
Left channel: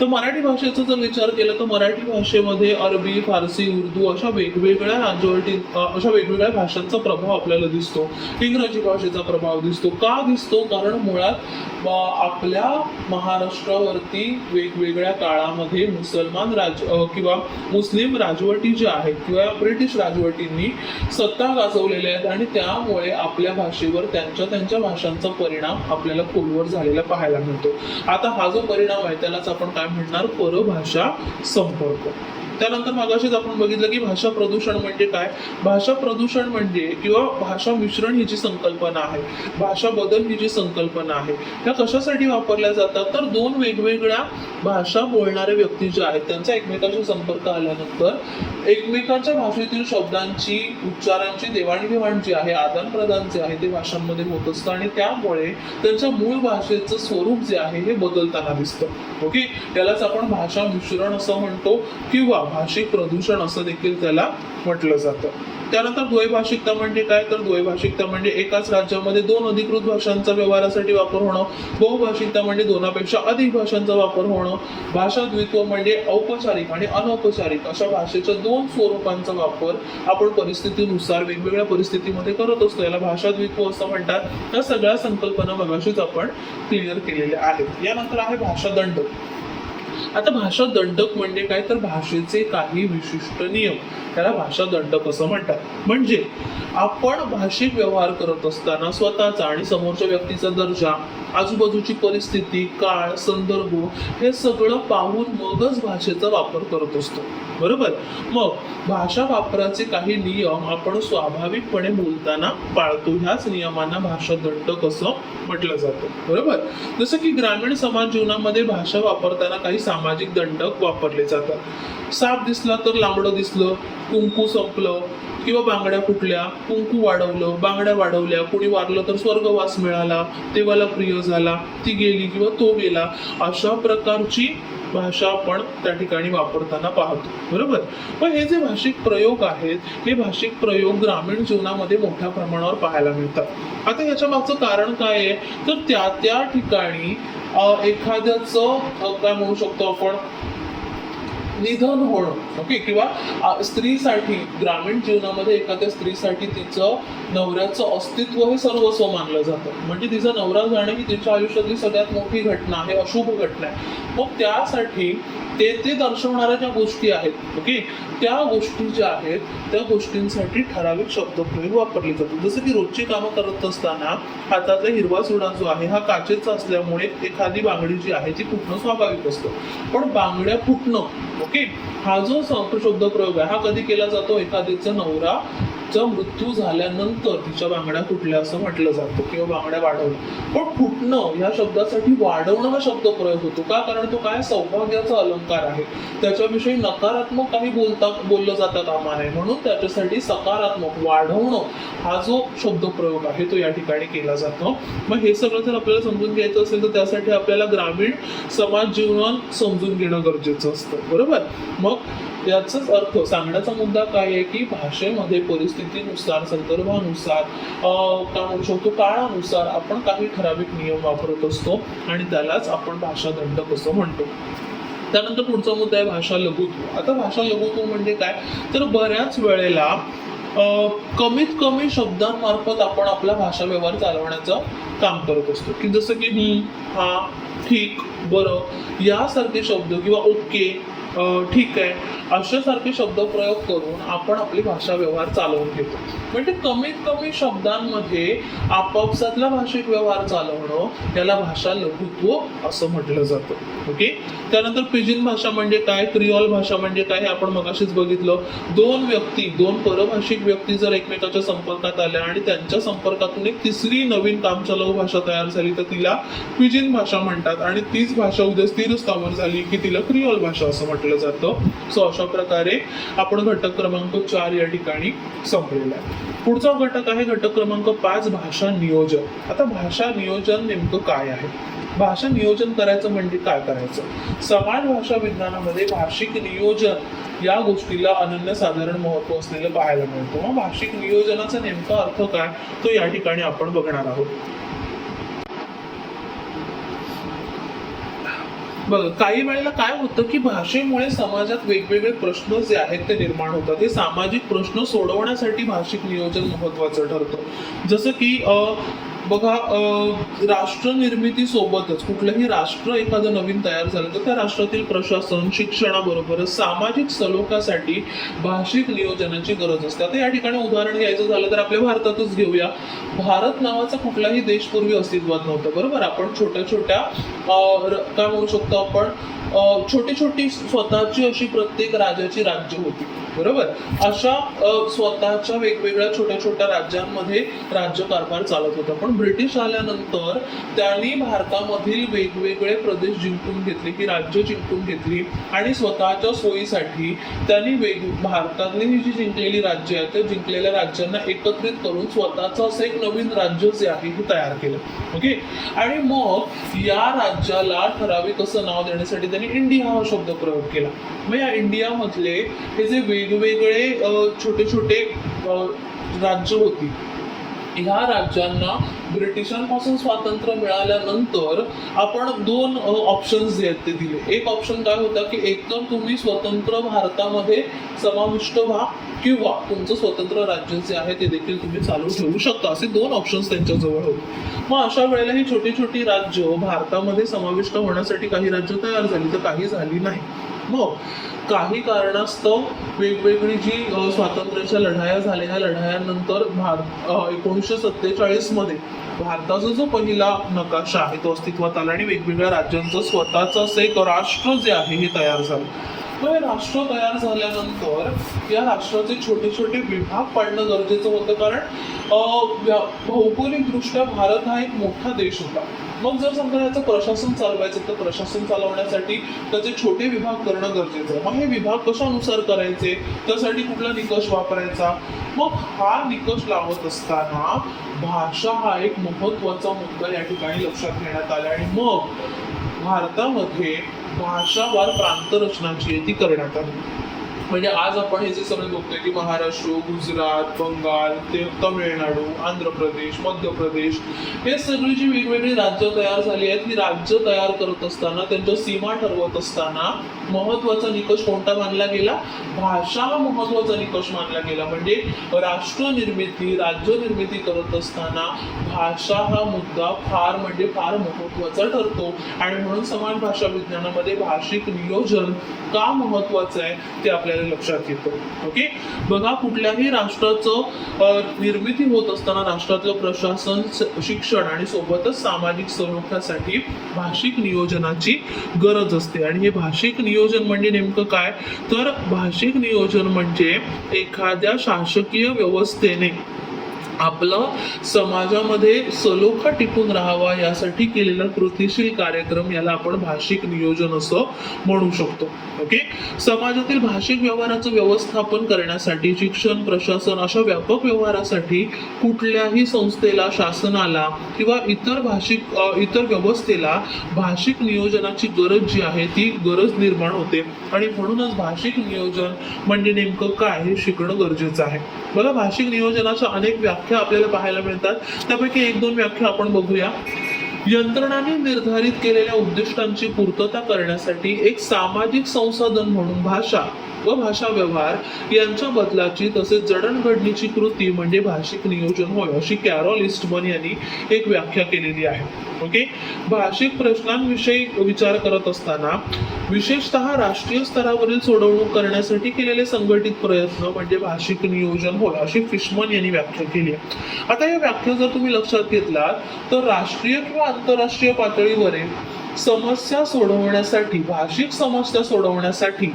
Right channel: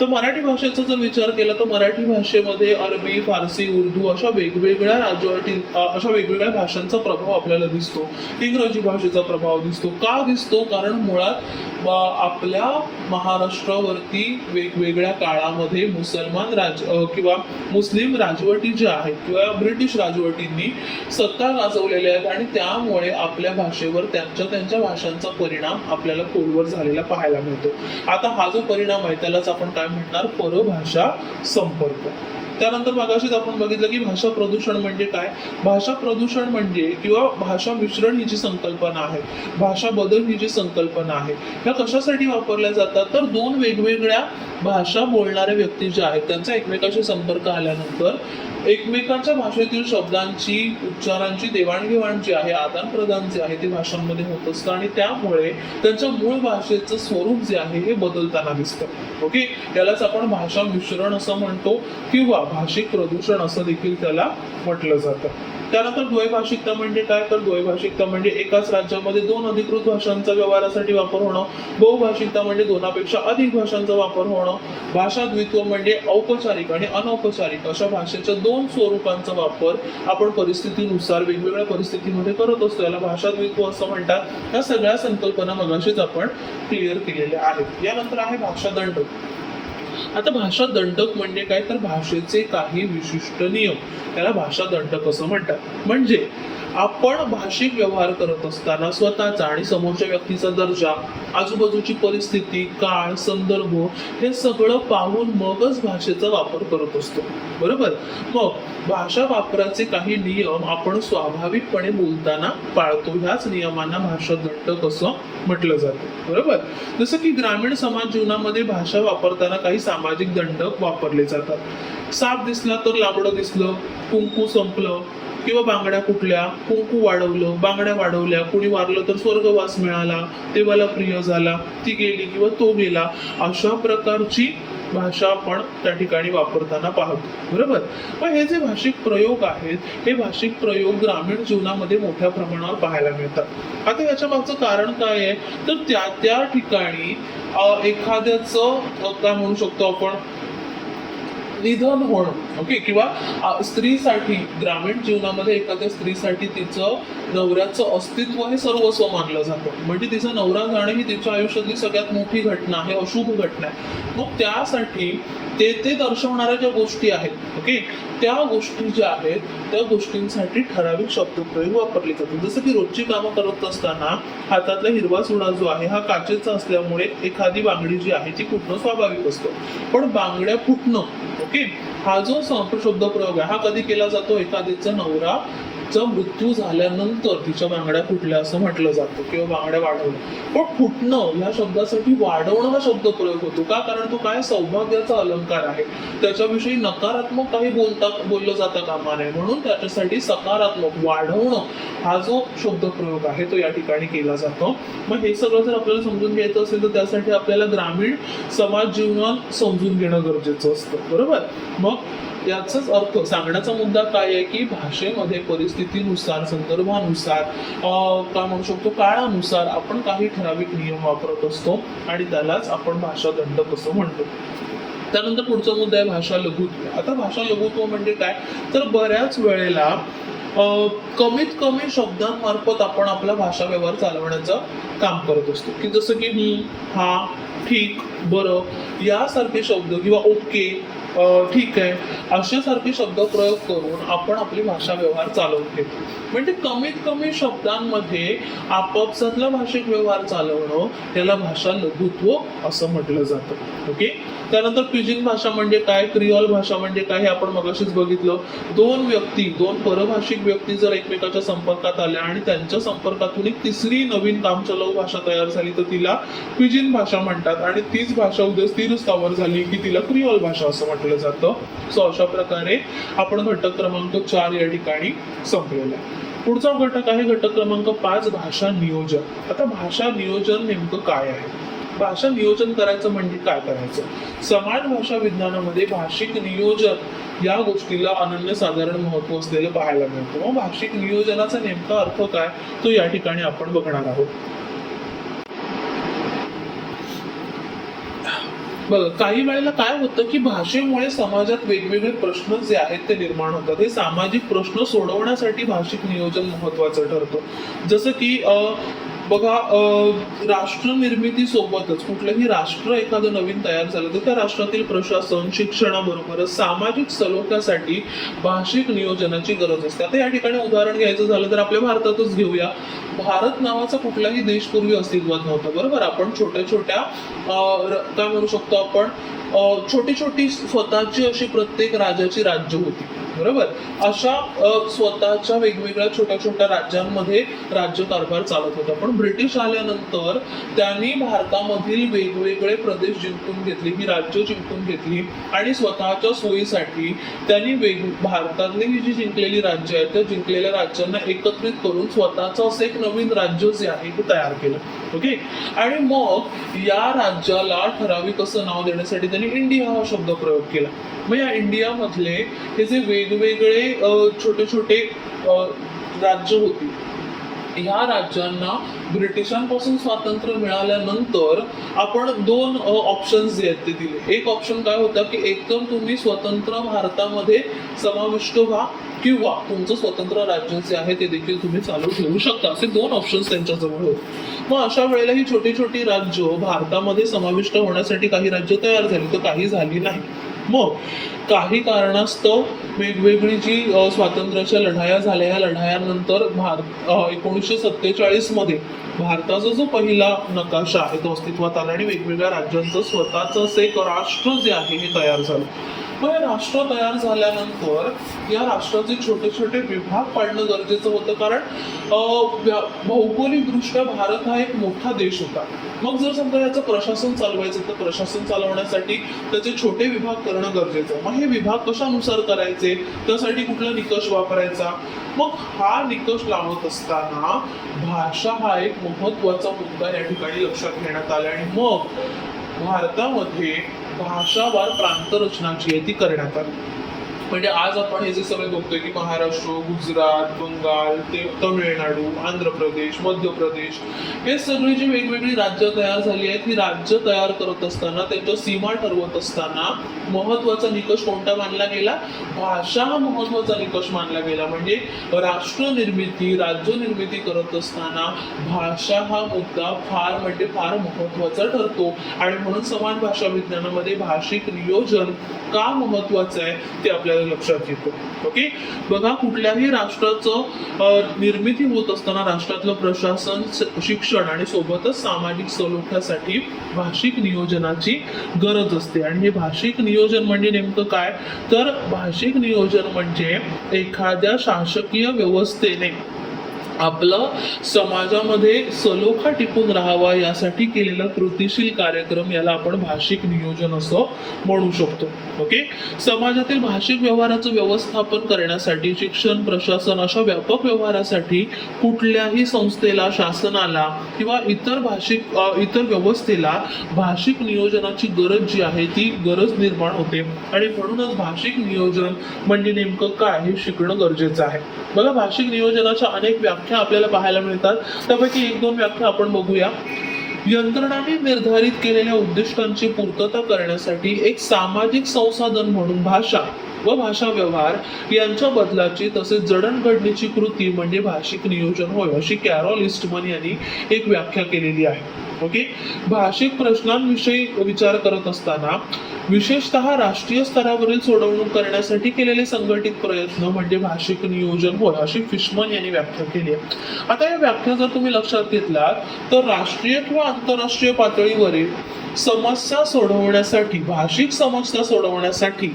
तर मराठी भाषेचा जर विचार केला तर मराठी भाषेमध्ये अरबी, फारसी, उर्दू अशा वेगवेगळ्या भाषांचा प्रभाव आपल्याला दिसतो. इंग्रजी भाषेचा प्रभाव दिसतो. का दिसतो? कारण मुळात आपल्या महाराष्ट्रावरती वेगवेगळ्या काळामध्ये मुसलमान किंवा मुस्लिम राजवटी ज्या आहेत किंवा ब्रिटिश राजवटींनी सत्ता गाजवलेल्या आहेत आणि त्यामुळे आपल्या भाषेवर त्यांच्या भाषांचा परिणाम आपल्याला खोलवर झालेला पाहायला मिळतो. आता हा जो परिणाम आहे त्यालाच आपण काय म्हणणार, परभाषा संपर्क. त्यानंतर मागाशीच आपण बघितलं की भाषा प्रदूषण म्हणजे काय. भाषा प्रदूषण म्हणजे किंवा भाषा मिश्रण ही जी संकल्पना आहे, भाषा बदल ही जी संकल्पना आहे, ह्या कशासाठी वापरल्या जातात, तर 2 वेगवेगळ्या भाषा बोलणारे व्यक्ती जे आहेत त्यांचा एकमेकांशी संपर्क आल्यानंतर एकमेकांच्या भाषेतील शब्दांची, उच्चारांची देवाणघेवाण जी आहे, आदान प्रदान जे आहे ते भाषांमध्ये होत असतं आणि त्यामुळे त्यांच्या मूळ भाषेचं स्वरूप जे आहे हे बदलताना दिसतं. ओके. यालाच आपण भाषा मिश्रण असं म्हणतो किंवा भाषिक प्रदूषण असं देखील त्याला म्हटलं जातं. त्यानंतर द्वैभाषिकता म्हणजे काय, तर द्वैभाषिकता म्हणजे एकाच राज्यामध्ये दोन अधिकृत भाषांचा व्यवहारासाठी वापर होणं. बहुभाषिकता म्हणजे दोनापेक्षा अधिक भाषांचा वापर होणं. भाषा द्वित्व म्हणजे औपचारिक आणि अनौपचारिक अशा भाषेच्या दोन स्वरूपांचा वापर आपण परिस्थितीनुसार वेगवेगळ्या परिस्थितीमध्ये करत असतो, याला भाषा द्वित्व असं म्हणतात. या सगळ्या संकल्पना मगाशीच आपण क्लिअर केलेल्या आहेत. यानंतर आहे भाषा दंड. आता भाषा दंडक म्हणजे काय, तर भाषेचे काही विशिष्ट नियम, त्याला भाषा दंडक असं म्हणतात. म्हणजे आपण भाषिक व्यवहार करत असताना स्वतःचा आणि समोरच्या व्यक्तीचा दर्जा, आजूबाजूची परिस्थिती, काळ, संदर्भ हे सगळं पाहून मगच भाषेचा वापर करत असतो, बरोबर. मग भाषा वापराचे काही नियम आपण स्वाभाविकपणे बोलताना पाळतो, ह्याच नियमांना भाषा दंडक असं म्हटलं जातं, बरोबर. जसं की ग्रामीण समाज जीवनामध्ये भाषा वापरताना काही सामाजिक दंडक वापरले जातात. साप दिसला तर लांबडं दिसलं, कुंकू संपलं, किंवा बांगड्या फुटल्या, कुंकू वाढवलं, बांगड्या वाढवल्या, कुणी वारलं तर स्वर्गवास मिळाला, देवाला प्रिय झाला, ती गेली किंवा तो गेला, अशा प्रकारची भाषा आपण त्या ठिकाणी वापरताना पाहतो, बरोबर. मग हे जे भाषिक प्रयोग आहेत, हे भाषिक प्रयोग ग्रामीण जीवनामध्ये मोठ्या प्रमाणावर पाहायला मिळतात. आता याच्या मागचं कारण काय आहे, तर त्या ठिकाणी एखाद्याचं काय म्हणू शकतो आपण, निधन होणं, ओके, किंवा स्त्रीसाठी ग्रामीण जीवनामध्ये एखाद्या स्त्रीसाठी तिचं नवऱ्याचं अस्तित्व हे सर्वस्व मानलं जातं. म्हणजे तिचा नवरा जाणे ही तिच्या आयुष्यातली सगळ्यात मोठी घटना आहे, अशुभ घटना आहे. मग त्यासाठी ते दर्शवणाऱ्या ज्या गोष्टी आहेत, ओके, त्या गोष्टी ज्या आहेत त्या गोष्टींसाठी ठराविक शब्दप्रयोग वापरले जातात. जसं की रोजची कामं करत असताना हातातला हिरवा चुडा जो आहे हा काचेचा असल्यामुळे एखादी बांगडी जी आहे ती फुटणं स्वाभाविक असतं. पण बांगड्या फुटणं, ओके, हा जो शब्द प्रयोग आहे हा कधी केला जातो, एखादीचा नवराचा मृत्यू झाल्यानंतर तिच्या बांगड्या फुटल्या असं म्हटलं जातं, किंवा बांगड्या वाढवणं. पण फुटणं या शब्दासाठी वाढवणं हा शब्द प्रयोग होतो का, कारण तो काय सौभाग्याचा अलंकार आहे, त्याच्याविषयी नकारात्मक काही बोललं जातं कामा नये, म्हणून त्याच्यासाठी सकारात्मक वाढवणं हा जो शब्द प्रयोग आहे तो या ठिकाणी केला जातो. मग हे सगळं जर आपल्याला समजून घ्यायचं असेल तर त्यासाठी आपल्याला ग्रामीण समाज जीवनात समजून घेणं गरजेचं असतं, बरोबर. मग याचाच अर्थ सांगण्याचा मुद्दा काय आहे की भाषेमध्ये परिस्थितीनुसार, संदर्भानुसार, काय म्हणू शकतो, काळानुसार आपण काही ठराविक नियम वापरत असतो आणि त्यालाच आपण भाषा दंडक असं म्हणतो. त्यानंतर पुढचा मुद्दा आहे भाषा लघुत्व. आता भाषा लघुत्व म्हणजे काय, तर बऱ्याच वेळेला कमीत कमी शब्दांमार्फत आपण आपला भाषा व्यवहार चालवण्याचं काम करत असतो, की जसं की हा, ठीक, बरं यासारखे शब्द, किंवा ओके, ठीक आहे, अशासारखे शब्द प्रयोग करून आपण आपली भाषा व्यवहार चालवून घेतो. म्हणजे कमीत कमी शब्दांमध्ये आपापसातला भाषिक व्यवहार चालवणं याला भाषा लघुत्व असं म्हटलं जातं, ओके. त्यानंतर पिजिन भाषा म्हणजे काय, क्रिओल भाषा म्हणजे काय हे आपण मगाशीच बघितलं. दोन परभाषिक व्यक्ती जर एकमेकाच्या संपर्कात आल्या आणि त्यांच्या संपर्कातून एक तिसरी नवीन कामचलाऊ भाषा तयार झाली तर तिला पिजिन भाषा म्हणतात, आणि तीच भाषा उद्या स्थिर स्थावर झाली की तिला क्रिओल भाषा असं म्हटलं जातं. सो अशा प्रकारे आपण घटक क्रमांक 4 या ठिकाणी संपलेला आहे. पुढचा घटक आहे घटक क्रमांक 5, भाषा नियोजन. आता भाषा नियोजन नेमकं काय आहे, भाषा नियोजन करायचं म्हणजे काय करायचं. समाज भाषा विज्ञानामध्ये भाषिक नियोजन या गोष्टीला अनन्यसाधारण महत्त्व असलेलं पाहायला मिळतं. मग भाषिक नियोजनाचा नेमका अर्थ काय तो या ठिकाणी आपण बघणार आहोत. बघा, काही वेळेला काय होतं की भाषेमुळे समाजात वेगवेगळे प्रश्न जे आहेत ते निर्माण होतात. हे सामाजिक प्रश्न सोडवण्यासाठी भाषिक नियोजन महत्त्वाचं ठरतं. जसं की बघा, राष्ट्र निर्मिती सोबतच कुठलंही राष्ट्र एखादं नवीन तयार झालं तर त्या राष्ट्रातील प्रशासन, शिक्षणाबरोबरच सामाजिक सलोख्यासाठी भाषिक नियोजनाची गरज असते. आता या ठिकाणी उदाहरण घ्यायचं झालं तर आपल्या भारतातच घेऊया. भारत नावाचा कुठलाही देश पूर्वी अस्तित्वात नव्हता, बरोबर. आपण छोट्या छोट्या काय म्हणू शकतो आपण, छोटी छोटी स्वतःची अशी प्रत्येक राजाची राज्य होती, बरोबर. अशा स्वतःच्या वेगवेगळ्या छोट्या छोट्या राज्यांमध्ये राज्यकारभार चालत होता. पण ब्रिटिश आल्यानंतर त्यांनी भारतामधील वेगवेगळे प्रदेश जिंकून घेतले, ही राज्य जिंकून घेतली, आणि स्वतःच्या सोयीसाठी त्यांनी भारतातली ही जी जिंकलेली राज्य आहेत त्या जिंकलेल्या राज्यांना एकत्रित करून स्वतःचं असं एक नवीन राज्य जे आहे हे तयार केलं, ओके. आणि मग या राज्याला ठराविक असं नाव देण्यासाठी त्यांनी त्यांनी इंडिया हा शब्द प्रयोग केला. मग या इंडियामधले हे जे वेगवेगळे छोटे छोटे राज्य होती, ह्या राज्यांना ब्रिटिशांपासून स्वातंत्र्य मिळाल्यानंतर आपण दोन ऑप्शन्स जे आहेत ते दिले. एक ऑप्शन काय होता की एकदम तुम्ही स्वतंत्र भारतामध्ये समाविष्ट व्हा किंवा तुमचं स्वतंत्र राज्य जे आहे ते देखील तुम्ही चालू ठेवू शकता, असे दोन ऑप्शन्स त्यांच्याजवळ होते. मग अशा वेळेला ही छोटी छोटी राज्य भारतामध्ये समाविष्ट होण्यासाठी काही राज्य तयार झाली तर काही झाली नाही. मग काही कारणास्तव वेगवेगळी जी स्वातंत्र्याच्या लढाया झाल्या, या लढायांनंतर 1947 मध्ये भारताचा जो पहिला नकाशा आहे तो अस्तित्वात आला आणि वेगवेगळ्या राज्यांचं स्वतःचं असं एक राष्ट्र जे आहे हे तयार झालं. मग हे राष्ट्र तयार झाल्यानंतर या राष्ट्राचे छोटे छोटे विभाग पाडणं गरजेचं होतं, कारण भौगोलिकदृष्ट्या भारत हा एक मोठा देश होता. मग जर समजा याचं प्रशासन चालवायचं तर प्रशासन चालवण्यासाठी त्याचे छोटे विभाग करणं गरजेचं आहे. मग हे विभाग कशानुसार करायचे, त्यासाठी कुठला निकष वापरायचा. मग हा निकष लावत असताना भाषा हा एक महत्वाचा मुद्दा या ठिकाणी लक्षात घेण्यात आला आणि मग भारतामध्ये भाषावार प्रांत रचना जी आहे ती करण्यात आली. म्हणजे आज आपण हे जे सगळे बघतोय की महाराष्ट्र, गुजरात, बंगाल, तमिळनाडू, आंध्र प्रदेश, मध्य प्रदेश, हे सगळे जे वेगवेगळी राज्य तयार झाली आहेत, ही राज्य तयार करत असताना त्यांच्या सीमा ठरवत असताना महत्वाचा निकष कोणता मानला गेला, भाषा हा महत्वाचा निकष मानला गेला. म्हणजे राष्ट्र निर्मिती, राज्य निर्मिती करत असताना भाषा हा मुद्दा फार म्हणजे फार महत्वाचा ठरतो आणि म्हणून समान भाषा विज्ञानामध्ये भाषिक नियोजन का महत्वाचं आहे ते आपल्याला लक्षात येतो. ओके, बघा, कुठल्याही राष्ट्राचं निर्मिती होत असताना राष्ट्रातलं प्रशासन, शिक्षण आणि सोबतच सामाजिक सलोख्यासाठी भाषिक नियोजनाची गरज असते. आणि हे भाषिक नियोजन म्हणजे नेमकं काय, तर भाषिक नियोजन म्हणजे एखाद्या शासकीय व्यवस्थेने आपलं समाजामध्ये सलोखा टिकून राहावा यासाठी केलेला कृतीशील कार्यक्रम, याला आपण भाषिक नियोजन असं म्हणू शकतो. ओके, समाजातील भाषिक व्यवहाराचं व्यवस्थापन करण्यासाठी शिक्षण, प्रशासन अशा व्यापक व्यवहारासाठी कुठल्याही संस्थेला, शासनाला किंवा इतर व्यवस्थेला भाषिक नियोजनाची गरज जी आहे ती गरज निर्माण होते आणि म्हणूनच भाषिक नियोजन म्हणजे नेमकं काय हे शिकणं गरजेचं आहे. बघा, भाषिक नियोजनाच्या अनेक व्याख्या आपल्याला पाहायला मिळतात, त्यापैकी एक दोन व्याख्या आपण बघूया. यंत्रणांनी निर्धारित केलेल्या उद्दिष्टांची पूर्तता करण्यासाठी एक सामाजिक संसाधन म्हणून भाषा व भाषा व्यवहार यांच्या बदलाची तसेच जडणघडणीची कृती म्हणजे भाषिक नियोजन होय, अशी कॅरॉल ईस्टमन यांनी एक व्याख्या केलेली आहे. ओके, भाषिक प्रश्नांविषयी विचार करत असताना विशेषतः राष्ट्रीय स्तरावरील सोडवणूक करण्यासाठी केलेले संघटित प्रयत्न म्हणजे भाषिक नियोजन होय, अशी फिशमन यांनी व्याख्या केली आहे. आता या व्याख्या जर तुम्ही लक्षात घेतलात तर राष्ट्रीय किंवा आंतरराष्ट्रीय पातळीवरील समस्या सोडवण्यासाठी, भाषिक समस्या सोडवण्यासाठी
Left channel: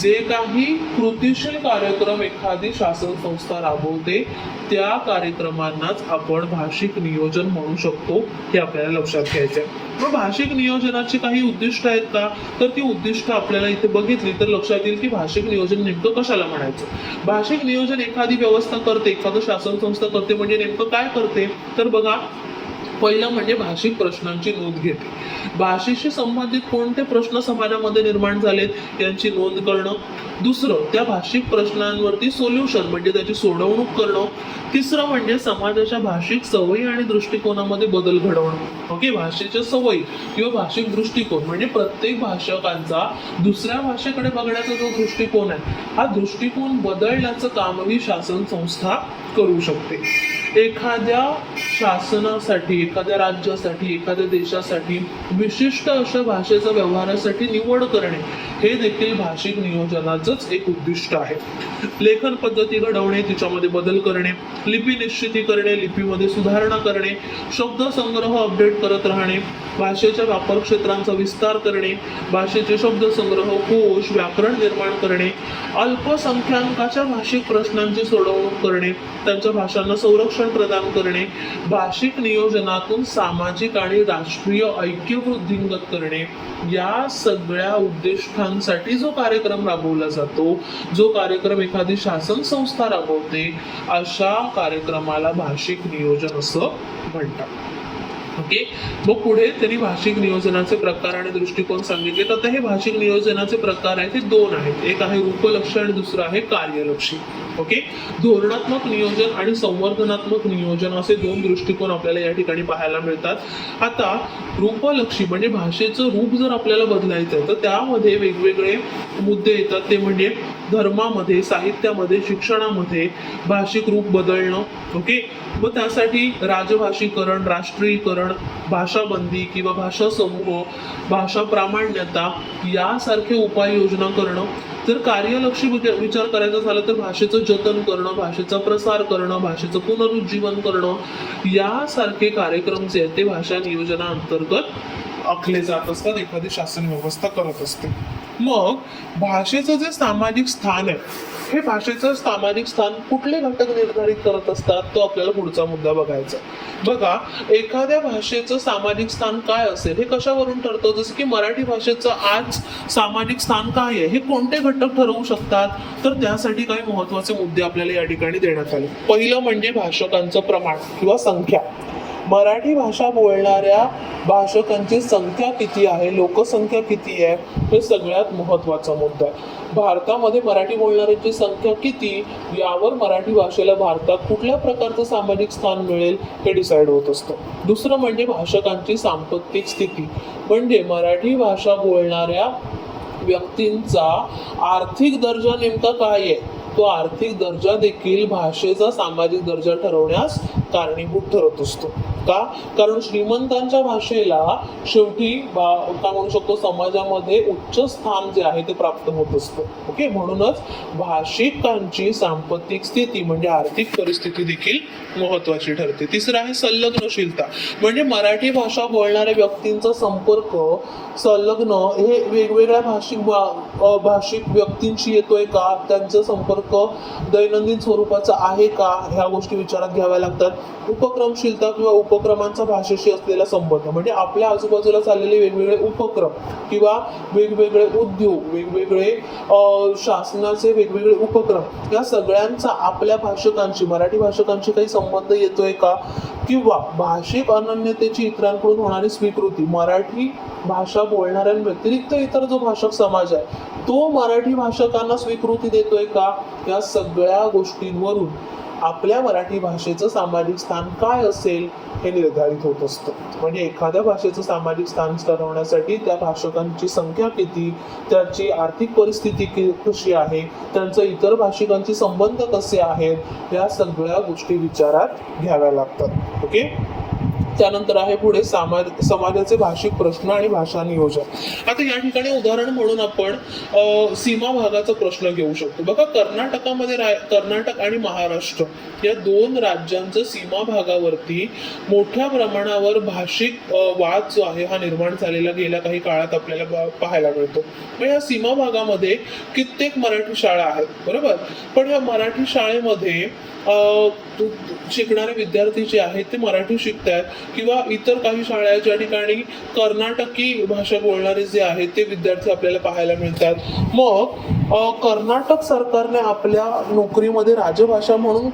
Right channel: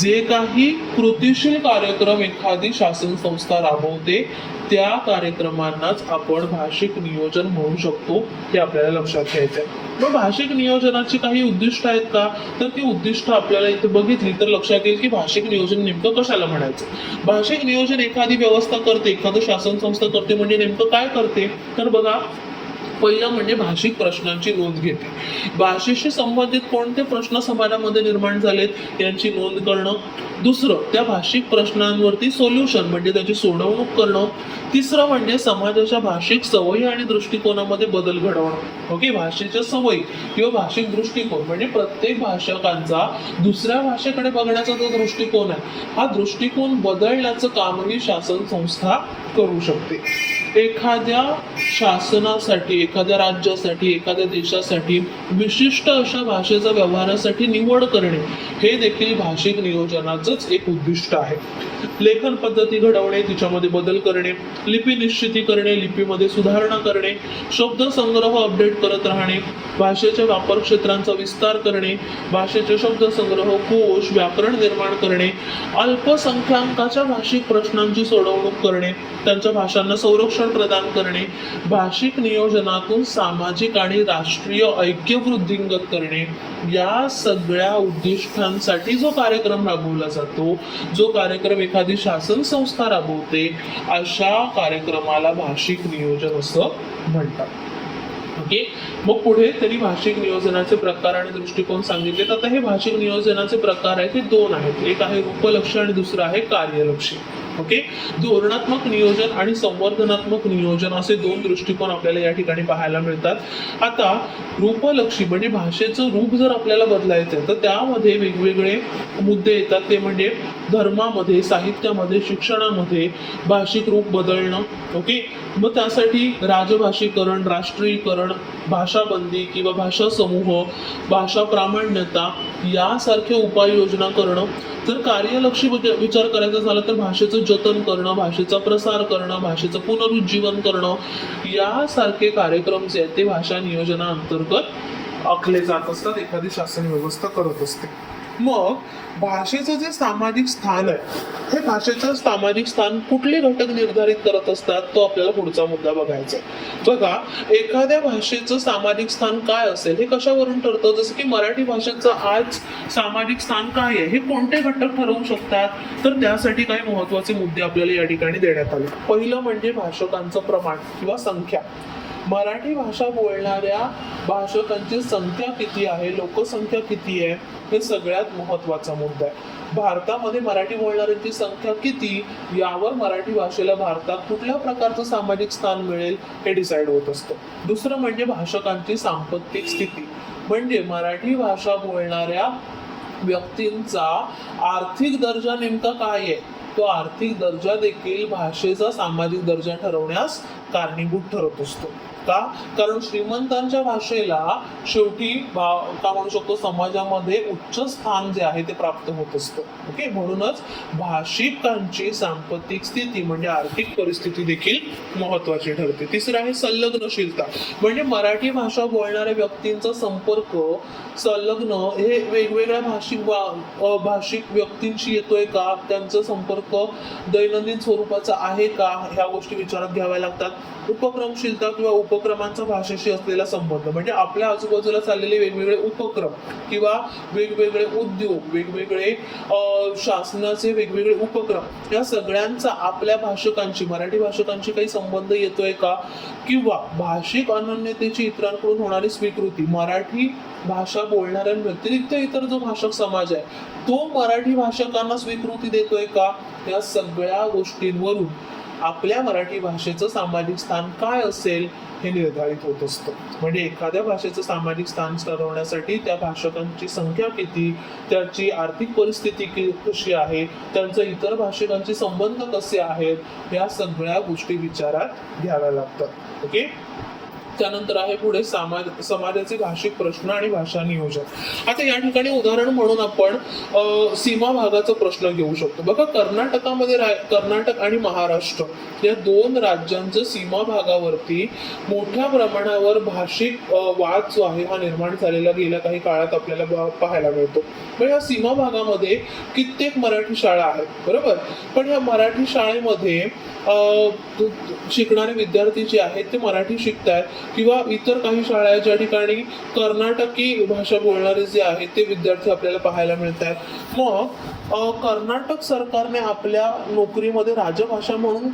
जे काही कृतीशील कार्यक्रम एखादी शासन संस्था राबवते त्या कार्यक्रमांनाच आपण भाषिक नियोजन म्हणू शकतो, हे आपल्याला लक्षात घ्यायचं आहे. मग भाषिक नियोजनाची काही उद्दिष्ट आहेत का, तर ती उद्दिष्ट आपल्याला इथे बघितली तर लक्षात येईल की भाषिक नियोजन नेमकं कशाला म्हणायचं. भाषिक नियोजन एखादी व्यवस्था करते, एखादं शासन संस्था करते म्हणजे नेमकं काय करते, तर बघा, पहिलं म्हणजे भाषिक प्रश्नांची नोंद घेते. भाषेशी संबंधित कोणते प्रश्न समाजामध्ये निर्माण झालेत यांची नोंद करणं. दुसरं, त्या भाषिक प्रश्नांवरती सोल्युशन म्हणजे त्याची सोडवणूक करणं. तिसरं म्हणजे समाजाच्या भाषिक सवयी आणि दृष्टिकोनामध्ये बदल घडवणं. ओके, भाषेच्या सवयी किंवा भाषिक दृष्टिकोन म्हणजे प्रत्येक भाषकांचा दुसऱ्या भाषेकडे बघण्याचा जो दृष्टिकोन आहे, हा दृष्टिकोन बदलण्याचं कामही शासन संस्था करू शकते. एखाद्या शासनासाठी, एखाद्या राज्यासाठी, एखाद्या देशासाठी विशिष्ट अशा भाषेचा व्यवहारासाठी निवड करणे हे देखील भाषिक नियोजनाचंच एक उद्दिष्ट आहे. लेखन पद्धती घडवणे, तिच्यामध्ये बदल करणे, लिपी निश्चिती करणे, लिपीमध्ये सुधारणा करणे, शब्द संग्रह अपडेट करत राहणे, भाषेच्या वापर क्षेत्रांचा विस्तार करणे, भाषेचे शब्द संग्रह, कोश, व्याकरण निर्माण करणे, अल्पसंख्याकाच्या भाषिक प्रश्नांची सोडवणूक करणे, त्यांच्या भाषांना संरक्षण प्रदान करणे, भाषिक नियोजनातून सामाजिक आणि राष्ट्रीय ऐक्य वृद्धिंगत करणे, या सगळ्या उद्दिष्टांसाठी जो कार्यक्रम राबवला जातो, जो कार्यक्रम एखादी शासन संस्था राबवते, अशा कार्यक्रमाला भाषिक नियोजन असं म्हणतात. ओके. मग पुढे त्यांनी भाषिक नियोजनाचे प्रकार आणि दृष्टिकोन सांगितले. तर आता हे भाषिक नियोजनाचे प्रकार आहेत ते दोन आहेत. एक आहे रूपलक्षी आणि दुसरं आहे कार्यलक्षी. ओके. धोरणात्मक नियोजन आणि संवर्धनात्मक नियोजन असे दोन दृष्टिकोन आपल्याला या ठिकाणी पाहायला मिळतात. आता रूपलक्षी म्हणजे भाषेचं रूप जर आपल्याला बदलायचं तर त्यामध्ये वेगवेगळे मुद्दे येतात. ते म्हणजे धर्मामध्ये, साहित्यामध्ये, शिक्षणामध्ये भाषिक रूप बदलणं. ओके. मग त्यासाठी राजभाषीकरण, राष्ट्रीयकरण, भाषाबंदी किंवा भाषा समूह, भाषा प्रामाण्यता यासारखे उपाययोजना करणं. जर कार्यलक्षी विचार करायचा झाला तर भाषेचं जतन करणं, भाषेचा प्रसार करणं, भाषेचं पुनरुज्जीवन करणं यासारखे कार्यक्रम जे आहेत ते भाषा नियोजनाअंतर्गत आखले जात असतात, एखादी शासन व्यवस्था करत असते. मग भाषेचं जे सामाजिक स्थान आहे, हे भाषेचं सामाजिक स्थान कुठले घटक निर्धारित करत असतात तो आपल्याला पुढचा मुद्दा बघायचा. बघा, एखाद्या भाषेचं सामाजिक स्थान काय असेल हे कशावरून ठरतं. जसं की मराठी भाषेचं आज सामाजिक स्थान काय आहे हे कोणते घटक ठरवू शकतात. तर त्यासाठी काही महत्वाचे मुद्दे आपल्याला या ठिकाणी देण्यात आले. पहिलं म्हणजे भाषकांचं प्रमाण किंवा संख्या. मराठी भाषा बोलणाऱ्या भाषकांची संख्या किती आहे, लोकसंख्या किती आहे, हे सगळ्यात महत्वाचा मुद्दा आहे. भारतामध्ये मराठी बोलणाऱ्यांची संख्या किती यावर मराठी भाषेला भारतात कुठल्या प्रकारचं सामाजिक स्थान मिळेल हे डिसाईड होत असतं. दुसरं म्हणजे भाषकांची सांस्कृतिक स्थिती, म्हणजे मराठी भाषा बोलणाऱ्या व्यक्तींचा आर्थिक दर्जा नेमका काय आहे. तो आर्थिक दर्जा देखील भाषेचा सामाजिक दर्जा ठरवण्यास कारणीभूत ठरत असतो. का? कारण श्रीमंतांच्या भाषेला शेवटी काय म्हणू शकतो, समाजामध्ये उच्च स्थान जे आहे ते प्राप्त होत असतं. ओके. म्हणूनच भाषिकांची सांस्कृतिक स्थिती म्हणजे आर्थिक परिस्थिती देखील महत्वाची ठरते. तिसरं आहे संलग्नशीलता, म्हणजे मराठी भाषा बोलणाऱ्या व्यक्तींचा संपर्क संलग्न हे वेगवेगळ्या भाषिक व्यक्तींशी येतोय का, त्यांचा संपर्क दैनंदिन स्वरूपाचा आहे का, ह्या गोष्टी विचारात घ्याव्या लागतात. उपक्रमशीलता किंवा उपक्रमांचा भाषेशी असलेला संबंध, म्हणजे आपल्या आजूबाजूला चाललेले वेगवेगळे उपक्रम किंवा वेगवेगळे उद्योग, वेगवेगळे शासनाचे वेगवेगळे उपक्रम या सगळ्यांचा आपल्या भाषकांशी, मराठी भाषकांशी काही संबंध येतोय का, किंवा भाषिक अनन्यतेची इतरांकडून होणारी स्वीकृती, मराठी भाषा बोलणाऱ्यांव्यतिरिक्त इतर जो भाषक समाज आहे तो मराठी भाषकांना स्वीकृती देतोय का, या सगळ्या गोष्टींवरून आपल्या मराठी भाषेचं सामाजिक स्थान काय असेल हे निर्धारित होत असतं. म्हणजे एखाद्या भाषेचं सामाजिक स्थान ठरवण्यासाठी त्या भाषकांची संख्या किती, त्याची आर्थिक परिस्थिती कशी आहे, त्यांचं इतर भाषिकांचे संबंध कसे आहेत, या सगळ्या गोष्टी विचारात घ्याव्या लागतात. ओके. त्यानंतर आहे पुढे समाजाचे भाषिक प्रश्न आणि भाषा नियोजन. आता या ठिकाणी उदाहरण म्हणून आपण सीमा भागाचा प्रश्न घेऊ शकतो. बघा, कर्नाटक आणि महाराष्ट्र या दोन राज्यांच्या सीमा भागावरती मोठ्या प्रमाणावर भाषिक वाद जो आहे हा निर्माण झालेला गेल्या काही काळात आपल्याला पाहायला मिळतो. मग या सीमा भागामध्ये कित्येक मराठी शाळा आहेत, बरोबर, पण या मराठी शाळेमध्ये शिकणारे विद्यार्थी जे आहेत ते मराठी शिकतायत, किंवा इतर काही शाळा आहेत ज्या ठिकाणी कर्नाटकी भाषा बोलणारे जे आहेत ते विद्यार्थी आपल्याला पाहायला मिळतात. मग कर्नाटक सरकारने आपल्या नोकरीमध्ये राजभाषा म्हणून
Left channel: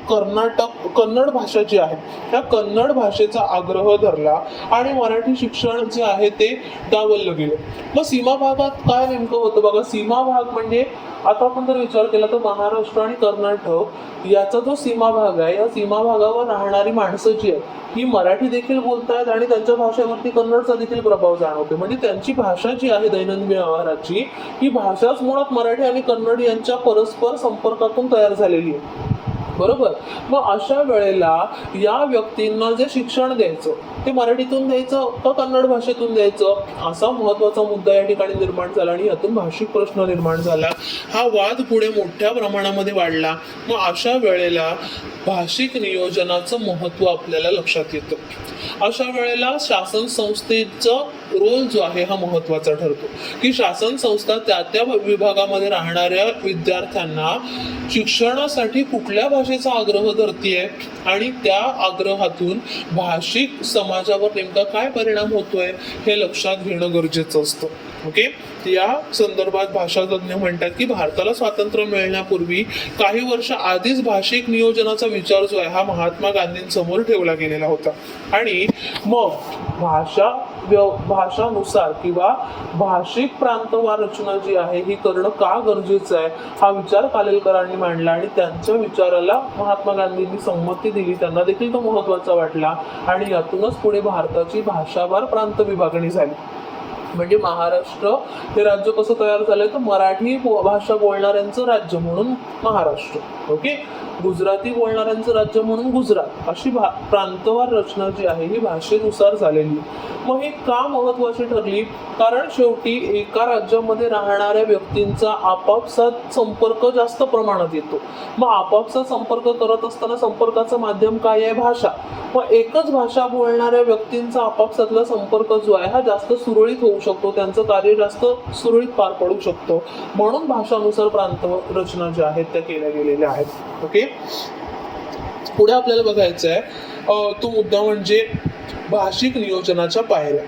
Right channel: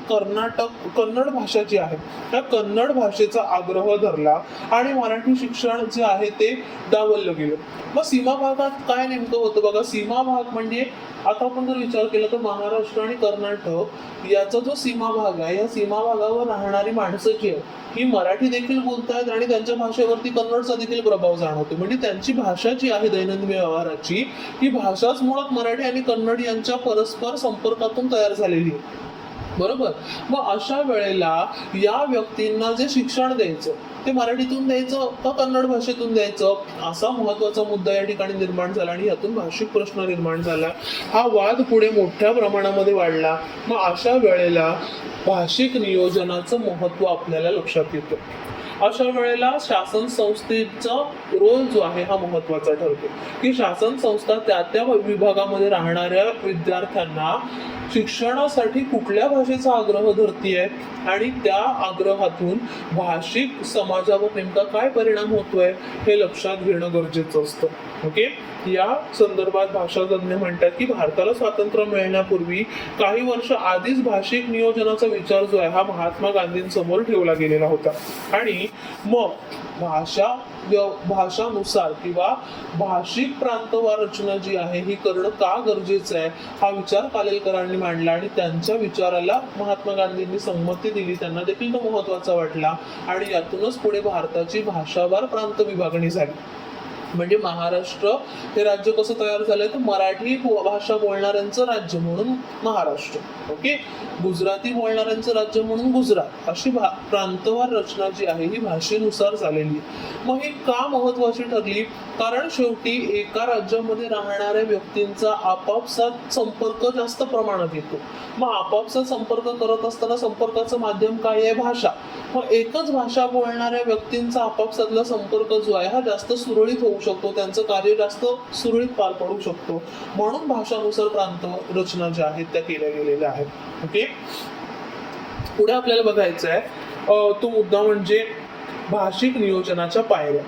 कन्नड भाषा जी आहे त्या कन्नड भाषेचा आग्रह धरला आणि मराठी शिक्षण जे आहे ते डावललं गेलं. मग सीमा भागात काय नेमकं होतं बघा. सीमा भाग म्हणजे आता आपण जर विचार केला तर महाराष्ट्र आणि कर्नाटक याचा जो सीमा भाग आहे, या सीमा भागावर राहणारी माणसं जी आहे ही मराठी देखील बोलतायत आणि त्यांच्या भाषेवरती कन्नडचा देखील प्रभाव जाणवतो. म्हणजे त्यांची भाषा जी आहे दैनंदिन व्यवहाराची, ही भाषाच मुळात मराठी आणि कन्नड यांच्या परस्पर संपर्कातून तयार झालेली आहे, बरोबर. मग अशा वेळेला या व्यक्तींना जे शिक्षण द्यायचं ते मराठीतून द्यायचं का कन्नड भाषेतून द्यायचं, असा महत्वाचा मुद्दा या ठिकाणी निर्माण झाला आणि यातून भाषिक प्रश्न निर्माण झाला. हा वाद पुढे मोठ्या प्रमाणामध्ये वाढला. मग अशा वेळेला भाषिक नियोजनाचं महत्व आपल्याला लक्षात येतं. अशा वेळेला शासन संस्थेचा रोल जो आहे हा महत्वाचा ठरतो, की शासन संस्था त्या विभागामध्ये राहणाऱ्या विद्यार्थ्यांना शिक्षणासाठी कुठल्या भाषेचा आग्रह धरते आहे आणि त्या आग्रहातून भाषिक समाजावर नेमका काय परिणाम होतोय हे लक्षात घेणं गरजेचं असतं. ओके, या संदर्भात भाषातज्ञ म्हणतात की भारताला स्वातंत्र्य मिळण्यापूर्वी काही वर्ष आधीच भाषिक नियोजनाचा विचार जो आहे हा महात्मा गांधींसमोर ठेवला गेलेला होता. आणि मग भाषानुसार किंवा भाषिक प्रांतवार रचना जी आहे ही करणं का गरजेचं आहे हा विचार खालीलकरांनी मांडला आणि त्यांच्या विचाराला महात्मा गांधींनी संमती दिली. त्यांना देखील तो महत्वाचा वाटला आणि यातूनच पुढे भारताची भाषावार प्रांत विभागणी झाली. म्हणजे महाराष्ट्र हे राज्य कसं तयार झालंय तर मराठी भाषा बोलणाऱ्यांचं राज्य म्हणून महाराष्ट्र, ओके, गुजराती बोलणाऱ्यांचं राज्य म्हणून गुजरात, अशी प्रांतवार रचना जी आहे ही भाषेनुसार झालेली. मग ही का महत्वाची ठरली? कारण शेवटी एका राज्यामध्ये राहणाऱ्या व्यक्तींचा आपापसात संपर्क जास्त प्रमाणात येतो. मग आपापसात संपर्क करत असताना संपर्काचं माध्यम काय आहे? भाषा. मग एकच भाषा बोलणाऱ्या व्यक्तींचा आपापसातला संपर्क जो आहे हा जास्त सुरळीत होऊ शकतो, त्यांचं कार्य जास्त सुरळीत पार पडू शकतो. म्हणून भाषानुसार प्रांत रचना ज्या आहेत त्या केल्या गेलेल्या आहेत. ओके, पुढे आपल्याला बघायचं आहे तो मुद्दा म्हणजे भाषिक नियोजनाच्या पायऱ्या.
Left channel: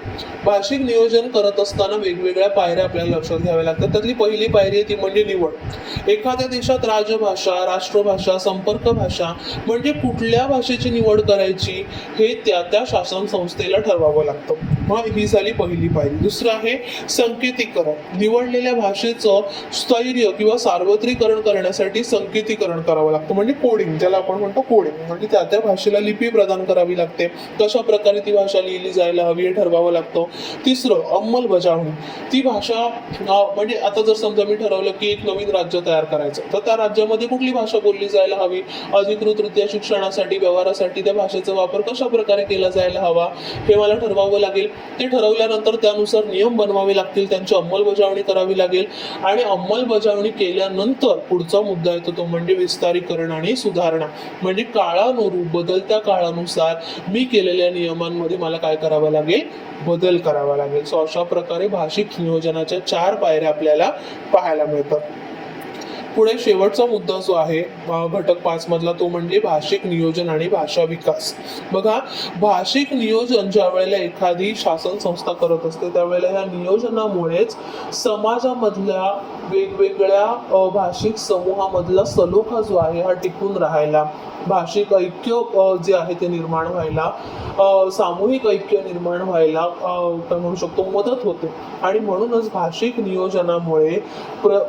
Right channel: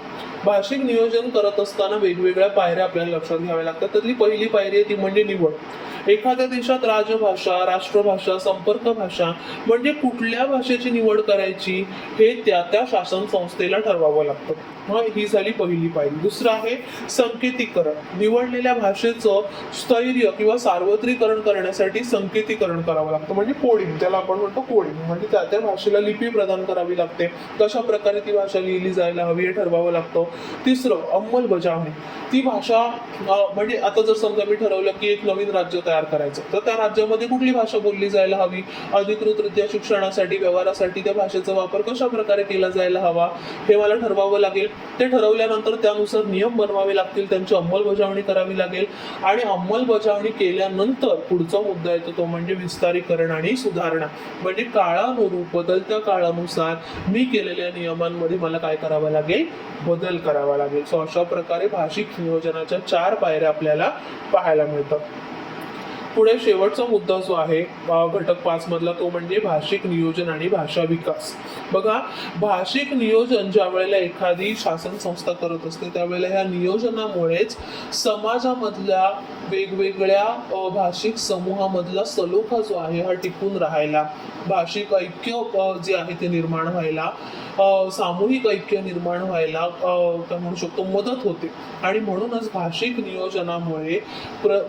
भाषिक नियोजन करत असताना वेगवेगळ्या पायऱ्या आपल्याला लक्षात घ्याव्या लागतात. त्यातली पहिली पायरी आहे ती म्हणजे निवड. एखाद्या देशात राजभाषा, राष्ट्रभाषा, संपर्क भाषा म्हणजे कुठल्या भाषेची निवड करायची हे त्या शासन संस्थेला ठरवावं लागतं. मग ही झाली पहिली पायरी. दुसरं आहे संकेतीकरण. निवडलेल्या भाषेचं स्थैर्य किंवा सार्वत्रिकरण करण्यासाठी संकेतीकरण करावं लागतं, म्हणजे कोडिंग, त्याला आपण म्हणतो कोडिंग. म्हणजे त्या भाषेला लिपी प्रदान करावी लागते, कशा प्रकारे ती भाषा लिहिली जायला हवी हे ठरवावं लागतं. तिसरं अंमलबजावणी. ती भाषा म्हणजे आता जर समजा मी ठरवलं की एक नवीन राज्य तयार करायचं तर त्या राज्यामध्ये कुठली भाषा बोलली जायला हवी, अधिकृतरित्या शिक्षणासाठी, व्यवहारासाठी त्या भाषेचा वापर कशा प्रकारे केला जायला हवा हे मला ठरवावं लागेल. ते ठरवल्यानंतर त्यानुसार नियम बनवावे लागतील, त्यांची अंमलबजावणी करावी लागेल आणि अंमलबजावणी केल्यानंतर पुढचा मुद्दा येतो तो म्हणजे विस्तारीकरण आणि सुधारणा. म्हणजे काळानुरूप, बदलत्या काळानुसार मी केलेल्या नियमांमध्ये मला काय करावं लागेल? बदल करावा लागेल. सो अशा प्रकारे भाषिक नियोजनाच्या 4 पायऱ्या आपल्याला पाहायला मिळतात. पुढे शेवटचा मुद्दा जो आहे घटक 5 मधला तो म्हणजे भाषिक नियोजन आणि भाषा विकास. बघा, भाषिक नियोजन ज्या वेळेला एखादी शासन संस्था करत असते त्यावेळेला ह्या नियोजनामुळेच समाजामधल्या वेगवेगळ्या भाषिक समूहामधला सलोखा जो आहे हा टिकून राहायला, भाषिक ऐक्य जे आहे ते निर्माण व्हायला, सामूहिक ऐक्य निर्माण व्हायला काय म्हणू शकतो मदत होते. आणि म्हणूनच भाषिक नियोजनामुळे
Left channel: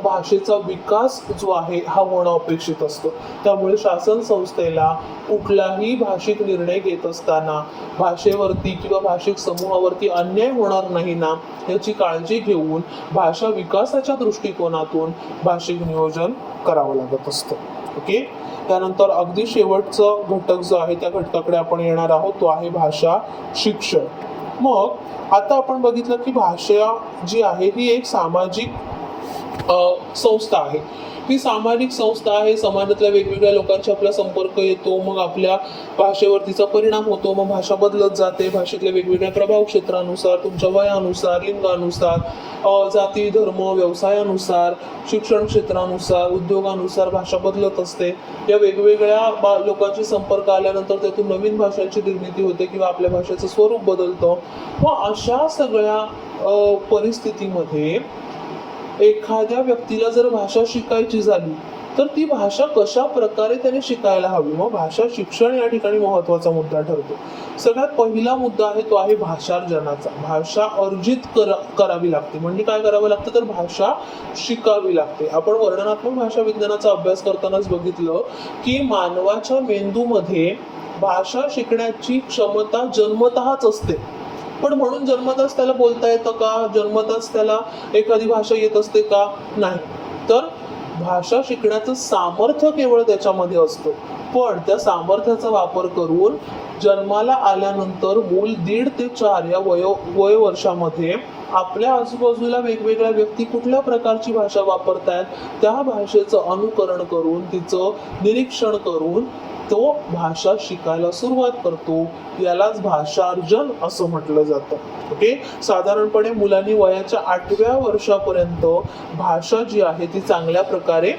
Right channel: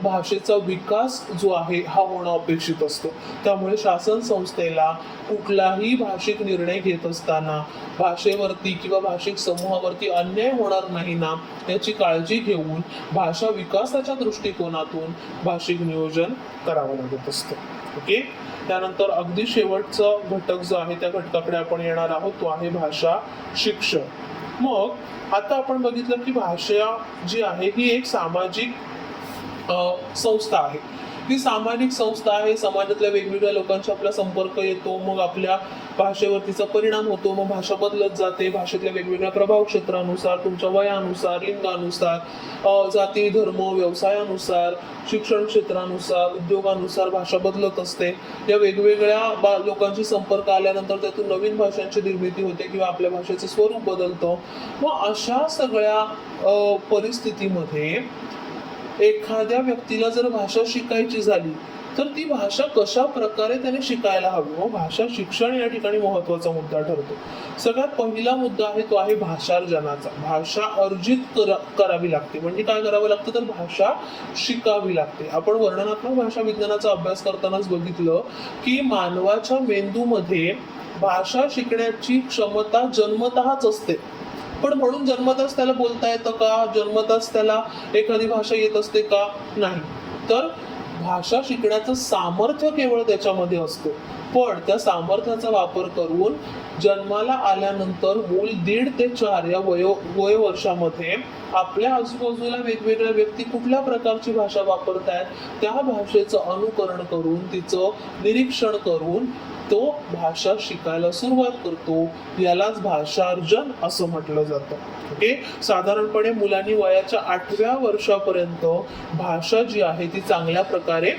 भाषेचा विकास जो आहे हा होणं अपेक्षित असतो. त्यामुळे शासन संस्थेला कुठलाही भाषिक निर्णय घेत असताना भाषेवरती किंवा भाषिक समूहावरती अन्याय होणार नाही ना याची काळजी घेऊन भाषा विकासाच्या दृष्टिकोनातून भाषिक नियोजन करावं लागत असतं. ओके, त्यानंतर अगदी शेवटचा घटक जो आहे त्या घटकाकडे आपण येणार आहोत तो आहे भाषा शिक्षण. मग आता आपण बघितलं की भाषा जी आहे ही एक सामाजिक संस्था आहे. ही सामाजिक संस्था आहे, समाजातल्या वेगवेगळ्या लोकांशी आपला संपर्क येतो, मग आपल्या भाषेवर तिचा परिणाम होतो, मग भाषा बदलत जाते. भाषेतल्या वेगवेगळ्या प्रभाव क्षेत्रानुसार, तुमच्या वयानुसार, लिंगानुसार, जाती, धर्म, व्यवसायानुसार, शिक्षण क्षेत्रानुसार, उद्योगानुसार भाषा बदलत असते. या वेगवेगळ्या लोकांशी संपर्क आल्यानंतर त्यातून नवीन भाषांची निर्मिती होते किंवा आपल्या भाषेचं स्वरूप बदलतं. मग अशा सगळ्या परिस्थितीमध्ये एखाद्या व्यक्तीला जर भाषा शिकायची झाली तर ती भाषा कशा प्रकारे त्याने शिकायला हवी. मग भाषा शिक्षण या ठिकाणी महत्वाचा मुद्दा ठरतो. सगळ्यात पहिला मुद्दा आहे तो आहे भाषार्जनाचा. भाषा अर्जित करावी लागते. म्हणजे काय करावं लागतं तर भाषा शिकावी लागते. आपण वर्णनात्मक भाषा विज्ञानाचा अभ्यास करतानाच बघितलं की मानवाच्या मेंदूमध्ये भाषा शिकण्याची क्षमता जन्मतःच असते. पण म्हणून जन्मताच त्याला बोलता येतं का? जन्मताच त्याला एखादी भाषा येत असते का? नाही. तर भाषा शिकण्याचं सामर्थ्य केवळ त्याच्यामध्ये असतं. पण त्या सामर्थ्याचा वापर करून जन्माला आल्यानंतर मूल 1.5 ते 4 या वय वर्षामध्ये आपल्या आजूबाजूला वेगवेगळ्या व्यक्ती कुठल्या प्रकारची भाषा वापरतायत त्या भाषेचं अनुकरण करून, तिचं निरीक्षण करून तो भाषा शिकायला सुरुवात करतो. यालाच भाषार्जन असं म्हटलं जातं. ओके, साधारणपणे मुलांनी वयाच्या 8व्या वर्षापर्यंत भाषा जी आहे ती चांगल्या प्रकारे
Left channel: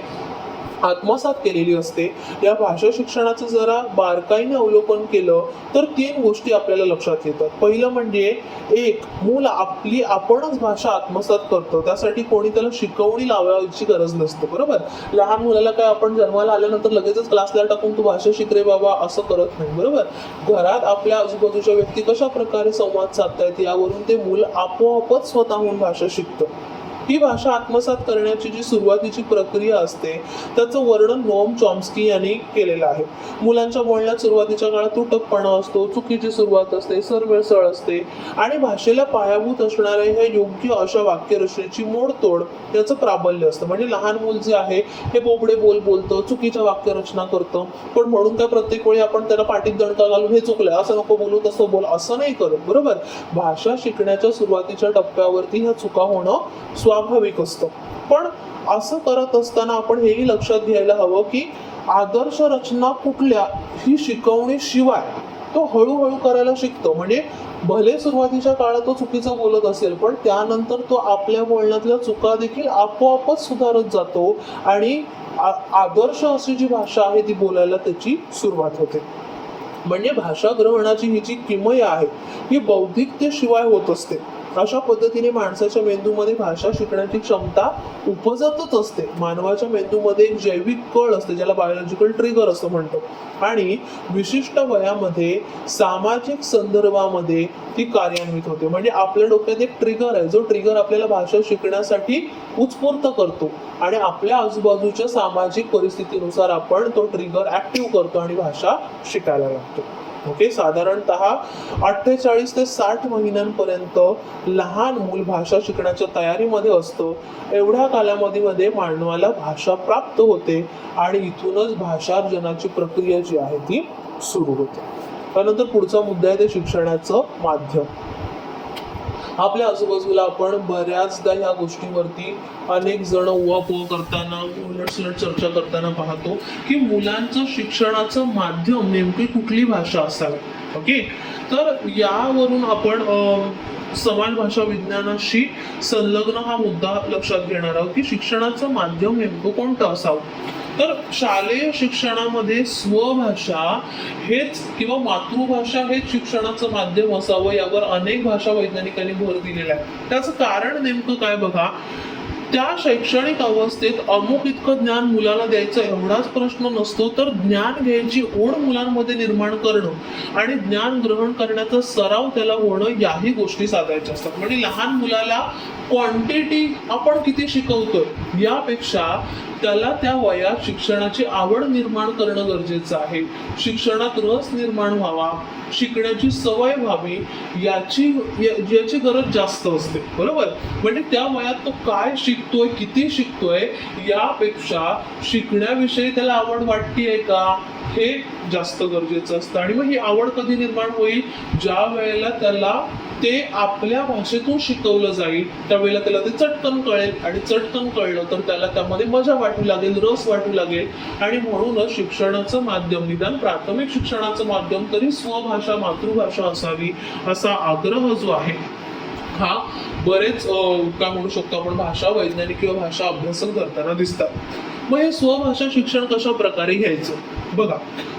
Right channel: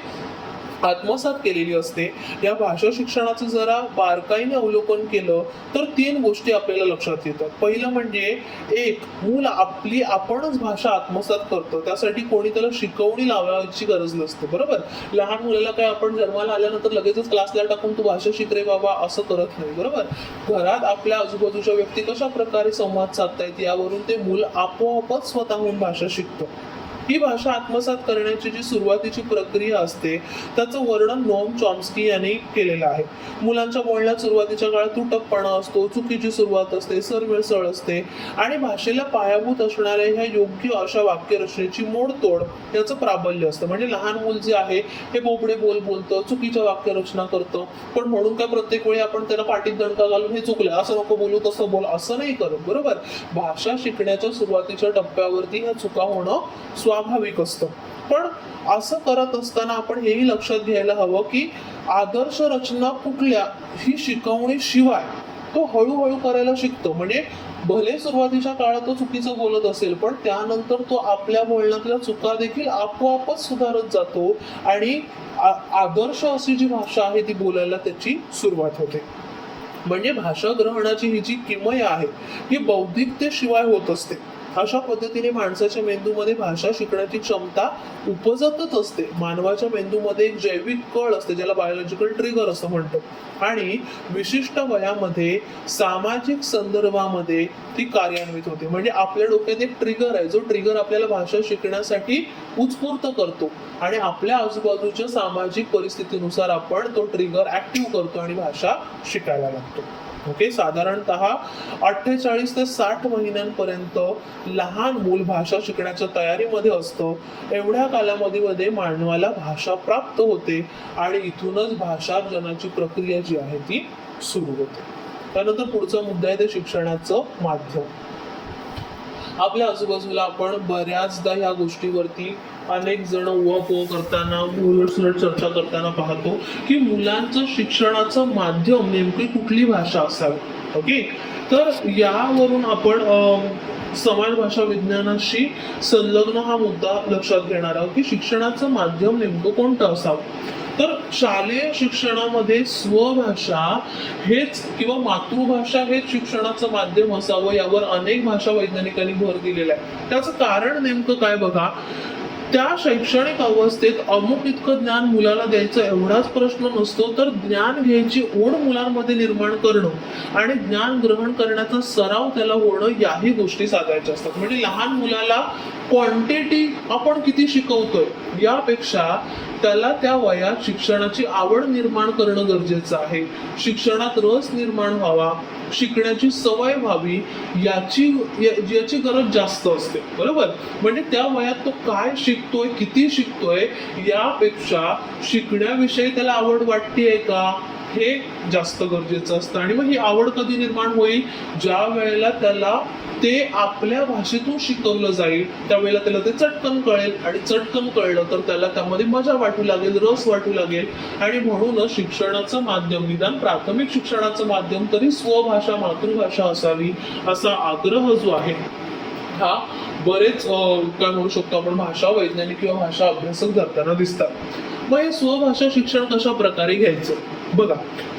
आत्मसात केलेली असते. या भाषा शिक्षणाचं जरा बारकाईने अवलोकन केलं तर 3 गोष्टी आपल्याला लक्षात येतात. पहिलं म्हणजे एक, मूल आपणच भाषा आत्मसात करतो, त्यासाठी कोणी त्याला शिकवणी लावायची गरज नसते. बरोबर, लहान मुलाला काय आपण जन्माला आल्यानंतर लगेचच क्लासला टाकून तू भाषा शिक रे बाबा असं करत नाही. बरोबर, घरात आपल्या आजूबाजूच्या व्यक्ती कशा प्रकारे संवाद साधतायत यावरून ते मूल आपोआपच स्वतःहून भाषा शिकतं. ही भाषा आत्मसात करण्याची जी सुरुवातीची प्रक्रिया असते त्याचं वर्णन नोम चॉम्स्की यांनी केलेलं आहे. मुलांच्या बोलण्यात सुरुवातीच्या काळात तुटकपणा असतो, चुकीची सुरुवात असते, सरमिसळ असते आणि भाषेला पायाभूत असणाऱ्या ह्या योग्य अशा वाक्यरचनेची मोडतोड याचं प्राबल्य असतं. म्हणजे लहान मूल जे आहे हे बोबडे बोलतो, चुकीच्या वाक्यरचना करतं, पण म्हणून काय प्रत्येक वेळी आपण त्याला पाठीत दणका घालून हे चुकलंय असं नको बोलू तसं बोल असं नाही करत. बरोबर, भाषा शिकण्याच्या सुरुवातीच्या टप्प्यावरती ह्या चुका होणं स्वाभाविक असतं. पण असं करत असताना आपण हेही लक्षात घ्यायला हवं की आदर्श रचना कुठल्या ही शिकवणी शिवाय तो हळूहळू करायला शिकतो. म्हणजे भले सुरुवातीच्या काळात तो चुकीचं बोलत असेल पण त्यानंतर तो आपल्या बोलण्यातल्या चुका देखील आपोआपच सुधारत जातो आणि आदर्श अशी जी भाषा आहे ती बोलायला त्याची सुरुवात होते. म्हणजे भाषा ग्रहणाची ही जी किमया आहे ही बौद्धिकतेशिवाय होत असते. अशा पद्धतीने माणसाच्या मेंदूमध्ये भाषा शिकण्याची क्षमता उपजतच असते. मानवाच्या मेंदूमध्ये एक जैविक कळ असते ज्याला बायोलॉजिकल ट्रिगर असं म्हणतो आणि विशिष्ट वयामध्ये सामाजिक संदर्भामध्ये ती कार्यान्वित होते. म्हणजे आपल्या डोक्यात एक ट्रिगर आहे जो ट्रिगर आपल्याला भाषा शिकण्यासाठी उत्स्फूर्त करतो आणि आपल्या आजूबाजूच्या सामाजिक परिस्थितीनुसार आपण तो ट्रिगर ऍक्टिव्ह करतो आणि भाषा शिकायला लागतो. ओके, साधारणतः 48 ते 60 महिन्यांपर्यंत लहान मूल भाषा शिकण्याच्या तयारीमध्ये असतं. एवढ्या कालावधीमध्ये मानवाला भाषा प्राप्त होते आणि इथूनच भाषार्जनाची प्रक्रिया जी आहे ती सुरू होते. त्यानंतर पुढचा मुद्दा आहे ते शिक्षणाचं माध्यम. आपल्या आजूबाजूला आपण बऱ्याचदा ह्या गोष्टीवरती अनेक जण उहापोह करताना उलटसुलट चर्चा करताना पाहतो की मुलांचं शिक्षणाचं माध्यम नेमकी कुठली भाषा असावी. ओके, तर यावरून आपण समाज भाषा विज्ञानाशी संलग्न हा मुद्दा लक्षात घेणार आहोत की शिक्षणाचं माध्यम नेमकं कोणतं असावं. तर शालेय शिक्षणामध्ये स्वभाषा हेच किंवा मातृभाषा हेच शिक्षणाचं माध्यम असावं यावर अनेक भाषा वैज्ञानिकांनी भर दिलेला आहे. त्याचं कारण नेमकं काय बघा, त्या शैक्षणिक अवस्थेत अमुक इतकं ज्ञान मुलाला द्यायचं एवढाच प्रश्न नसतो, तर ज्ञान घ्यायची ओढ मुलांमध्ये निर्माण करणं आणि ज्ञान ग्रहण करण्याचा सराव त्याला होणं याही गोष्टी साधायच्या असतात. म्हणजे लहान मुलाला क्वांटिटी आपण किती शिकवतोय यापेक्षा त्याला त्या वयात शिक्षणाची आवड निर्माण करणं गरजेचं आहे. शिक्षणात रस निर्माण व्हावा, शिकण्याची सवय व्हावी याची गरज जास्त असते. बरोबर, म्हणजे त्या वयात तो काय शिकतोय, किती शिकतोय यापेक्षा शिकण्याविषयी त्याला आवड वाटतेय का हे जास्त गरजेचं असतं. आणि मग ही आवड कधी निर्माण होईल, ज्या वेळेला त्याला ते आपल्या भाषेतून शिकवलं जाईल त्यावेळेला त्याला ते चटकन कळेल आणि चटकन कळलं तर त्याला त्यामध्ये मजा वाटू लागेल, रस वाटू लागेल. आणि म्हणूनच शिक्षणाचं माध्यम, निदान प्राथमिक शिक्षणाचं माध्यम तरी स्वभाषा मातृभाषा असावी असा आग्रह जो आहे हा बरेच काय म्हणू शकतो आपण भाषा वैज्ञानिक किंवा भाषा अभ्यासक करताना दिसतात. मग हे स्वभाषा शिक्षण कशा प्रकारे घ्यायचं बघा,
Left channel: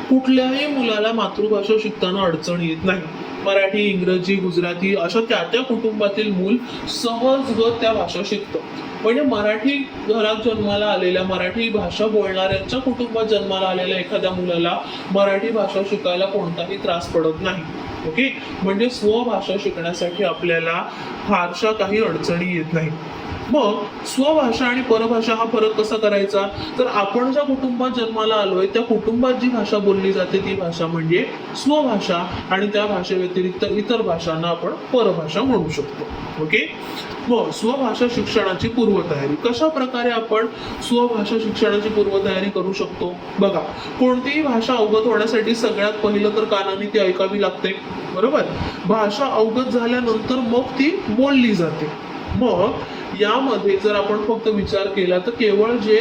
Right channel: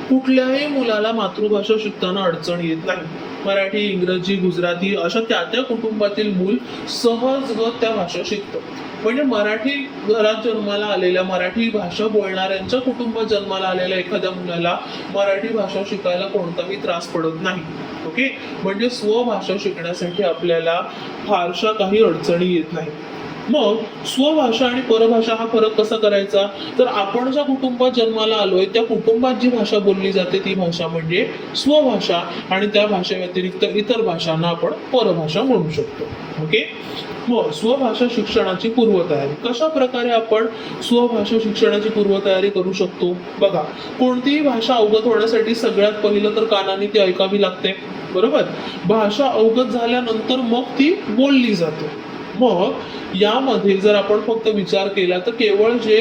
कुठल्याही मुलाला मातृभाषा शिकताना अडचण येत नाही. मराठी, इंग्रजी, गुजराती अशा त्या कुटुंबातील मूल सहजगत त्या भाषा शिकतं. म्हणजे मराठी घरात जन्माला आलेल्या, मराठी भाषा बोलणाऱ्यांच्या कुटुंबात जन्माला आलेल्या एखाद्या मुलाला मराठी भाषा शिकायला कोणताही त्रास पडत नाही. ओके, म्हणजे स्वभाषा शिकण्यासाठी आपल्याला फारशा काही अडचणी येत नाही. मग स्वभाषा आणि परभाषा हा फरक कसा करायचा, तर आपण ज्या कुटुंबात जन्माला आलोय त्या कुटुंबात जी भाषा बोलली जाते ती भाषा म्हणजे स्वभाषा आणि त्या भाषेव्यतिरिक्त इतर भाषांना आपण परभाषा म्हणू शकतो. ओके, मग स्वभाषा शिक्षणाची पूर्वतयारी कशा प्रकारे आपण स्वभाषा शिक्षणाची पूर्वतयारी करू शकतो बघा. कोणतीही भाषा अवगत होण्यासाठी सगळ्यात पहिलं तर कानाने ती ऐकावी लागते. बरोबर, भाषा अवगत झाल्यानंतर मग ती बोलली जाते. मग यामध्ये जर आपण फक्त विचार केला तर केवळ जे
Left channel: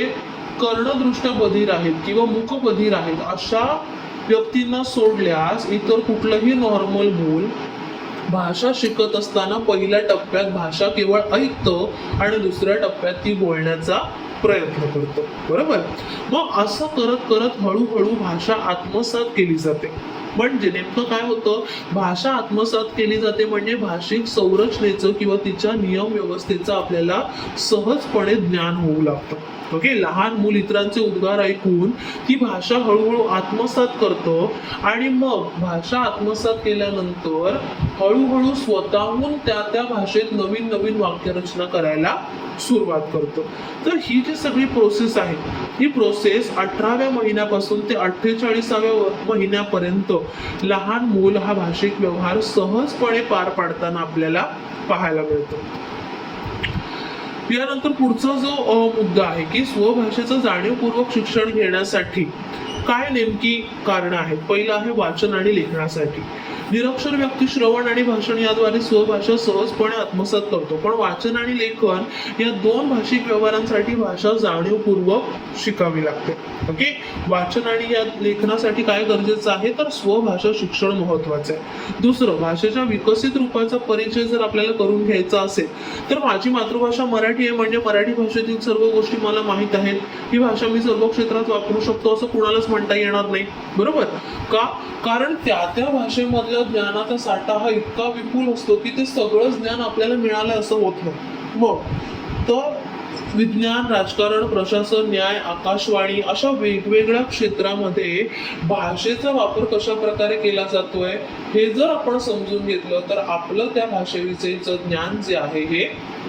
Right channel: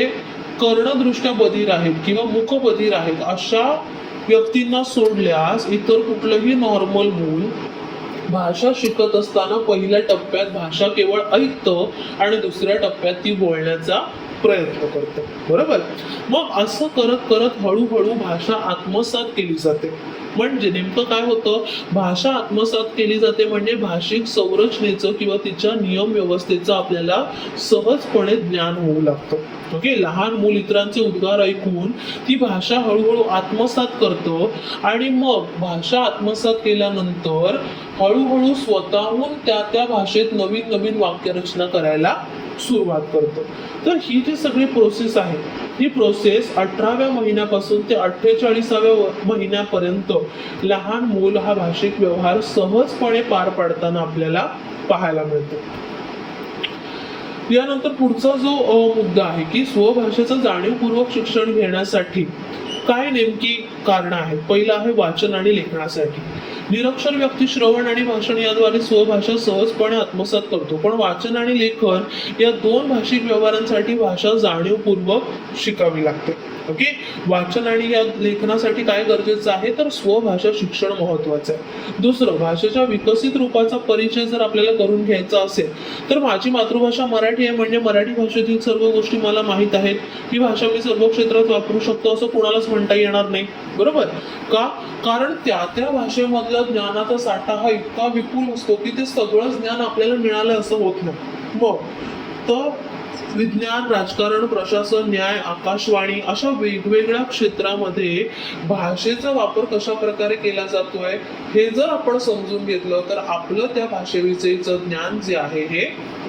कर्णदृष्ट्या बधीर आहेत किंवा मुखबधीर आहेत अशा व्यक्तींना सोडल्यास इतर कुठलंही नॉर्मल मूल भाषा शिकत असताना पहिल्या टप्प्यात भाषा केवळ ऐकतं आणि दुसऱ्या टप्प्यात ती बोलण्याचा प्रयत्न करतो. बरोबर. मग असं करत करत हळूहळू भाषा आत्मसात केली जाते. म्हणजे नेमकं काय होतं, भाषा आत्मसात केली जाते म्हणजे भाषिक संरचनेचं किंवा तिच्या नियम व्यवस्थेचं आपल्याला सहजपणे ज्ञान होऊ लागतं. ओके. लहान मूल इतरांचे उद्गार ऐकून ती भाषा हळूहळू आत्मसात करतं आणि मग भाषा आत्मसात केल्यानंतर हळूहळू स्वतःहून त्या त्या भाषेत नवीन नवीन वाक्यरचना करायला सुरुवात करतो. तर ही जी सगळी प्रोसेस आहे, ही प्रोसेस 18व्या महिन्यापासून ते 48व्या महिन्यापर्यंत लहान मूल हा भाषिक व्यवहार सहजपणे पार पाडताना आपल्याला पाहायला मिळतो. यानंतर पुढचा जो मुद्दा आहे की स्वभाषेचं जाणीवपूर्वक शिक्षण घेण्यासाठी काय नेमकी कारणं आहेत. पहिलं आहे वाचन आणि लेखनासाठी. निरक्षर व्यक्ती श्रवण आणि भाषण याद्वारे स्वभाषा सहजपणे आत्मसात करतो, पण वाचन आणि लेखन या दोन भाषिक व्यवहारांसाठी भाषा जाणीवपूर्वक शिकावी लागते. ओके. वाचन आणि या लेखनासाठी काय गरजेचं आहे, तर स्वभाषा शिक्षण महत्वाचं आहे. दुसरं, भाषेच्या विकसित रूपाचा परिचय जर आपल्याला करून घ्यायचा असेल तर माझी मातृभाषा मराठी आहे म्हणजे मराठी भाषेतील सर्व गोष्टी मला माहीत आहेत, ही भाषा मी सर्व क्षेत्रात वापरू शकतो असं कुणालाच म्हणता येणार नाही. बरोबर. का? कारण त्या त्या भाषेमधला ज्ञानाचा साठा हा इतका विपुल असतो की ते सगळं ज्ञान आपल्याला मिळालं असं होत नाही. मग तर विज्ञान, राजकारण, प्रशासन, न्याय, आकाशवाणी अशा वेगवेगळ्या क्षेत्रामध्ये भाषेचा वापर कशा प्रकारे केला जातोय हे जर आपण समजून घेतलं तर आपलं त्या भाषेविषयीचं ज्ञान जे आहे हे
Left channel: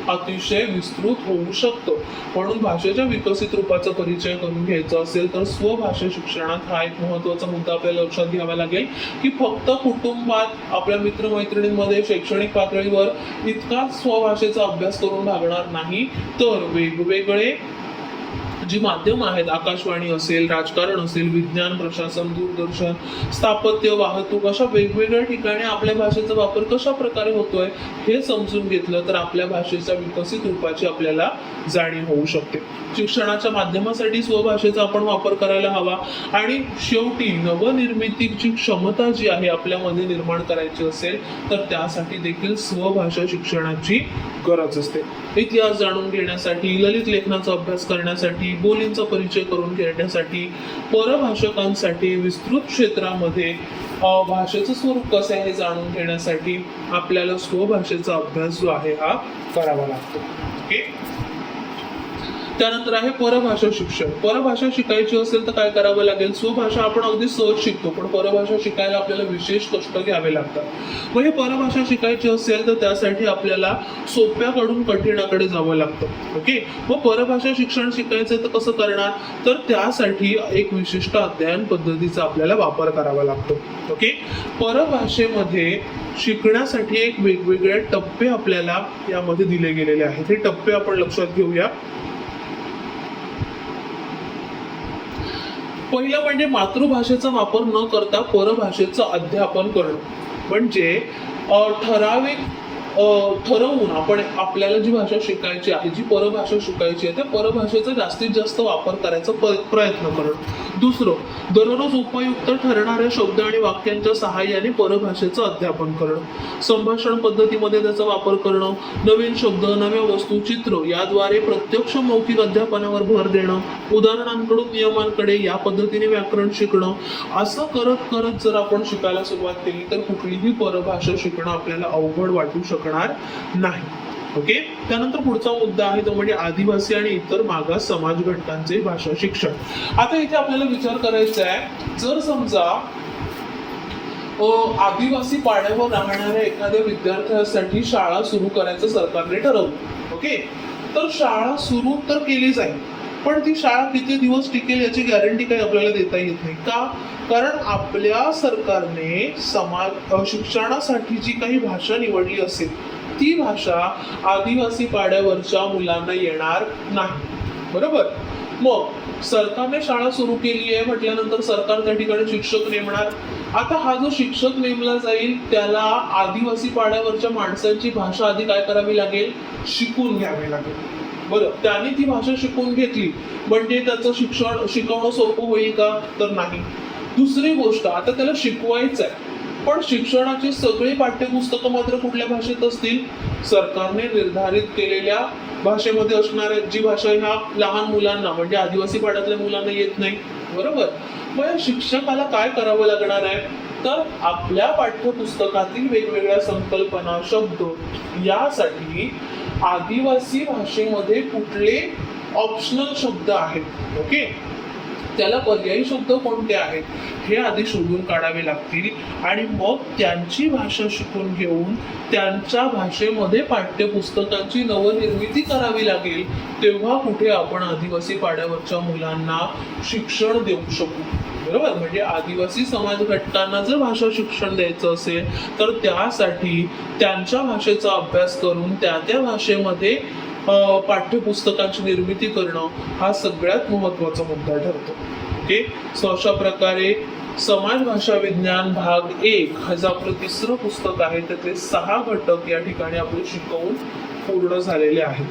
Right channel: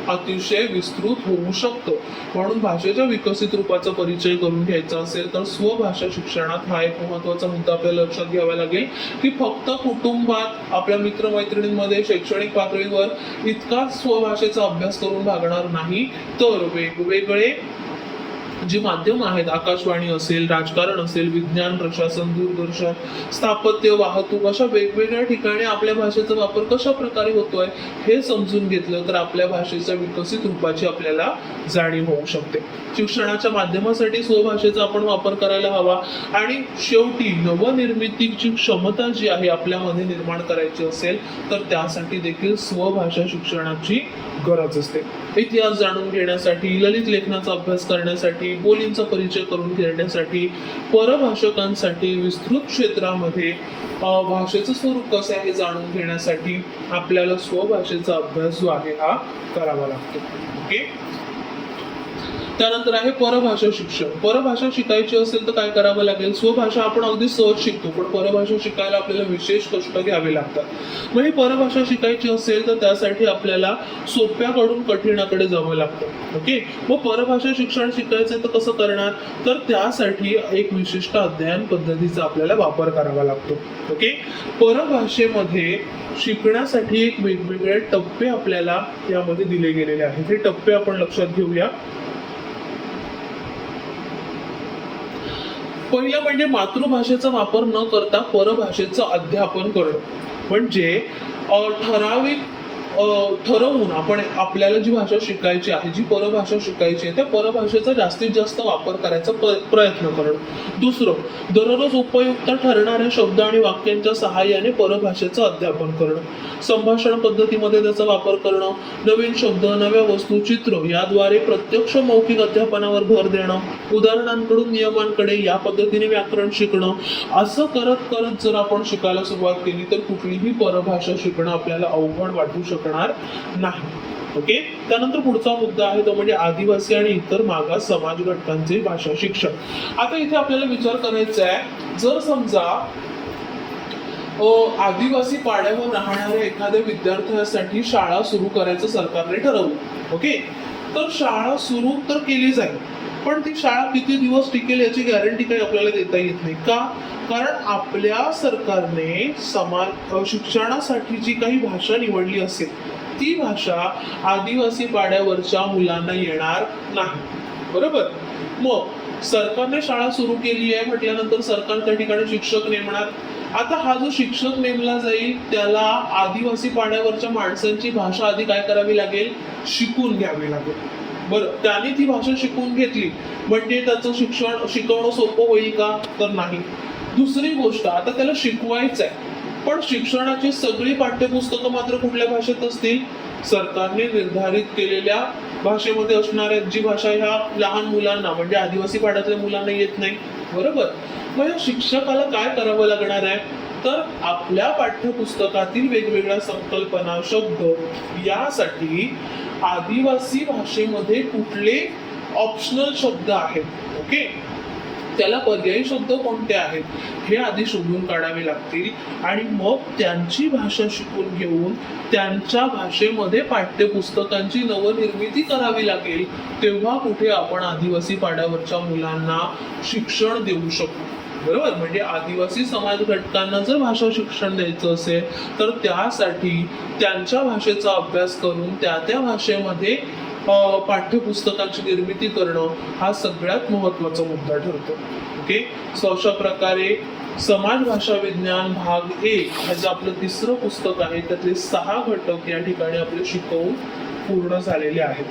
अतिशय विस्तृत होऊ शकतं. म्हणून भाषेच्या विकसित रूपाचा परिचय करून घ्यायचा असेल तर स्वभाषा शिक्षणात हा एक महत्त्वाचा मुद्दा आपल्याला लक्षात घ्यावा लागेल की फक्त कुटुंबात, आपल्या मित्रमैत्रिणींमध्ये, शैक्षणिक पातळीवर इतकाच स्वभाषेचा अभ्यास करून भागणार नाही, तर वेगवेगळे जी माध्यम आहेत, आकाशवाणी असेल, राजकारण असेल, विज्ञान, प्रशासन, दूरदर्शन, स्थापत्य, वाहतूक अशा वेगवेगळ्या ठिकाणी आपल्या भाषेचा वापर कशा प्रकारे होतोय हे समजून घेतलं तर आपल्या भाषेच्या विकसित रूपाची आपल्याला जाणीव होऊ शकते. शिक्षणाच्या माध्यमासाठी स्वभाषेचा आपण वापर करायला हवा आणि शेवटी नवनिर्मितीची क्षमता जी आहे आपल्यामध्ये निर्माण करायची असेल तर त्यासाठी देखील स्वभाषा शिक्षणाची गरज असते. इतिहास जाणून घेण्यासाठी, ललित लेखनाचा अभ्यास करण्यासाठी, बोलींचा परिचय करून घेण्यासाठी, परभाषकांसाठी, विस्तृत क्षेत्रामध्ये भाषेचं स्वरूप कसं आहे हे जाणून घेण्यासाठी आपल्याला स्वभाषेचा अभ्यास जो आहे हा करावा लागतो. ओके. त्यानंतर आहे परभाषा शिक्षण. परभाषा शिकायची असेल तर काय करावं लागेल, स्वभाषा आपण अगदी सहज शिकतो पण परभाषा शिकायला आपल्याला विशेष कष्ट घ्यावे लागतात. मग हे परभाषा शिकायची असेल तर त्यासाठी आपल्याला सोप्याकडून कठीणाकडे जावं लागतं. ओके. मग परभाषा शिक्षण शिकायचं तर कसं करणार, तर त्यासाठी एक विशिष्ट अध्ययन पद्धतीचा आपल्याला वापर करावा लागतो. ओके. परभाषेमध्ये शिकण्यासाठी एक वेगवेगळे टप्पे आपल्याला यामध्ये दिले गेलेले आहेत. हे टप्पे आपण लक्षात घेऊया. पहिलं म्हणजे मातृभाषेचा वापर न करता परभाषेचं अध्यापन करणं. म्हणजे ठराविक ठरवून आपण आपल्याला जी भाषा शिकायची आहे, जी परभाषा शिकायची आहे त्या परभाषेचा जास्तीत जास्त वापर करायचा प्रयत्न करणं. दुसरं, दररोज उपयुक्त ठरणाऱ्या शब्द आणि वाक्यांच्या सहाय्याने परभाषेचं अध्यापन करणं. संभाषण पद्धतीमध्ये त्याचा वापर करणं, नवीन शब्द, नव्या वस्तू, चित्र याद्वारे प्रत्यक्ष मौखिक अध्यापनावर भर देणं, उदाहरणांकडून नियमांकडे या पद्धतीने व्याकरण शिकणं. असं करत करत जर आपण शिकायला सुरुवात केली तर कुठलीही परभाषा शिकणं आपल्याला अवघड वाटू शकणार नाही. ओके. त्यानंतर पुढचा मुद्दा आहे तो म्हणजे आदिवासी आणि इतर मागास समाज घटकांचे भाषा शिक्षण. आता इथे आपल्याला विचार करायचा आहे, जर समजा आदिवासी पाड्यावर राहणाऱ्या एखाद्या विद्यार्थ्यासाठी शाळा सुरू करायचं सरकारने ठरवलं. ओके. तर शाळा सुरू तर केली जाईल पण ती शाळा किती दिवस टिकेल याची गॅरंटी काही आपल्याला देता येत नाही. का? कारण आपल्या सरकारने शिक्षणासाठी जी काही भाषा निवडली असेल ती भाषा आदिवासी पाड्यावरच्या मुलांना येणार नाही. बरोबर. मग सरकारने शाळा सुरू केली आहे म्हटल्यानंतर सरकार त्या ठिकाणी शिक्षक नेमणार. आता हा जो शिक्षक नेमला जाईल त्याला आदिवासी पाड्यावरच्या माणसांची भाषा आधी काय करावी लागेल, शिकून घ्यावी लागेल. बरं. त्याने ती भाषा शिकून घेतली म्हणजे त्याचं शिकवणं सोपं होईल का, तर नाही. दुसरी गोष्ट, आता त्याला शिकवायचं आहे पण शिक्षणाची सगळी पाठ्यपुस्तकं मात्र कुठल्या भाषेत असतील, सरकारने निर्धारित केलेल्या भाषेमध्ये असणाऱ्या जी भाषा ह्या लहान मुलांना म्हणजे आदिवासी पाड्यातल्या मुलांना येत नाही, बरोबर. मग या शिक्षकाला काय करावं लागणार आहे, तर आपल्या पाठ्यपुस्तकातील वेगवेगळ्या संकल्पना, शब्द यासाठी आदिवासी भाषेमध्ये कुठले ऑप्शनल शब्द आहेत, ओके, त्याला पर्यायी शब्द कोणते आहेत हे आधी शोधून काढावे लागतील आणि मग त्यांची भाषा शिकून घेऊन त्यांच्या भाषेमध्ये पाठ्यपुस्तकांची नवनिर्मिती करावी लागेल. तेव्हा कुठे आपण आदिवासी पाड्यावरच्या मुलांना शिक्षण देऊ शकू, बरोबर. म्हणजे आदिवासी समाज घटकांना जर भाषा शिक्षण द्यायचं असेल तर त्यासाठी त्यांच्या भाषेचा अभ्यास करून त्या भाषेमध्ये पाठ्यपुस्तकांची निर्मिती करणं हा सगळ्यात महत्त्वाचा मुद्दा ठरतो, ओके. सो अशा प्रकारे समाज भाषा विज्ञान भाग 1 हे जे आपलं तिसरं पुस्तक आहे त्यातले 6 घटक या ठिकाणी आपले शिकवून पूर्ण झालेले आहेत.